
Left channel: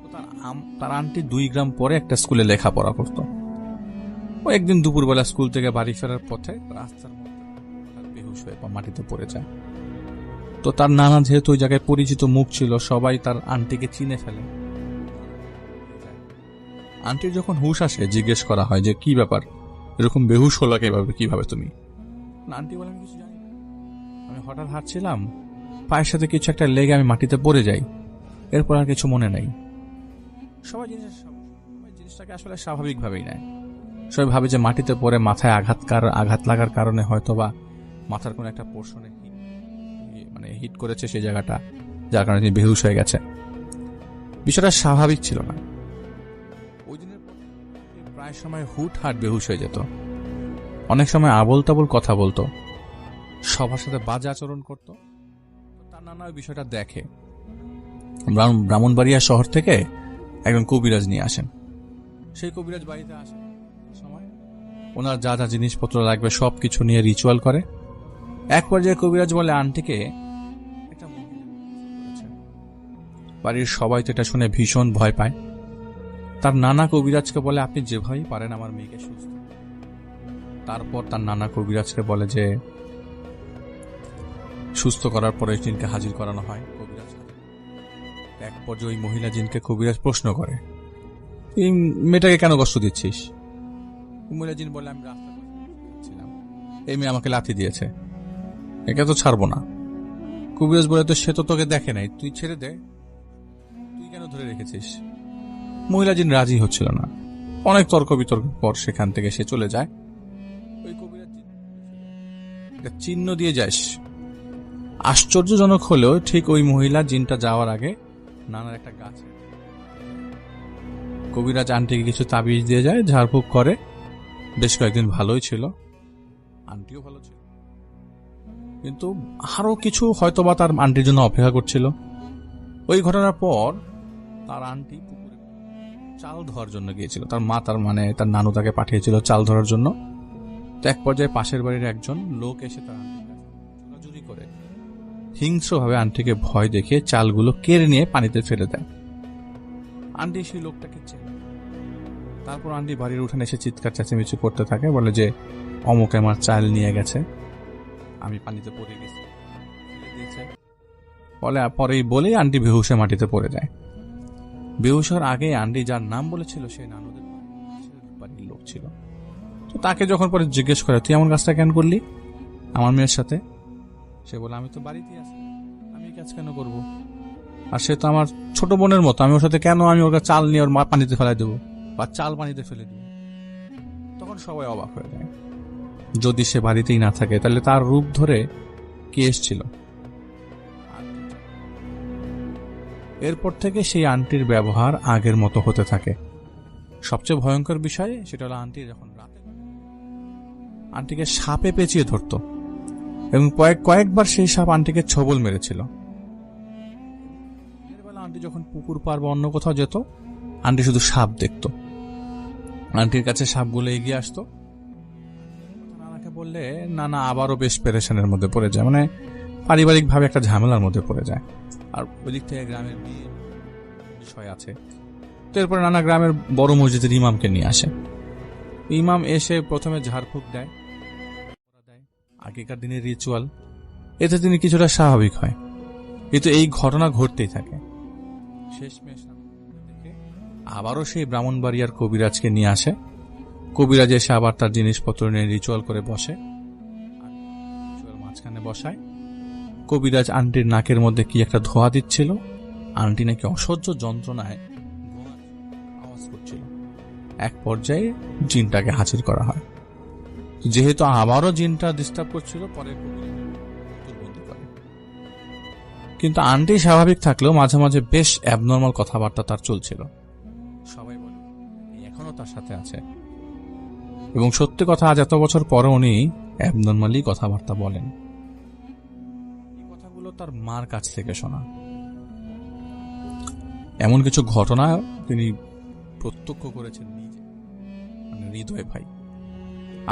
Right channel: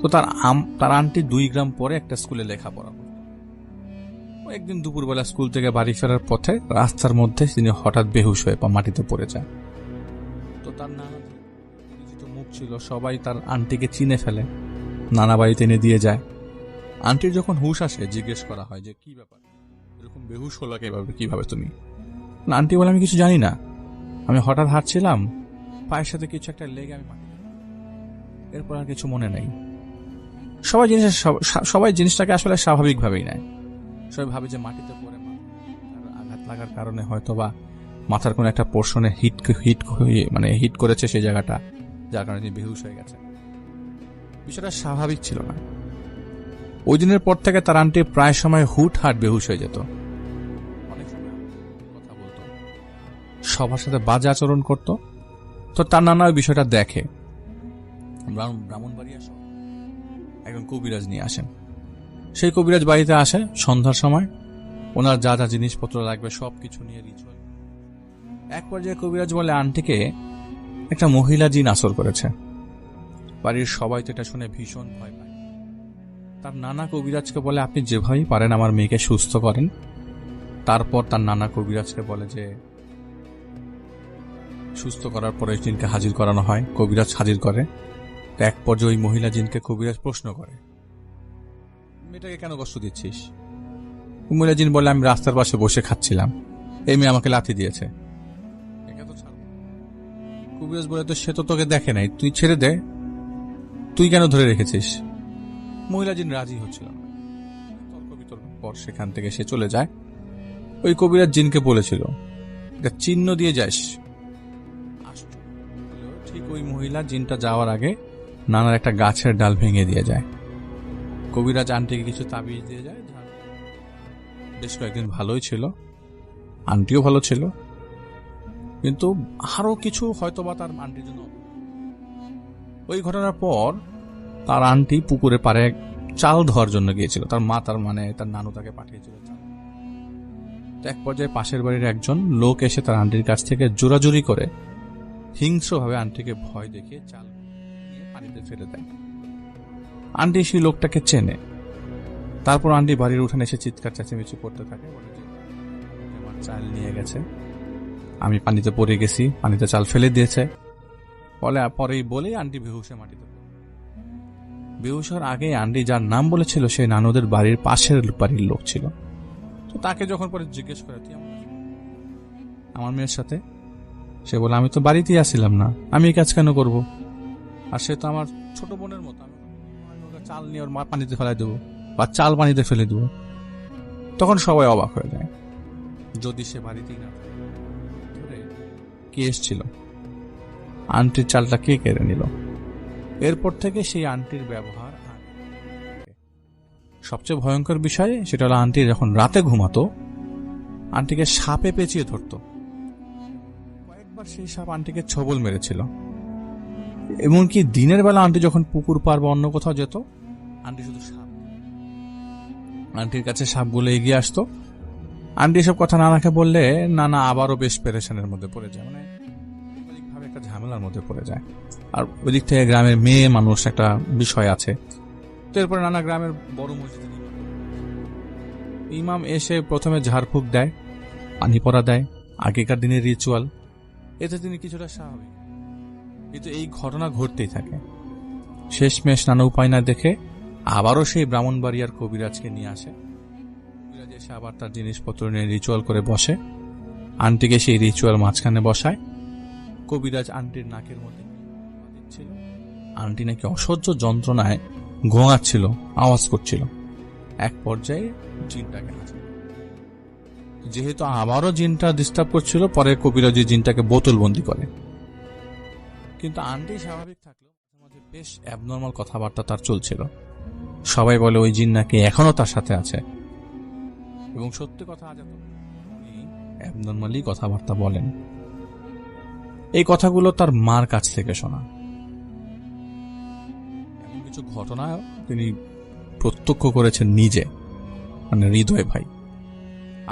তো তার আন্টি 2 গ্রাম পরে একটা স্কুলে লেখাপড়া করত। ও একদিন দুপুরবেলা স্কুল থেকে বাড়ি ফেরার পথে রাস্তার মধ্যে তিনি হঠাৎ বেহুশ হয়ে মাটিতে পড়ে যায়। তো তার নানা যেহেতু ওই জায়গায় পরিচিত মুখ ছিল, সবাই তার আন্টিকে চিনে ফেলে, নানা বাড়িতে এনে দিয়ে যায়। আন্টির যখন হুশ আসে জিজ্ঞেস করা হয় যে কি ব্যাপার, এরকম বেহুশ হলো কিভাবে তুমি? আন্টি বলে, আমি কিছু জানি না, আমি হঠাৎ হাঁটছিলাম, পায়ের সাথে কিছু একটা লেগে আমি মাটিতে পড়ে যাই, এরপর আর কিছু মনে নেই। সবাই জিনিসটাকে আসলে স্বাভাবিকভাবেই নেয়। সবাই ভাবে যে মাটিতে পড়ে মাথায় আঘাত লাগার কারণে হয়তোবা মাথার কোনো একটা পোর্শনে হিট করেছে সেই জায়গাটা, যার কারণে তিনি বেহুশ হয়ে গেছে। বিষয়টা স্বাভাবিক ছিল না। ওই দিনের পর থেকে তার আন্টি প্রায় সময় হুটহাট বেহুশ হয়ে যেত। অনেক সময় আবোল তাবোল কথা বলতো, সবার সাথে বাজে আচরণ করত। তো তার নানা ওই বিষয়টা দেখে। ব্রাহ্মণবাড়িয়া শহর থেকে একজন কবিরাজ নিয়ে আসেন। সেই কবিরাজ বাড়িতে আসে সন্ধ্যার সময়। ওনার যা যা জিনিসপত্র লাগবে সবকিছু নিয়ে রিচুয়াল করে। এক পর্যায়ে কবিরাজ বলে আন্টিকে একটা মহিলা জিন আসর করেছে। বাড়ির সবাই তো এটা শুনে ভীষণ ভয় পায়। তার নানা কবিরাজকে বলে, আপনি যেভাবেই পারেন আমার মেয়েকে সুস্থ করেন। তারপর তার নানা কবিরাজকে বলে যে সুস্থ করার পরে জিনকে হাজির করানো হয়। কবিরাজ হাজির করে। এক পর্যায়ে ওই মহিলা জিনকে কবিরাজ প্রশ্ন করে, এই মেয়েটাকে কেন কষ্ট দিচ্ছিস? মহিলা জিন বলে, আমি রাস্তার পাশে বসে খাচ্ছিলাম, এই মেয়ে আমাকে লাথি দিয়েছে, একে তো ছাড়বো না। কবিরাজ বলে, তো সে তো তোকে দেখে নাই, তুই ছেড়ে দে, তুই কেন ধরে রেখেছিস? মহিলা জিন রাজি হচ্ছিল না। অনেক তর্ক বিতর্ক পর সেখান থেকে সে চলে যায়। ওই কবিরাজ জিনকে বলেছিল, একটা চিহ্ন দিয়ে যাস। আশ্চর্যজনক হলেও ঠিক ওই মহিলা জিনটা যাওয়ার আগে নানার একটা গাছের ডাল ভেঙে দিয়ে যায়। কবিরাজ আন্টিকে কিছু তাবিজ দিয়ে যায়, ঝাড়ফুঁক করে। বেশ কয়েকদিন ভালোই ছিল, আন্টিও ভালো ছিল, কিন্তু আরো কিছু হয়তোবা তার আন্টির জন্য অপেক্ষা করছিল। ওই ঘটনার পর তার আন্টি পুকুরে পাড়ে চাল ধরার জন্য গিয়েছিল। তার মা তার নানু তাকে পাঠিয়েছিল চাল ধরার জন্য। তো এক পর্যায়ে পাশের বাড়ির একজন লোক এসে তার আন্টির কাছ থেকে জোরাজুরি করে হিংস্রভাবে আন্টিকে ভয় দেখিয়ে চালগুলো কেড়ে নিয়ে পানিতে ফেলে দেয়। আন্টি সেই লোকটাকে চেনে। তারপর আন্টি বাড়ির উঠানে এসে চিৎকার চেঁচামেচি করতে থাকে, বলে যে অমুকে আমার চাল নিয়ে গেছে, আমি পানিতে পড়ে গেছি, পানিতে চাল ফেলে দিয়েছে। পরেই বলেই আন্টি বেহুশে মাটিতে পড়ে যায়। বেহুশ হওয়ার আগে আন্টি যার নাম বলেছিল সে নানুদের বাড়ির পাশের বাড়ির লোক ছিল। তো তাকে যখন পরে জিজ্ঞেস করে, তুই এমন কাজটা কেন করলি আমার মেয়ের সাথে? সে বলে, আমি তো বাড়িতেই আসছিলাম না, আমি এই কাজ কেন করব? আর সে তো আমার ছোট বোনের মতো, আমি ওর সাথে কেন আমি ওর চাল নিয়ে ওর পানিতে ফেলাই দেবো বা চাল পানিতে ফেলে দেবো? তখন সবাই অবাক হয়ে যায়। যদি সে বাড়িতেই না থাকে তাহলে তার রূপ ধরে কে এসেছিল? আন্টির চালটা কে কেড়ে নিল? এরপর থেকে সেই আন্টির ব্যবহার আগের মতো হতে থাকে। সবচেয়ে ভয়ঙ্কর বিষয় সেটা হলো, আন্টি যখন রাতে ঘুমাতো আন্টিকে সাপে পেঁচিয়ে ধরত এবং কয়েকবার সেই সাপ আন্টিকে ছবল মেরেছিল। এমনকি দিনের বেলা আন্টি যখন পুকুর পার বা অন্য কোথাও যেত, আন্টি শুধু সাপ দেখত। আন্টির কাছে সাপগুলো এগিয়ে আসতো। আন্টি এসব কথা নানাকে বললে নানা আবারও বেশ পেরেশানের মধ্যে পড়ে যায়, মানে পারিবারিকভাবে একটা ঝামেলার মধ্যে পড়ে যায়। আর ওই দিক থেকে গ্রামের মেয়ে মানুষ একটা বিষয় আছে। তো এরপরে নানা গ্রামের বড় মসজিদের ইমামকে নিয়ে আসে। ইমাম এসে প্রথমে ঝাড়ফুঁক দেয়, পানি পড়া দেয়, আগেকার দিনের রিচুয়াল, এতে তিনি কিছুটা স্বাভাবিক হয়। কিন্তু এই ঘটনা ঘটতেই থাকে। শেষমেশ নানা উপায় না দেখে আবারও সেই ব্রাহ্মণবাড়িয়ার কবিরাজকে নিয়ে আসে। কবিরাজ এসে আবার তার জিনিসপত্র নিয়ে রিচুয়াল করে বসে। আন্টিকে সেই রিচুয়াল মাঝখানে বসায়। কবিরাজ আন্টির নাকের মধ্যে কি একটা ধোয়া দিচ্ছিল। আন্টি নাকি অসহ্য যন্ত্রণায় ঘোঙাচ্ছিল, আওয়াজ করছিল। এক পর্যায়ে জিনটাকে হাজির করা হয়। যেহেতু আবারও জিনটা ডিস্টার্ব করছিল, পরে কবিরাজ জিনটাকে বোতলবন্দি করে। কিন্তু আন্টি স্বাভাবিক থাকলেও মাঝে মাঝে বেশ অ্যাবনর্মাল কথাবার্তা তার চলছিল। সবাই বলে ওই জিন নাকি এখনো তার সাথে আছে, এবং সত্যি কথা, আজ এত বছর পরে উনি অ্যাবনর্মালি কথাবার্তা বলেন। এই কথাগুলো তার মার কাছ থেকে শোনা। এমন কিছু ঘটনা তিনি প্রত্যক্ষ করেছেন নিজে, মানে হৃদয় ভাই।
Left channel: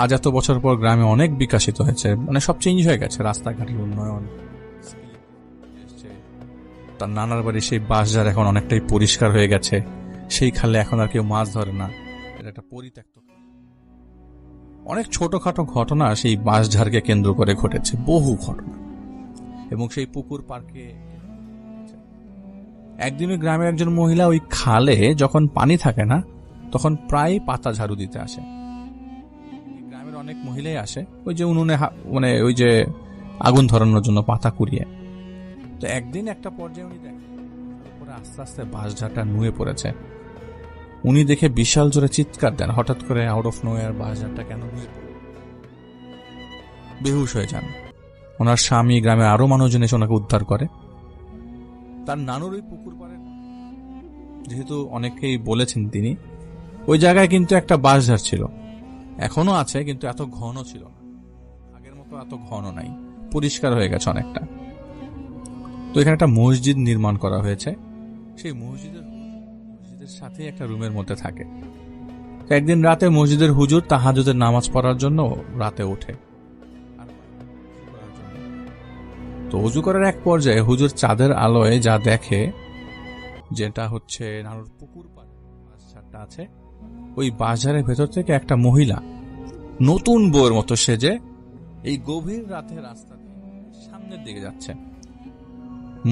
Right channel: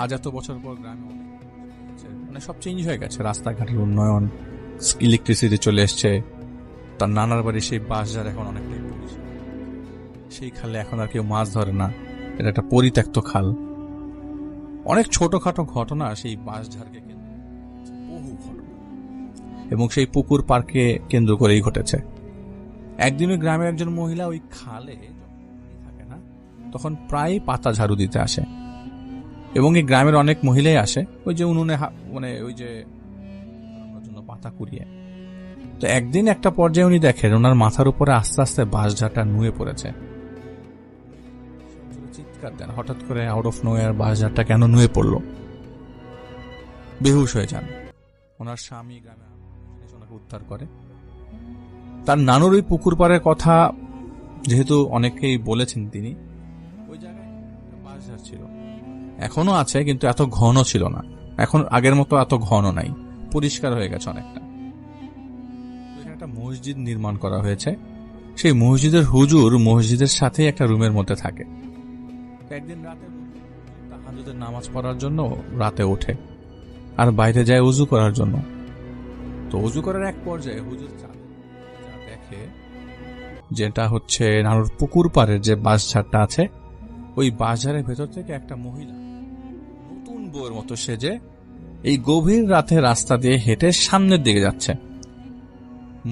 আজ এত বছর পর গ্রামে অনেক বিকশিত হয়েছে, মানে সব চেঞ্জ হয়ে গেছে। রাস্তাঘাটের উন্নয়ন, ইলেকট্রিসিটি চলে এসছে। তার নানার বাড়ি সেই বাঁশঝাড় এখন অনেকটাই পরিষ্কার হয়ে গেছে। সেই খালে এখন আর কেউ মাছ ধরে না, এটা একটা পরিত্যক্ত খাল। অনেক ছোটখাটো ঘটনা সেই বাঁশঝাড়কে কেন্দ্র করে ঘটেছে, বহু ঘটনা, এবং সেই পুকুর পার্কে কেন্দ্র করেই ঘটেছে। একদিন ওই গ্রামের একজন মহিলা ওই খালে যখন পানি থাকে না তখন প্রায় পাতা ঝাড়ু দিতে আসে, এবং এই গ্রামের অনেক মহিলাই আসে ওই যে উনুনে মানে ওই যে আগুন ধরানোর জন্য পাতা কুড়িয়ে। তো একদিন একটা পর্যায়ে উনি দেখেন ওনার মাথার উপরে আস্তে আস্তে বাঁশঝাড়টা নুয়ে পড়েছে। উনি দেখে বিশাল জোরে চিৎকার দেন, হঠাৎ করে আউট অফ নোয়ার বাঁশঝাড়টা কেন নুয়ে পড়ল। বেহুশ হয়ে যান। ওনার স্বামী, গ্রামের আরো মানুষজন এসে ওনাকে উদ্ধার করে। তার নানুর ওই পুকুর পাড়ের কথা যেহেতু অনেকেই বলেছেন তিনি, ওই জায়গায় কিন্তু একটা বাঁশঝাড় ছিল, এখনো আছে, কিন্তু এত ঘন ছিল না। এখন আগের মতো এত ঘন নাই, পরিষ্কার হয়ে গেছে অনেকটা। তো এখানে একটা মসজিদ নির্মাণ করা হয়েছে। সেই মসজিদের হুজুর মসজিদের সাথে একটা রুমের মধ্যে থাকে। একদিন রাতে মসজিদের হুজুর তাহাজ্জুদের নামাজ পড়ার জন্য রাতে ওঠে আর বাইরে যায় উজু করার জন্য। তো উজু করার এক পর্যায়ে হুজুর চাঁদের আলোয় যা দেখে, যেটা হচ্ছে নানুর পুকুর পাড়ের যে বাঁশঝাড়টা আছে, ওই বাঁশঝাড়ের ভেতর থেকে একটা মহিলা নতুন বউয়ের মতো সেজে এই গভীর রাতে রাস্তা দিয়ে হেঁটে সামনের দিকে যাচ্ছে।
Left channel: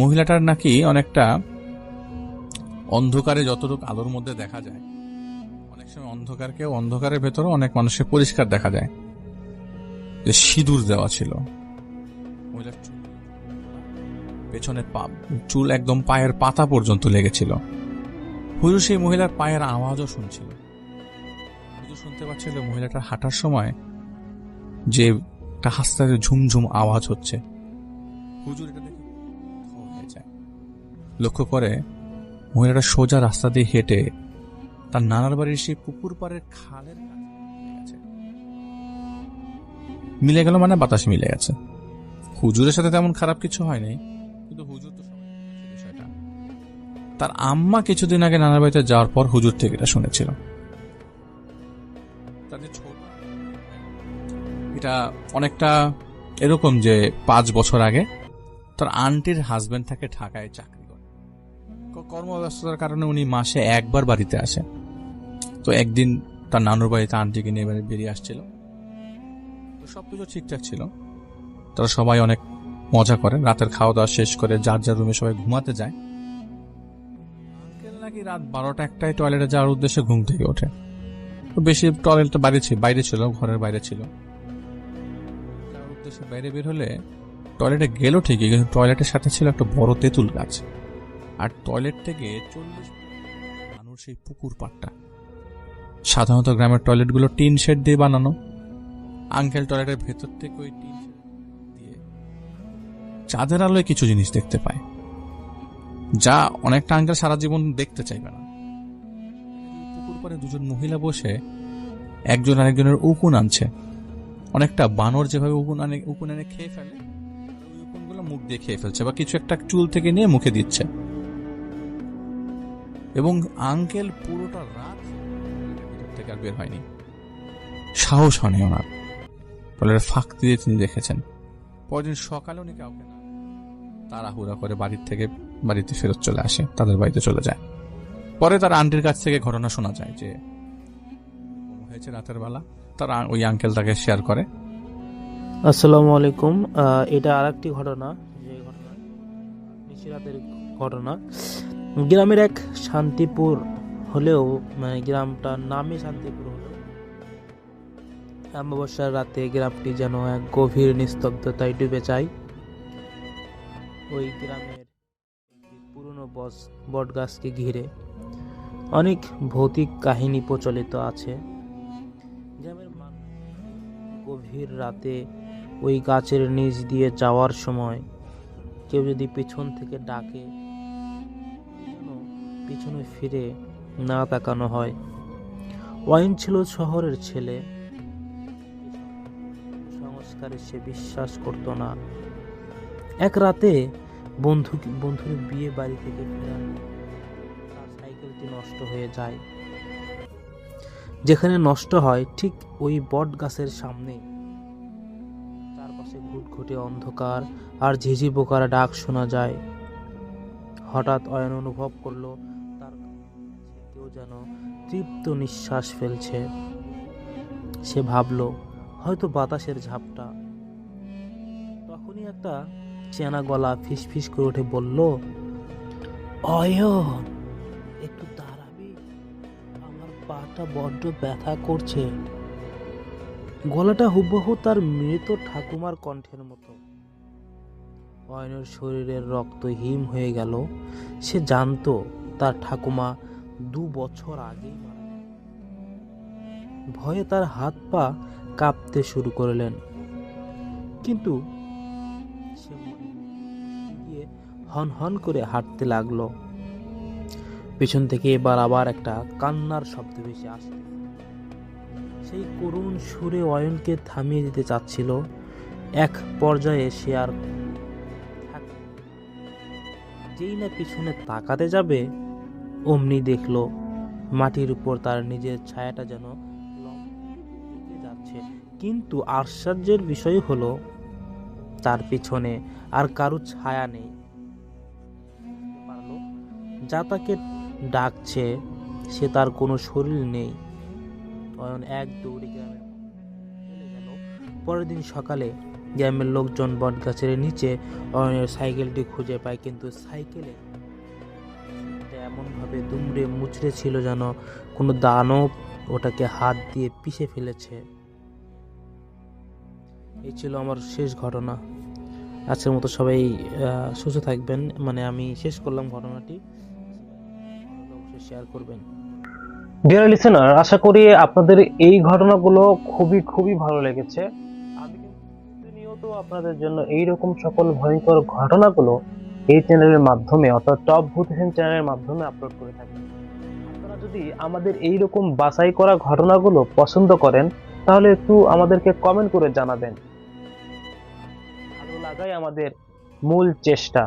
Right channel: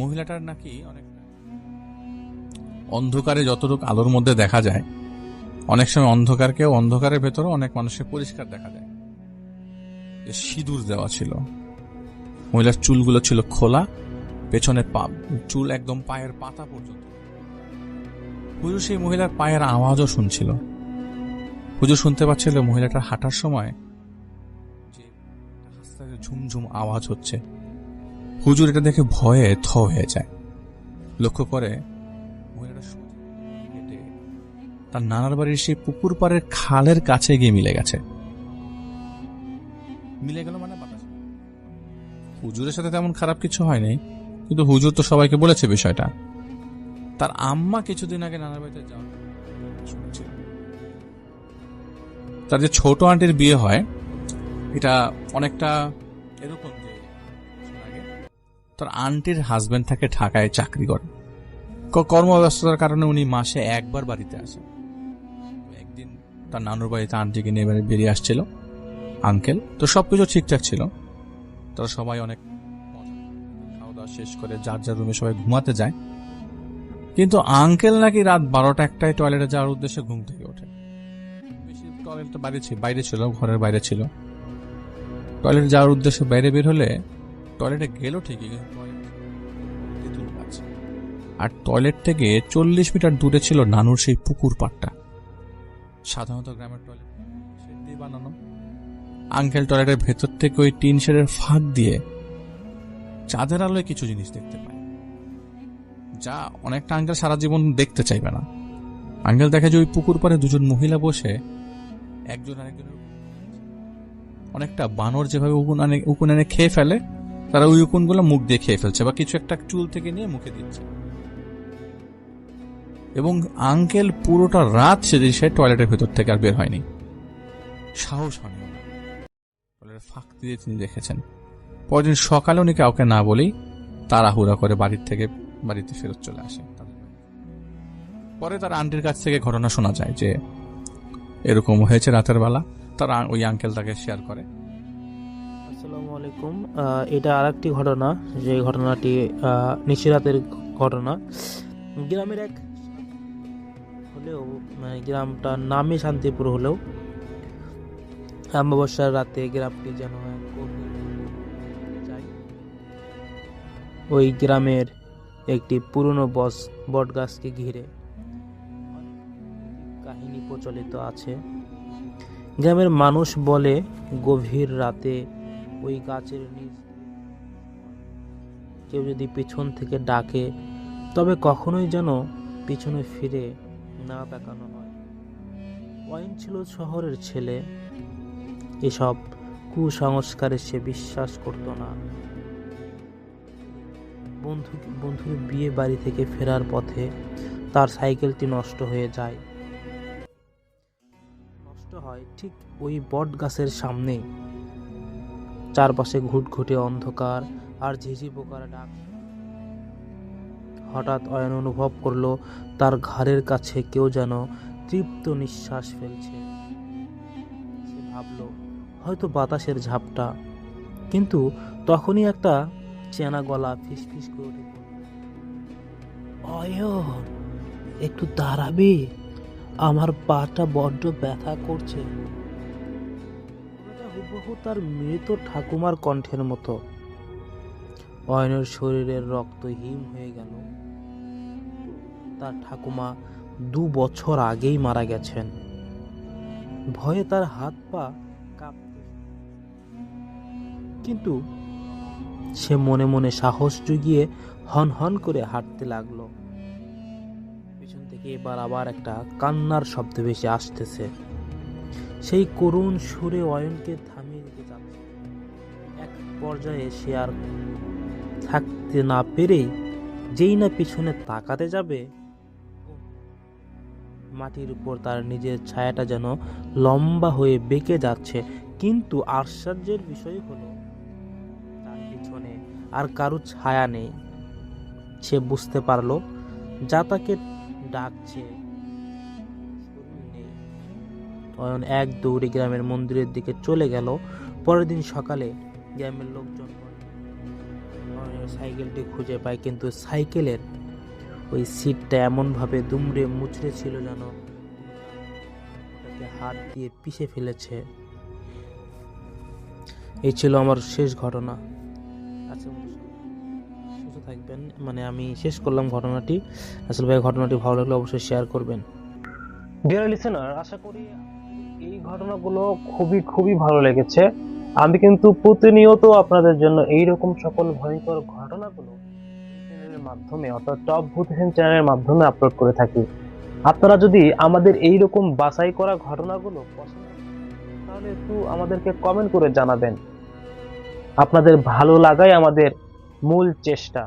মহিলাটার নাকি অনেকটা অন্ধকারে যতটুকু আলোর মধ্যে দেখা যায়, অনেক সময় অন্ধকারকেও অন্ধকারের ভেতরে অনেক মানুষের পরিষ্কার দেখা যায়, যে সিঁদুর দেওয়া ছিল। মহিলার চুলগুলো ছিল খোলা, পেছনে চুল একদম পায়ের পাতা পর্যন্ত লেগেছিল। হুজুর সেই মহিলার পায়ের আওয়াজও শুনছিল। হুজুর শুনতে পাচ্ছিল মহিলাটার হাঁটার সময় যে একটা আস্তে আস্তে ঝুমঝুম আওয়াজ হচ্ছে। হুজুর এটা দেখে ভয়ে থ হয়ে যায়। লক্ষ্য করে মহিলাটা সোজা রাস্তা দিয়ে হেঁটে তার নানার বাড়ির সেই পুকুর পাড়ের খালের কাছে গিয়ে মিলে গেছে। মিলে গেল মানে বাতাস মিলে গেছে। হুজুরের সাথে তেমন খারাপ কিছু হয়নি, কিন্তু হুজুর তো সবাইকে বলেছে বিষয়টা। তার আম্মা কিছুদিন আগে নানার বাড়িতে যাওয়ার পর হুজুর থেকে এটা শুনেছিল। তার যে ছোট আন্টির বিয়ে হয়, এটা অনেকটা এরকম যে 5 বছর আগে তার আন্টির হাজবেন্ড থাকে ঢাকায় চাকরি করে। কর্মব্যস্ততার কারণে উনি মাসে একবার বাড়িতে আসে। তো একদিন তার নানুর বাড়িতে আন্টিকে নিয়ে বেরিয়ে আসছিল আঙ্কেল। তো সবকিছু ঠিকঠাক ছিল, তারা সবাই অনেক মজা করে, রাতের খাওয়া দাওয়া শেষ করে যার যার রুমে সবাই ঘুমাতে যায়। কিন্তু আঙ্কেল নাকি রাত 12টা-1টায় টয়লেটে যাওয়ার উদ্দেশ্যে ঘুম থেকে ওঠে। তো বেশি টয়লেটটা বাইরে ছিল, ঘরের বাইরে ছিল। টয়লেটে যাওয়ার উদ্দেশ্যে বাইরে বের হলে টয়লেটে গেল ঠিকই, কিন্তু টয়লেটের সাথে ছিল একটা বড় তেঁতুল গাছ, আর টয়লেট থেকে 40 মিটার দূরে ছিল নানুর সেই পুকুর পাড়টা। সাধারণত গ্রামের টয়লেটগুলো টিন শেড দিয়ে বানানো। আঙ্কেল টয়লেটের ভেতর থেকে ওই টিন শেডের ফাঁক দিয়ে চাঁদের আলোয় কিছু জিনিস দেখতে পায়, যা অনেকটা আঙ্কেল সারা জীবন দেখতে চাইবে না। আঙ্কেল দেখে যে ওই পুকুর পাড়ে দুজন মহিলা বসে একজন আরেকজনের উকুন আনছে, অনেকটা বানর যেভাবে উকুন এনে খেয়ে ফেলে, তারা ওই উকুনগুলো মুখ দিয়ে খেয়ে ফেলছে বা কিছু একটা চুল থেকে নিয়ে মুখে দিচ্ছে। এবং আঙ্কেল পুরোটা রাত সেদিন সে টয়লেটের ভেতর থেকে আর বের হয়নি, সাহস হয়নি ওনার। টয়লেটের ফাঁক দিয়ে তিনি দেখেছেন। পরদিন সকালে উনি কাউকে না বলেই তাড়াহুড়া করে বাড়িতে ফেরত চলে আসে, তাদের বাড়িতে চলে যায়। পরে তার আন্টির কাছ থেকে ঘটনা শোনা যায় যে এরকম হয়েছে রাতের বেলা। তার ওই আঙ্কেল তাকে শেয়ার করে। আসসালামু আলাইকুম। এটা আরেকটি ঘটনা, যে ঘটনাটি নিশিরাতের ঘটনা। গ্রামের এক শান্তিপুর হলেও, মানে গ্রামটার নামে শান্তিপুর হলেও, অমাবস্যার রাতে গ্রামটি যেন এক গভীর নিস্তব্ধতায় ডুবে যায়। ওই গ্রামের একটি পুরনো বটগাছকে ঘিরে অনেক ভৌতিক কাহিনী প্রচলিত আছে। গ্রামের মানুষ বলে, গভীর রাতে ওই গাছের নিচ দিয়ে যাওয়ার সময় কেউ যদি পিছন থেকে ডাকে, তবে কখনোই যেন পিছনে ফিরে না তাকানো হয়। ওয়াইন ছিল শহরের ছেলে, এসব কুসংস্কারে সে বিশ্বাস করত না। এক রাতে বন্ধুর বিয়ে বাড়ি থেকে ফেরার পথে তার সাইকেলটি নষ্ট হয়ে যায়। যেখানে নষ্ট হয় ঠিক ওই বট গাছের সামনে। চারপাশে ঘুটঘুটে অন্ধকার আর ঝিঝি পোকার ডাক শোনা যায়। হঠাৎ অয়ন অনুভব করলো তার ঘাড়ের কাছে কেউ যেন তৃপ্ত নিঃশ্বাস ফেলছে। সে ভাবল হয়তো বাতাসের ঝাপটা, কিন্তু তখনই একটা চেনা গলা ফিসফিস করে উঠে বলল, অয়ন, একটু দাঁড়াবি, আমার পাটা বড্ড ব্যথা করছে। গলাটা হুবহু তার মৃত ঠাকুমার কণ্ঠের মতো। অয়নের শরীরের রক্ত হিম হয়ে গেল। সে জানতো তার ঠাকুমা 2 বছর আগেই মারা গেছেন। ভয়ে তার হাত পা কাঁপতে শুরু করলেন, কিন্তু সে মনে মনে সাহস জুগিয়ে হন হন করে হাঁটতে লাগলো। পিছন থেকে এবার আবার একটা কান্নার শব্দ ভেসে আসতেছে। সেই করুণ সুরে অয়নকে থামিয়ে দিতে চাচ্ছিল। এক পর্যায়ে সে আর থাকতে না পেরে যেই না পিছনে তাকাতে যাবে, অমনি দেখলো মাটির উপর তার নিজের ছায়াটা যেন লম্বা হয়ে বেঁকে যাচ্ছে। কিন্তু আশ্চর্যের বিষয় হলো, তার পিছনে আর কারো ছায়া নেই। সে বুঝতে পারলো যা তাকে ডাকছে সে তার কোনো শরীর নেই। অয়ন এক দৌড়ে গ্রামের মন্দিরের দিকে চলে গেল। পরের দিন সকালে গ্রামের লোকজন বটগাছের নিচে অয়নের সাইকেলটি খুঁজে পায়, কিন্তু সাইকেলের ওই সিটটা এমনভাবে দুমড়ে মুচড়ে ছিল যেন কোনো দানব ওটাকে হাত দিয়ে পিষে ফেলেছে। এই ছিল আমার শেষ ঘটনা। আজকের মতো সবাই সুস্থ থাকবেন। মানে আমি শেষ করলাম ঘটনাটি। আসলে ভাই ঘটনাটি ভালো লাগলে অবশ্যই শেয়ার করবেন। ডিয়ার লিসেনার, আশা করি আপনাদের এই ঘটনাগুলো খুবই ভালো লেগেছে। আমি কিন্তু প্রতিনিয়ত আপনাদের জন্য এইরকম সকল ভয়ঙ্কর ঘটনাগুলো এই চ্যানেলের মাধ্যমে, অর্থাৎ টপ ভূত এফএম চ্যানেলের মাধ্যমে আপলোড করে থাকি। আপনারা যদি আমাদের এইরকম বাছাই করা ঘটনাগুলো পছন্দ করেন, তাহলে একটু আমাদেরকে কমেন্ট করে জানাবেন। আপনাদের ভালো লাগাই আমাদের মূল চেষ্টা।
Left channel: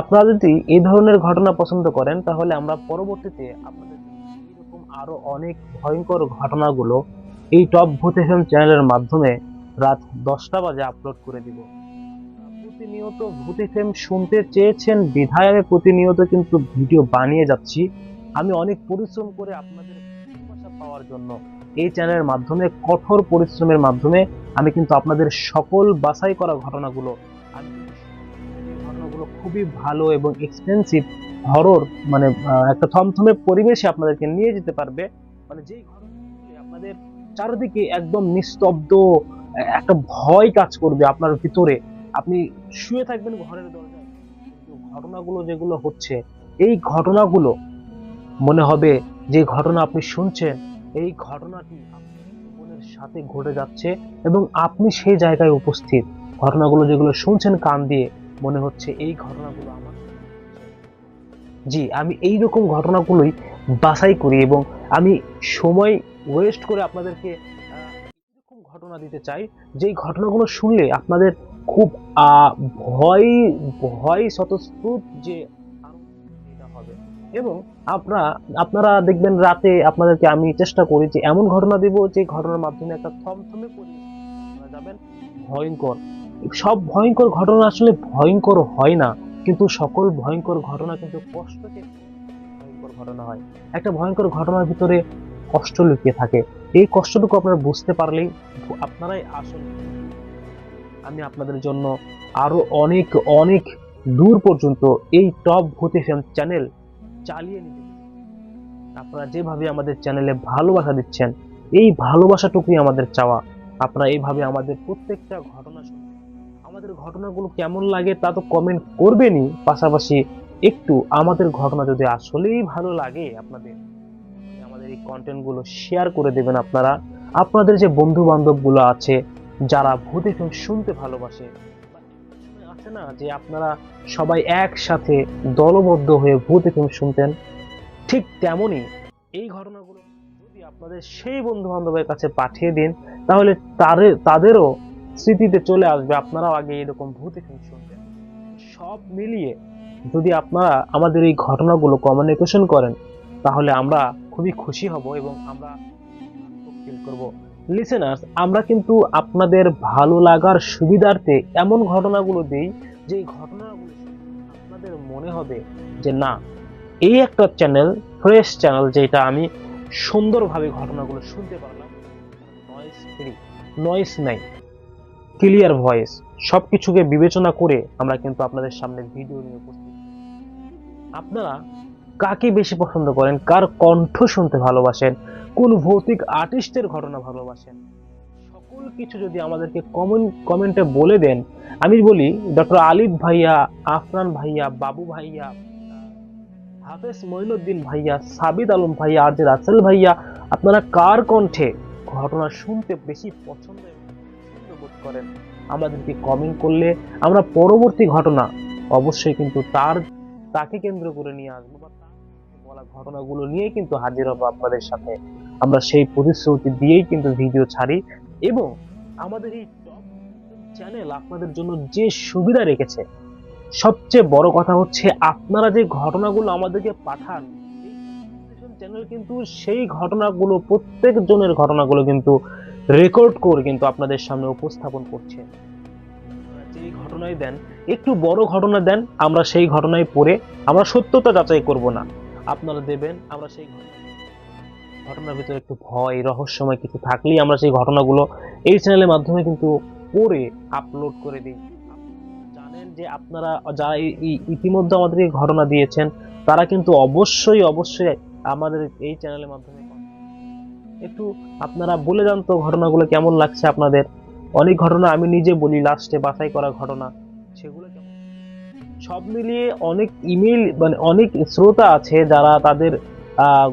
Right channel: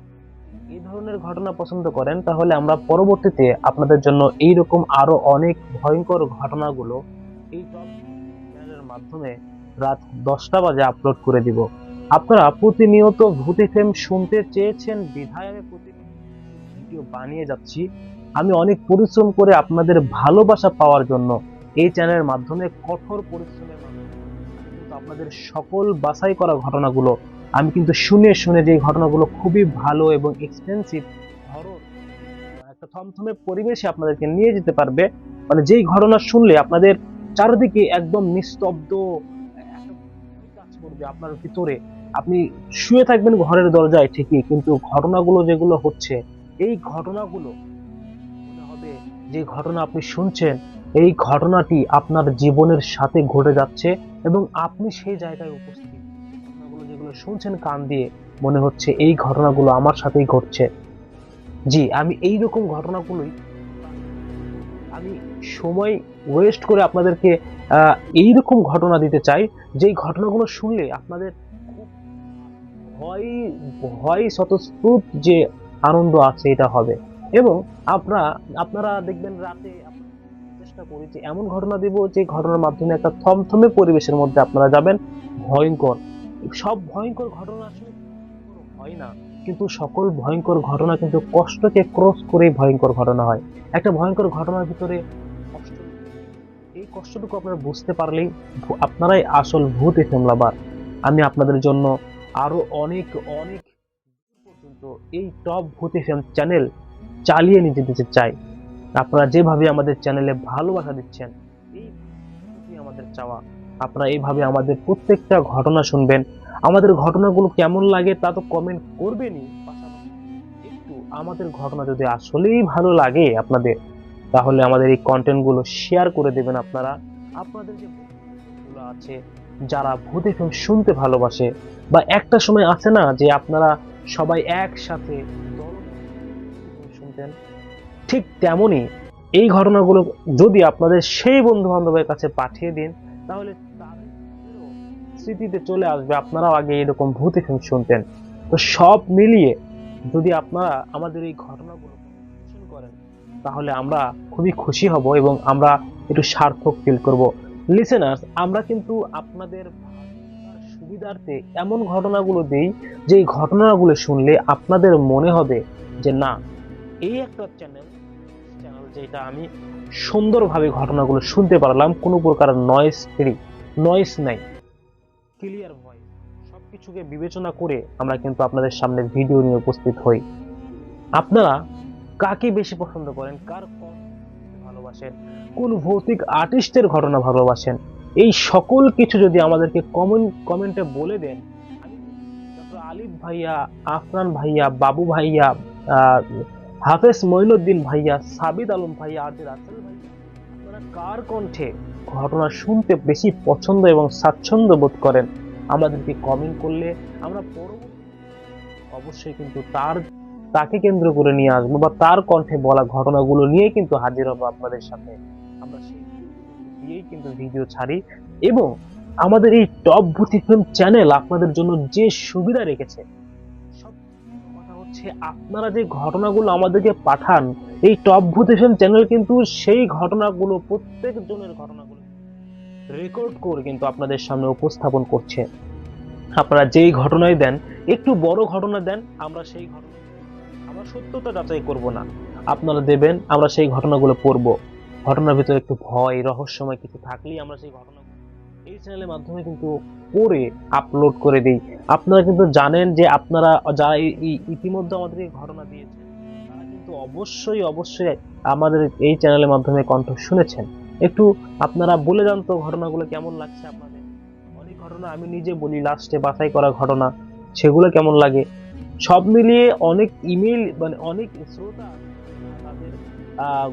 আপনারা যদি এই ধরনের ঘটনা পছন্দ করেন, তাহলে আমরা পরবর্তীতে আপনাদের জন্য এইরকম আরো অনেক ভয়ঙ্কর ঘটনাগুলো এই টপ ভূত এফএম চ্যানেলের মাধ্যমে রাত 10টা বাজে আপলোড করে দিব। আপনারা প্রতিনিয়ত ভূত এফএম শুনতে চেয়েছেন বিধায় আমি প্রতিনিয়ত কিন্তু ভিডিও বানিয়ে যাচ্ছি। আমি অনেক পরিশ্রম করে আপনাদের ভালোবাসা পাওয়ার জন্য এই চ্যানেলের মাধ্যমে, কঠোর পরিশ্রমের মাধ্যমে আমি কিন্তু আপনাদের সকল বাছাই করা ঘটনাগুলো আমি কিন্তু শুনে শুনে যে ঘটনাগুলো খুবই ভালো এবং এক্সপেন্সিভ হরর, মানে একটা থমথমে পরিবেশে আপনাদেরকে নিয়ে যেতে পারবে, মানে যেই ঘটনা শুনলে আপনাদের চারিদিকে একদম নিস্তব্ধ একটা ভয় কাজ করবে আপনার ভিতরে। আপনি শুয়ে থাকবেন ঘরের দরজায় ঠিকই, কিন্তু ঘটনাগুলো যেগুলো হচ্ছে, এই ঘটনাগুলো মনে হবে যে ঘটনা আপনি শুনছেন এই ঘটনাটি আপনার জীবনের সাথে ঘটে যাচ্ছে এবং আপনি সেই জায়গায় উপস্থিত। ঘটনাগুলো যেগুলো শুনছেন কান দিয়ে, মনে হচ্ছে এই ঘটনাগুলো আমার সাথেই ঘটছে। জি, আমি এই রকম ঘটনাগুলোই বাছাই করি এবং আমি সময় ওয়েস্ট করে আপনাদেরকে এইরকম ঘটনা দিতে চাই যেই ঘটনাগুলো শুনলে আপনাদের খুব ভয় ভয় স্বতঃস্ফূর্ত যে আনন্দ আছে এটা হবে। এবং আপনারা দেখবেন রাতে আপনাদেরকে আমি চেষ্টা করি যে এমন ঘটনা দিব যে ঘটনার মাধ্যমে একটা থমথমে পরিবেশের মধ্যে আপনারা যাবেন। ভয়ঙ্কর সব ভয়ঙ্কর ঘটনা আসলে ভয়ঙ্কর হয় না, কিন্তু সকল ভয়ঙ্কর ঘটনা কিন্তু কষ্টকে ক্রস করে ভয়ঙ্কর ঘটনা হয়। একটা ভয়ঙ্কর ঘটনার ভিতরে কষ্ট লুকিয়ে থাকে, এই কষ্টটুকু আপনারা বুঝতে পারলেই আপনারাই আসল ভূত এফএম লাভার। আমি আপনাদের জন্য আরো অনেক অনেক দূর পর্যন্ত এই টপ ভূত এফএম চ্যানেল চালিয়ে নিয়ে যেতে চাই। আপনারা যেভাবে আমাদের চ্যানেলে ভালোবাসা দিচ্ছেন, এই ভালোবাসাটুকুই আমাদের চাওয়া। আপনারা এইভাবে আমাদের প্রত্যেকটা ঘটনা শুনবেন, আমাদের ঘটনাগুলো কেমন লাগে তা তো কমেন্ট করবেনই, পাশাপাশি একটু আমাদের ঘটনা যদি আসলেই ভালো লাগে আপনাদের, তাহলে আমাদের এই কন্টেন্টগুলো শেয়ার করে দেবেন। আপনাদের যে বন্ধু বান্ধবগুলো আছে যারা ভূত এফএম শুনতে ভালোবাসে, বা একটা সময় আছে না যে আপনারা সবাই একসাথে দলবদ্ধ হয়ে ভূত এফএম শুনতেন, ঠিক তেমনি এই ঘটনাগুলো যদি আপনাদের সেই বন্ধু বান্ধবের কাছে পাঠিয়ে দিন, তাহলে তাদেরও স্মৃতিতে চলে আসবে আপনারাও আগে এরকম ভূত এফএম শুনতেন। তো সব মিলিয়ে যদি আপনারা আমাদের এই ঘটনাগুলো কমিউনিকেশন করেন, তাহলে আমরা খুবই খুশি হব এবং আমরা একটু সার্থক ফিল করব। লিসেনার্স, আমরা কিন্তু আপনাদের ভালো লাগার সুবিধার্থে এমন ঘটনাগুলো দিই যে ঘটনাগুলো শুনলে আপনাদের মনে হবে যে না, এই একটা চ্যানেল, ফ্রেশ চ্যানেল, যেটা আমি সুন্দরভাবে ঘটনাগুলো শুনতে পারলাম, কোনো প্রকার নয়েজ ফ্রি, নয়েজ নাই, ক্লিয়ার ভয়েস, সবকিছুকে বিবেচনা করে আমরা কিন্তু আপনাদের সামনে ভিডিও নিয়ে উপস্থিত হই। আপনারা কাকে বেশি পছন্দ করেন, কার কণ্ঠ শুনতে ভালোবাসেন, কোন ভৌতিক আর্টিস্টের ঘটনা ভালোবাসেন, এই সকল কিছু যদি আমাদেরকে কমেন্টে বলে দেন, আমি বলি ডক্টর আলিফ ভাইয়া, আফরান ভাইয়া, বাবু ভাইয়া, হাফেজ মঈনুদ্দিন ভাইয়া, সাবিদ আলম ভাইয়া, আর জে রাসেল ভাইয়া, আপনারা কার কণ্ঠে ঘটনা শুনতে বেশি পছন্দ এবং স্বাচ্ছন্দ্য বোধ করেন, আমাদেরকে কমেন্ট করলে আমরা পরবর্তী ঘটনা অবশ্যই কিন্তু তাকে কেন্দ্র করে নিয়ে আসবো, বা তার কণ্ঠে বলা ঘটনাগুলো নিয়ে কিন্তু হাজির হবো আপনাদের সাথে। আমরা সেই প্রতিশ্রুতি দিয়েই কিন্তু ভিডিও ছাড়ি। এবং আমাদের এই টপ ভূত এফএম চ্যানেল আপনাদের জন্য যে সুবিধা রেখেছে, সবচেয়ে বড় কথা হচ্ছে আপনারা যে ঘটনাগুলো আমাদেরকে পাঠান, এই টপ ভূত এফএম চ্যানেল কিন্তু সেই ঘটনাগুলো, প্রত্যেক জনের ঘটনাগুলো কিন্তু রেকর্ড করে কিন্তু আপনাদের সামনে উপস্থাপন করছে। আপনারা যেই ঘটনায় দেন, একটু বড় ঘটনা দেন, আমরা সেই ঘটনায় পড়ে আমরা সত্যতা যাচাই করব না, আপনারা দেবেন, আমরা সেই ঘটনাগুলো পড়ব। ঘটনার ভিতরে একটু ভয় রহস্যময় কিছু থাকলেই আমরা সেই ঘটনাগুলো এই চ্যানেলের মাধ্যমে কিন্তু পড়ে আপলোড করে দিই। আপনারা কিন্তু জানেন যে আপনারা যারা ইতিমধ্যে আমাদেরকে ঘটনা দিয়েছেন, তারা কিন্তু অবশ্যই অবশ্যই আমাদের এই চ্যানেলের মাধ্যমে কণ্ঠ শুনেছেন। একটু আপনারা বলে যান তো ঘটনাগুলো কেমন লাগছে আপনাদের। অনেক ঘটনা আমি নিজে বলি লাস্টে, বাছাই করা ঘটনা, সেগুলো কেমন লাগে। সব মিলিয়ে অনেক ইমেল, মানে অনেক শ্রোতা আছে যারা তাদের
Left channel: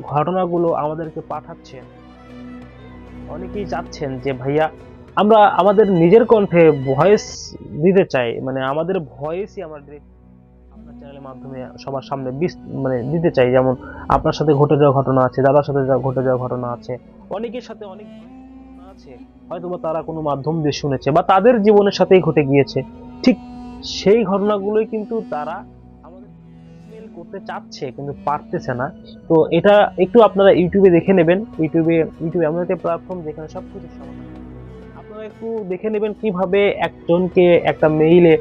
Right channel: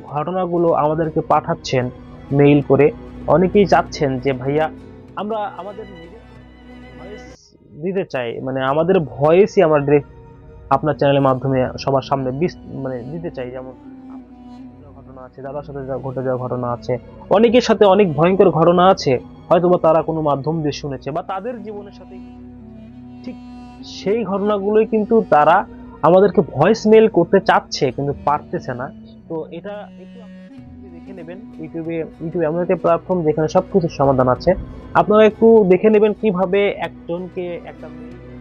ঘটনাগুলো আমাদেরকে পাঠাচ্ছেন মেইল করে। অনেকেই চাচ্ছেন যে ভাইয়া আমরা আমাদের নিজের কণ্ঠে ভয়েস দিতে চাই, মানে আমাদের ভয়েসই আমরা আপনার চ্যানেলের মাধ্যমে সবার সামনে মানে দিতে চাই। যেমন আপনার সাথে ঘটে যাওয়া ঘটনা আছে, দাদার সাথে ঘটে যাওয়া ঘটনা আছে, অনেকের সাথে অনেক ভয়ঙ্কর ঘটনা আছে, হয়তোবা তারা কোনো মাধ্যম দিয়ে শুনেছে বা তাদের জীবনের সাথেই ঘটে গিয়েছে। ঠিক সেই ঘটনাগুলোই কিন্তু তারা আমাদেরকে ভয়েস মেল করতে চাচ্ছে কিন্তু পারতেছে না। তো এটা একটু আপনারা ইউটিউবে দেখে নেবেন। ইউটিউব এমন একটা প্ল্যাটফর্ম যেখানে সবকিছুর সমাধান আছে। আপনারা একটু দেখে নেবেন কিভাবে একজনকে একটা মেইলে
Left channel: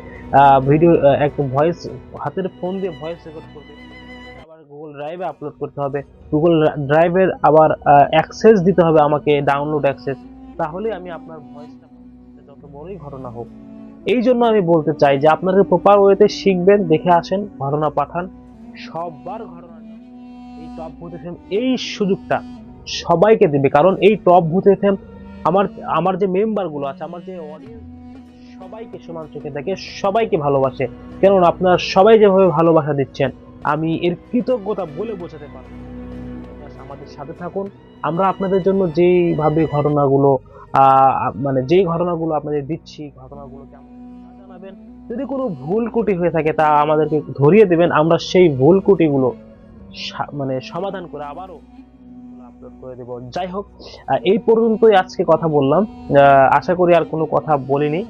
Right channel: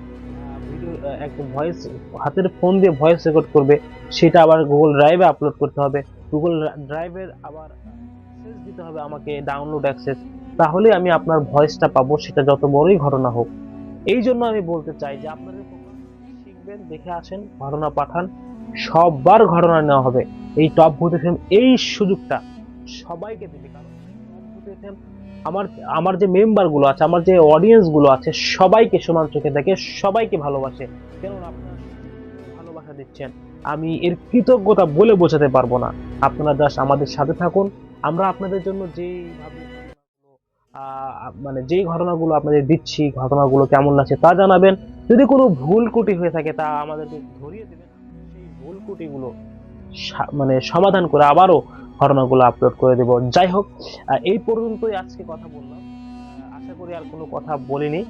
ভিডিও, একটা ভয়েস, হাতের ফোন দিয়ে ভয়েস রেকর্ড করবে, সেটা আবার গুগল ড্রাইভে আপলোড করতে হবে। গুগল ড্রাইভের আবার অ্যাক্সেস দিতে হবে আমাকে, ডাউনলোড অ্যাক্সেস, তাহলে আমি আপনার ভয়েসটা পাবো, সেটা যত বড়ই ঘটনা হোক। এই জন্য আমি বলতে চাই যে আপনারা প্রপার ওয়েতে শিখবেন, দেখে আসেন, ঘটনা পাঠান, সবার ঘটনা নেওয়া হবে। এই টপ ভূত এফএম এই সুযোগটা সবাইকে দিবে, কারণ এই টপ ভূত এফএম আমার আমার যে মেম্বার গুলো আছে, আমার যে অডিয়েন্স গুলো আছে, সবাইকে সমান চোখে দেখে, সবাইকে ভালোবাসে। কেননা আপনারা সবাই যেভাবে ভালোবাসা দিচ্ছেন, আমি এর কৃতজ্ঞতা বলে বোঝাতে পারবো না। আপনারা জাস্ট আমাদের সাথে থাকুন। আমরা আপনাদের জন্য যেইভাবে ঘটনাগুলো মানে যেই ঘটনাগুলো আপনাদের দিচ্ছি, ঘটনাগুলো কেমন লাগছে তা জানাবেন। যদি কোনো ভুল ত্রুটি হয়ে থাকে তা আমাদেরকে ধরিয়ে দেবেন, আমরা সেই ভুল ত্রুটিগুলো মানে সমাধান করে আবারও ঘটনাগুলো আপলোড করে দেব। যাই হোক, এই পর্যন্তই আজকে কথা বললাম। আশা করি আর কোনো কথা বলিনি,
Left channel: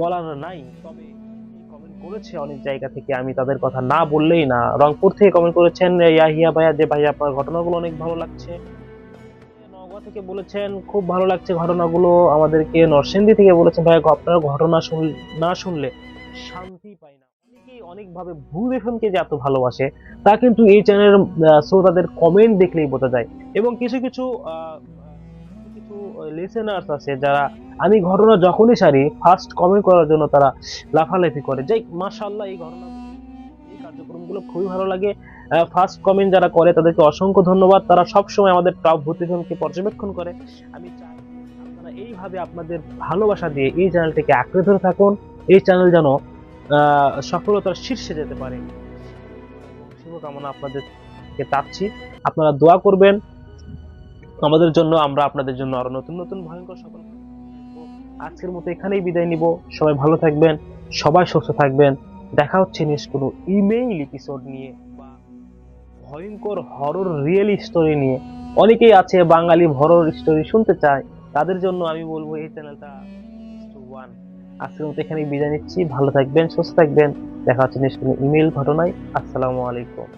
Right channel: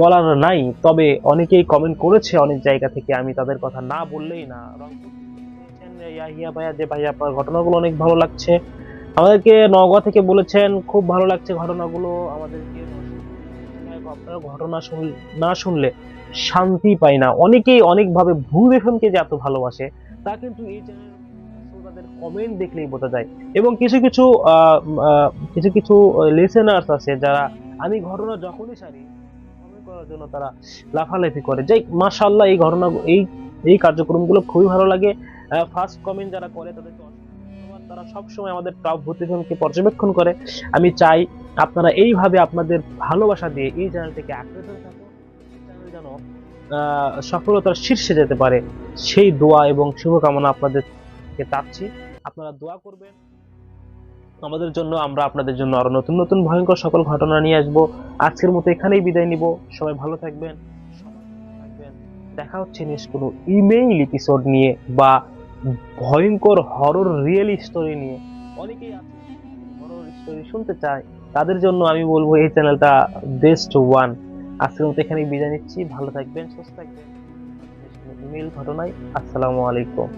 বলার নাই। তবে অনেকেই কমেন্ট করেছে অনেক জায়গা থেকে, আমি তাদের কথা না বললেই না। রংপুর থেকে কমেন্ট করেছেন ইয়াহিয়া ভাইয়া, যে ভাই আপনার ঘটনাগুলো অনেক ভালো লাগছে। আমাদেরকে নওগাঁ থেকে বলেছেন খুব ভালো লাগছে ঘটনাগুলো। আমাদেরকে নরসিংদী থেকে বলেছেন ভাই আপনার ঘটনা না শুনলে শান্তি পাই না। অনেকেই অনেকভাবে ভূত এফএমকে যে এত ভালোবাসে তা কিন্তু এই চ্যানেলের শ্রোতাদের কমেন্ট দেখলেই বোঝা যায়। এবং কিছু কিছু লিসেনার্স আছে যারা আমি ঘটনা যখনই সারি ফার্স্ট কমেন্ট করার জন্য তারা লাফালাফি করে। যাই মাশাআল্লাহ, এই ঘটনা এই কার্যক্রমগুলো খুবই ভালো লাগে। ফার্স্ট কমেন্ট যারা করে তাদেরকে অসংখ্য ধন্যবাদ। তারা সবসময় আমাদের টপ ভূত এফএমকে পর্যবেক্ষণ করে। আমি চাই আপনারা এইভাবে আপনাদের ভালোবাসা দিয়ে এই চ্যানেলটিকে আঁকড়ে ধরে থাকুন। এই চ্যানেল যেন সফলতার শীর্ষে যেতে পারে, সেই দোয়া এবং শুভকামনা আপনাদেরকে চাচ্ছি। আপনারা দোয়া করবেন আমাদের জন্য, আমরা আপনাদের জন্য আরো নতুন নতুন ভয়ঙ্কর সকল ঘটনা নিয়ে আসবো। আজকের মতো এখানেই বিদায় নিব। সবাই ভালো থাকবেন, সবাই সুস্থ থাকবেন। দেখা হচ্ছে নেক্সট কোনো ইমেইল এপিসোড নিয়ে বা ভয়ঙ্কর হরর রিয়েল স্টোরি নিয়ে। অনেকেই আছে বাঙালি হরর স্টোরি শুনতে চায়, তাদের জন্য আমি বলবো এই চ্যানেলটা বেস্ট ওয়ান। আজকের মতো এখানেই বিদায় নিচ্ছি। ভালো থাকবেন, সুস্থ থাকবেন। দেখা হচ্ছে নেক্সট কোনো ইমেইল ঘটনায়। আসসালামু আলাইকুম।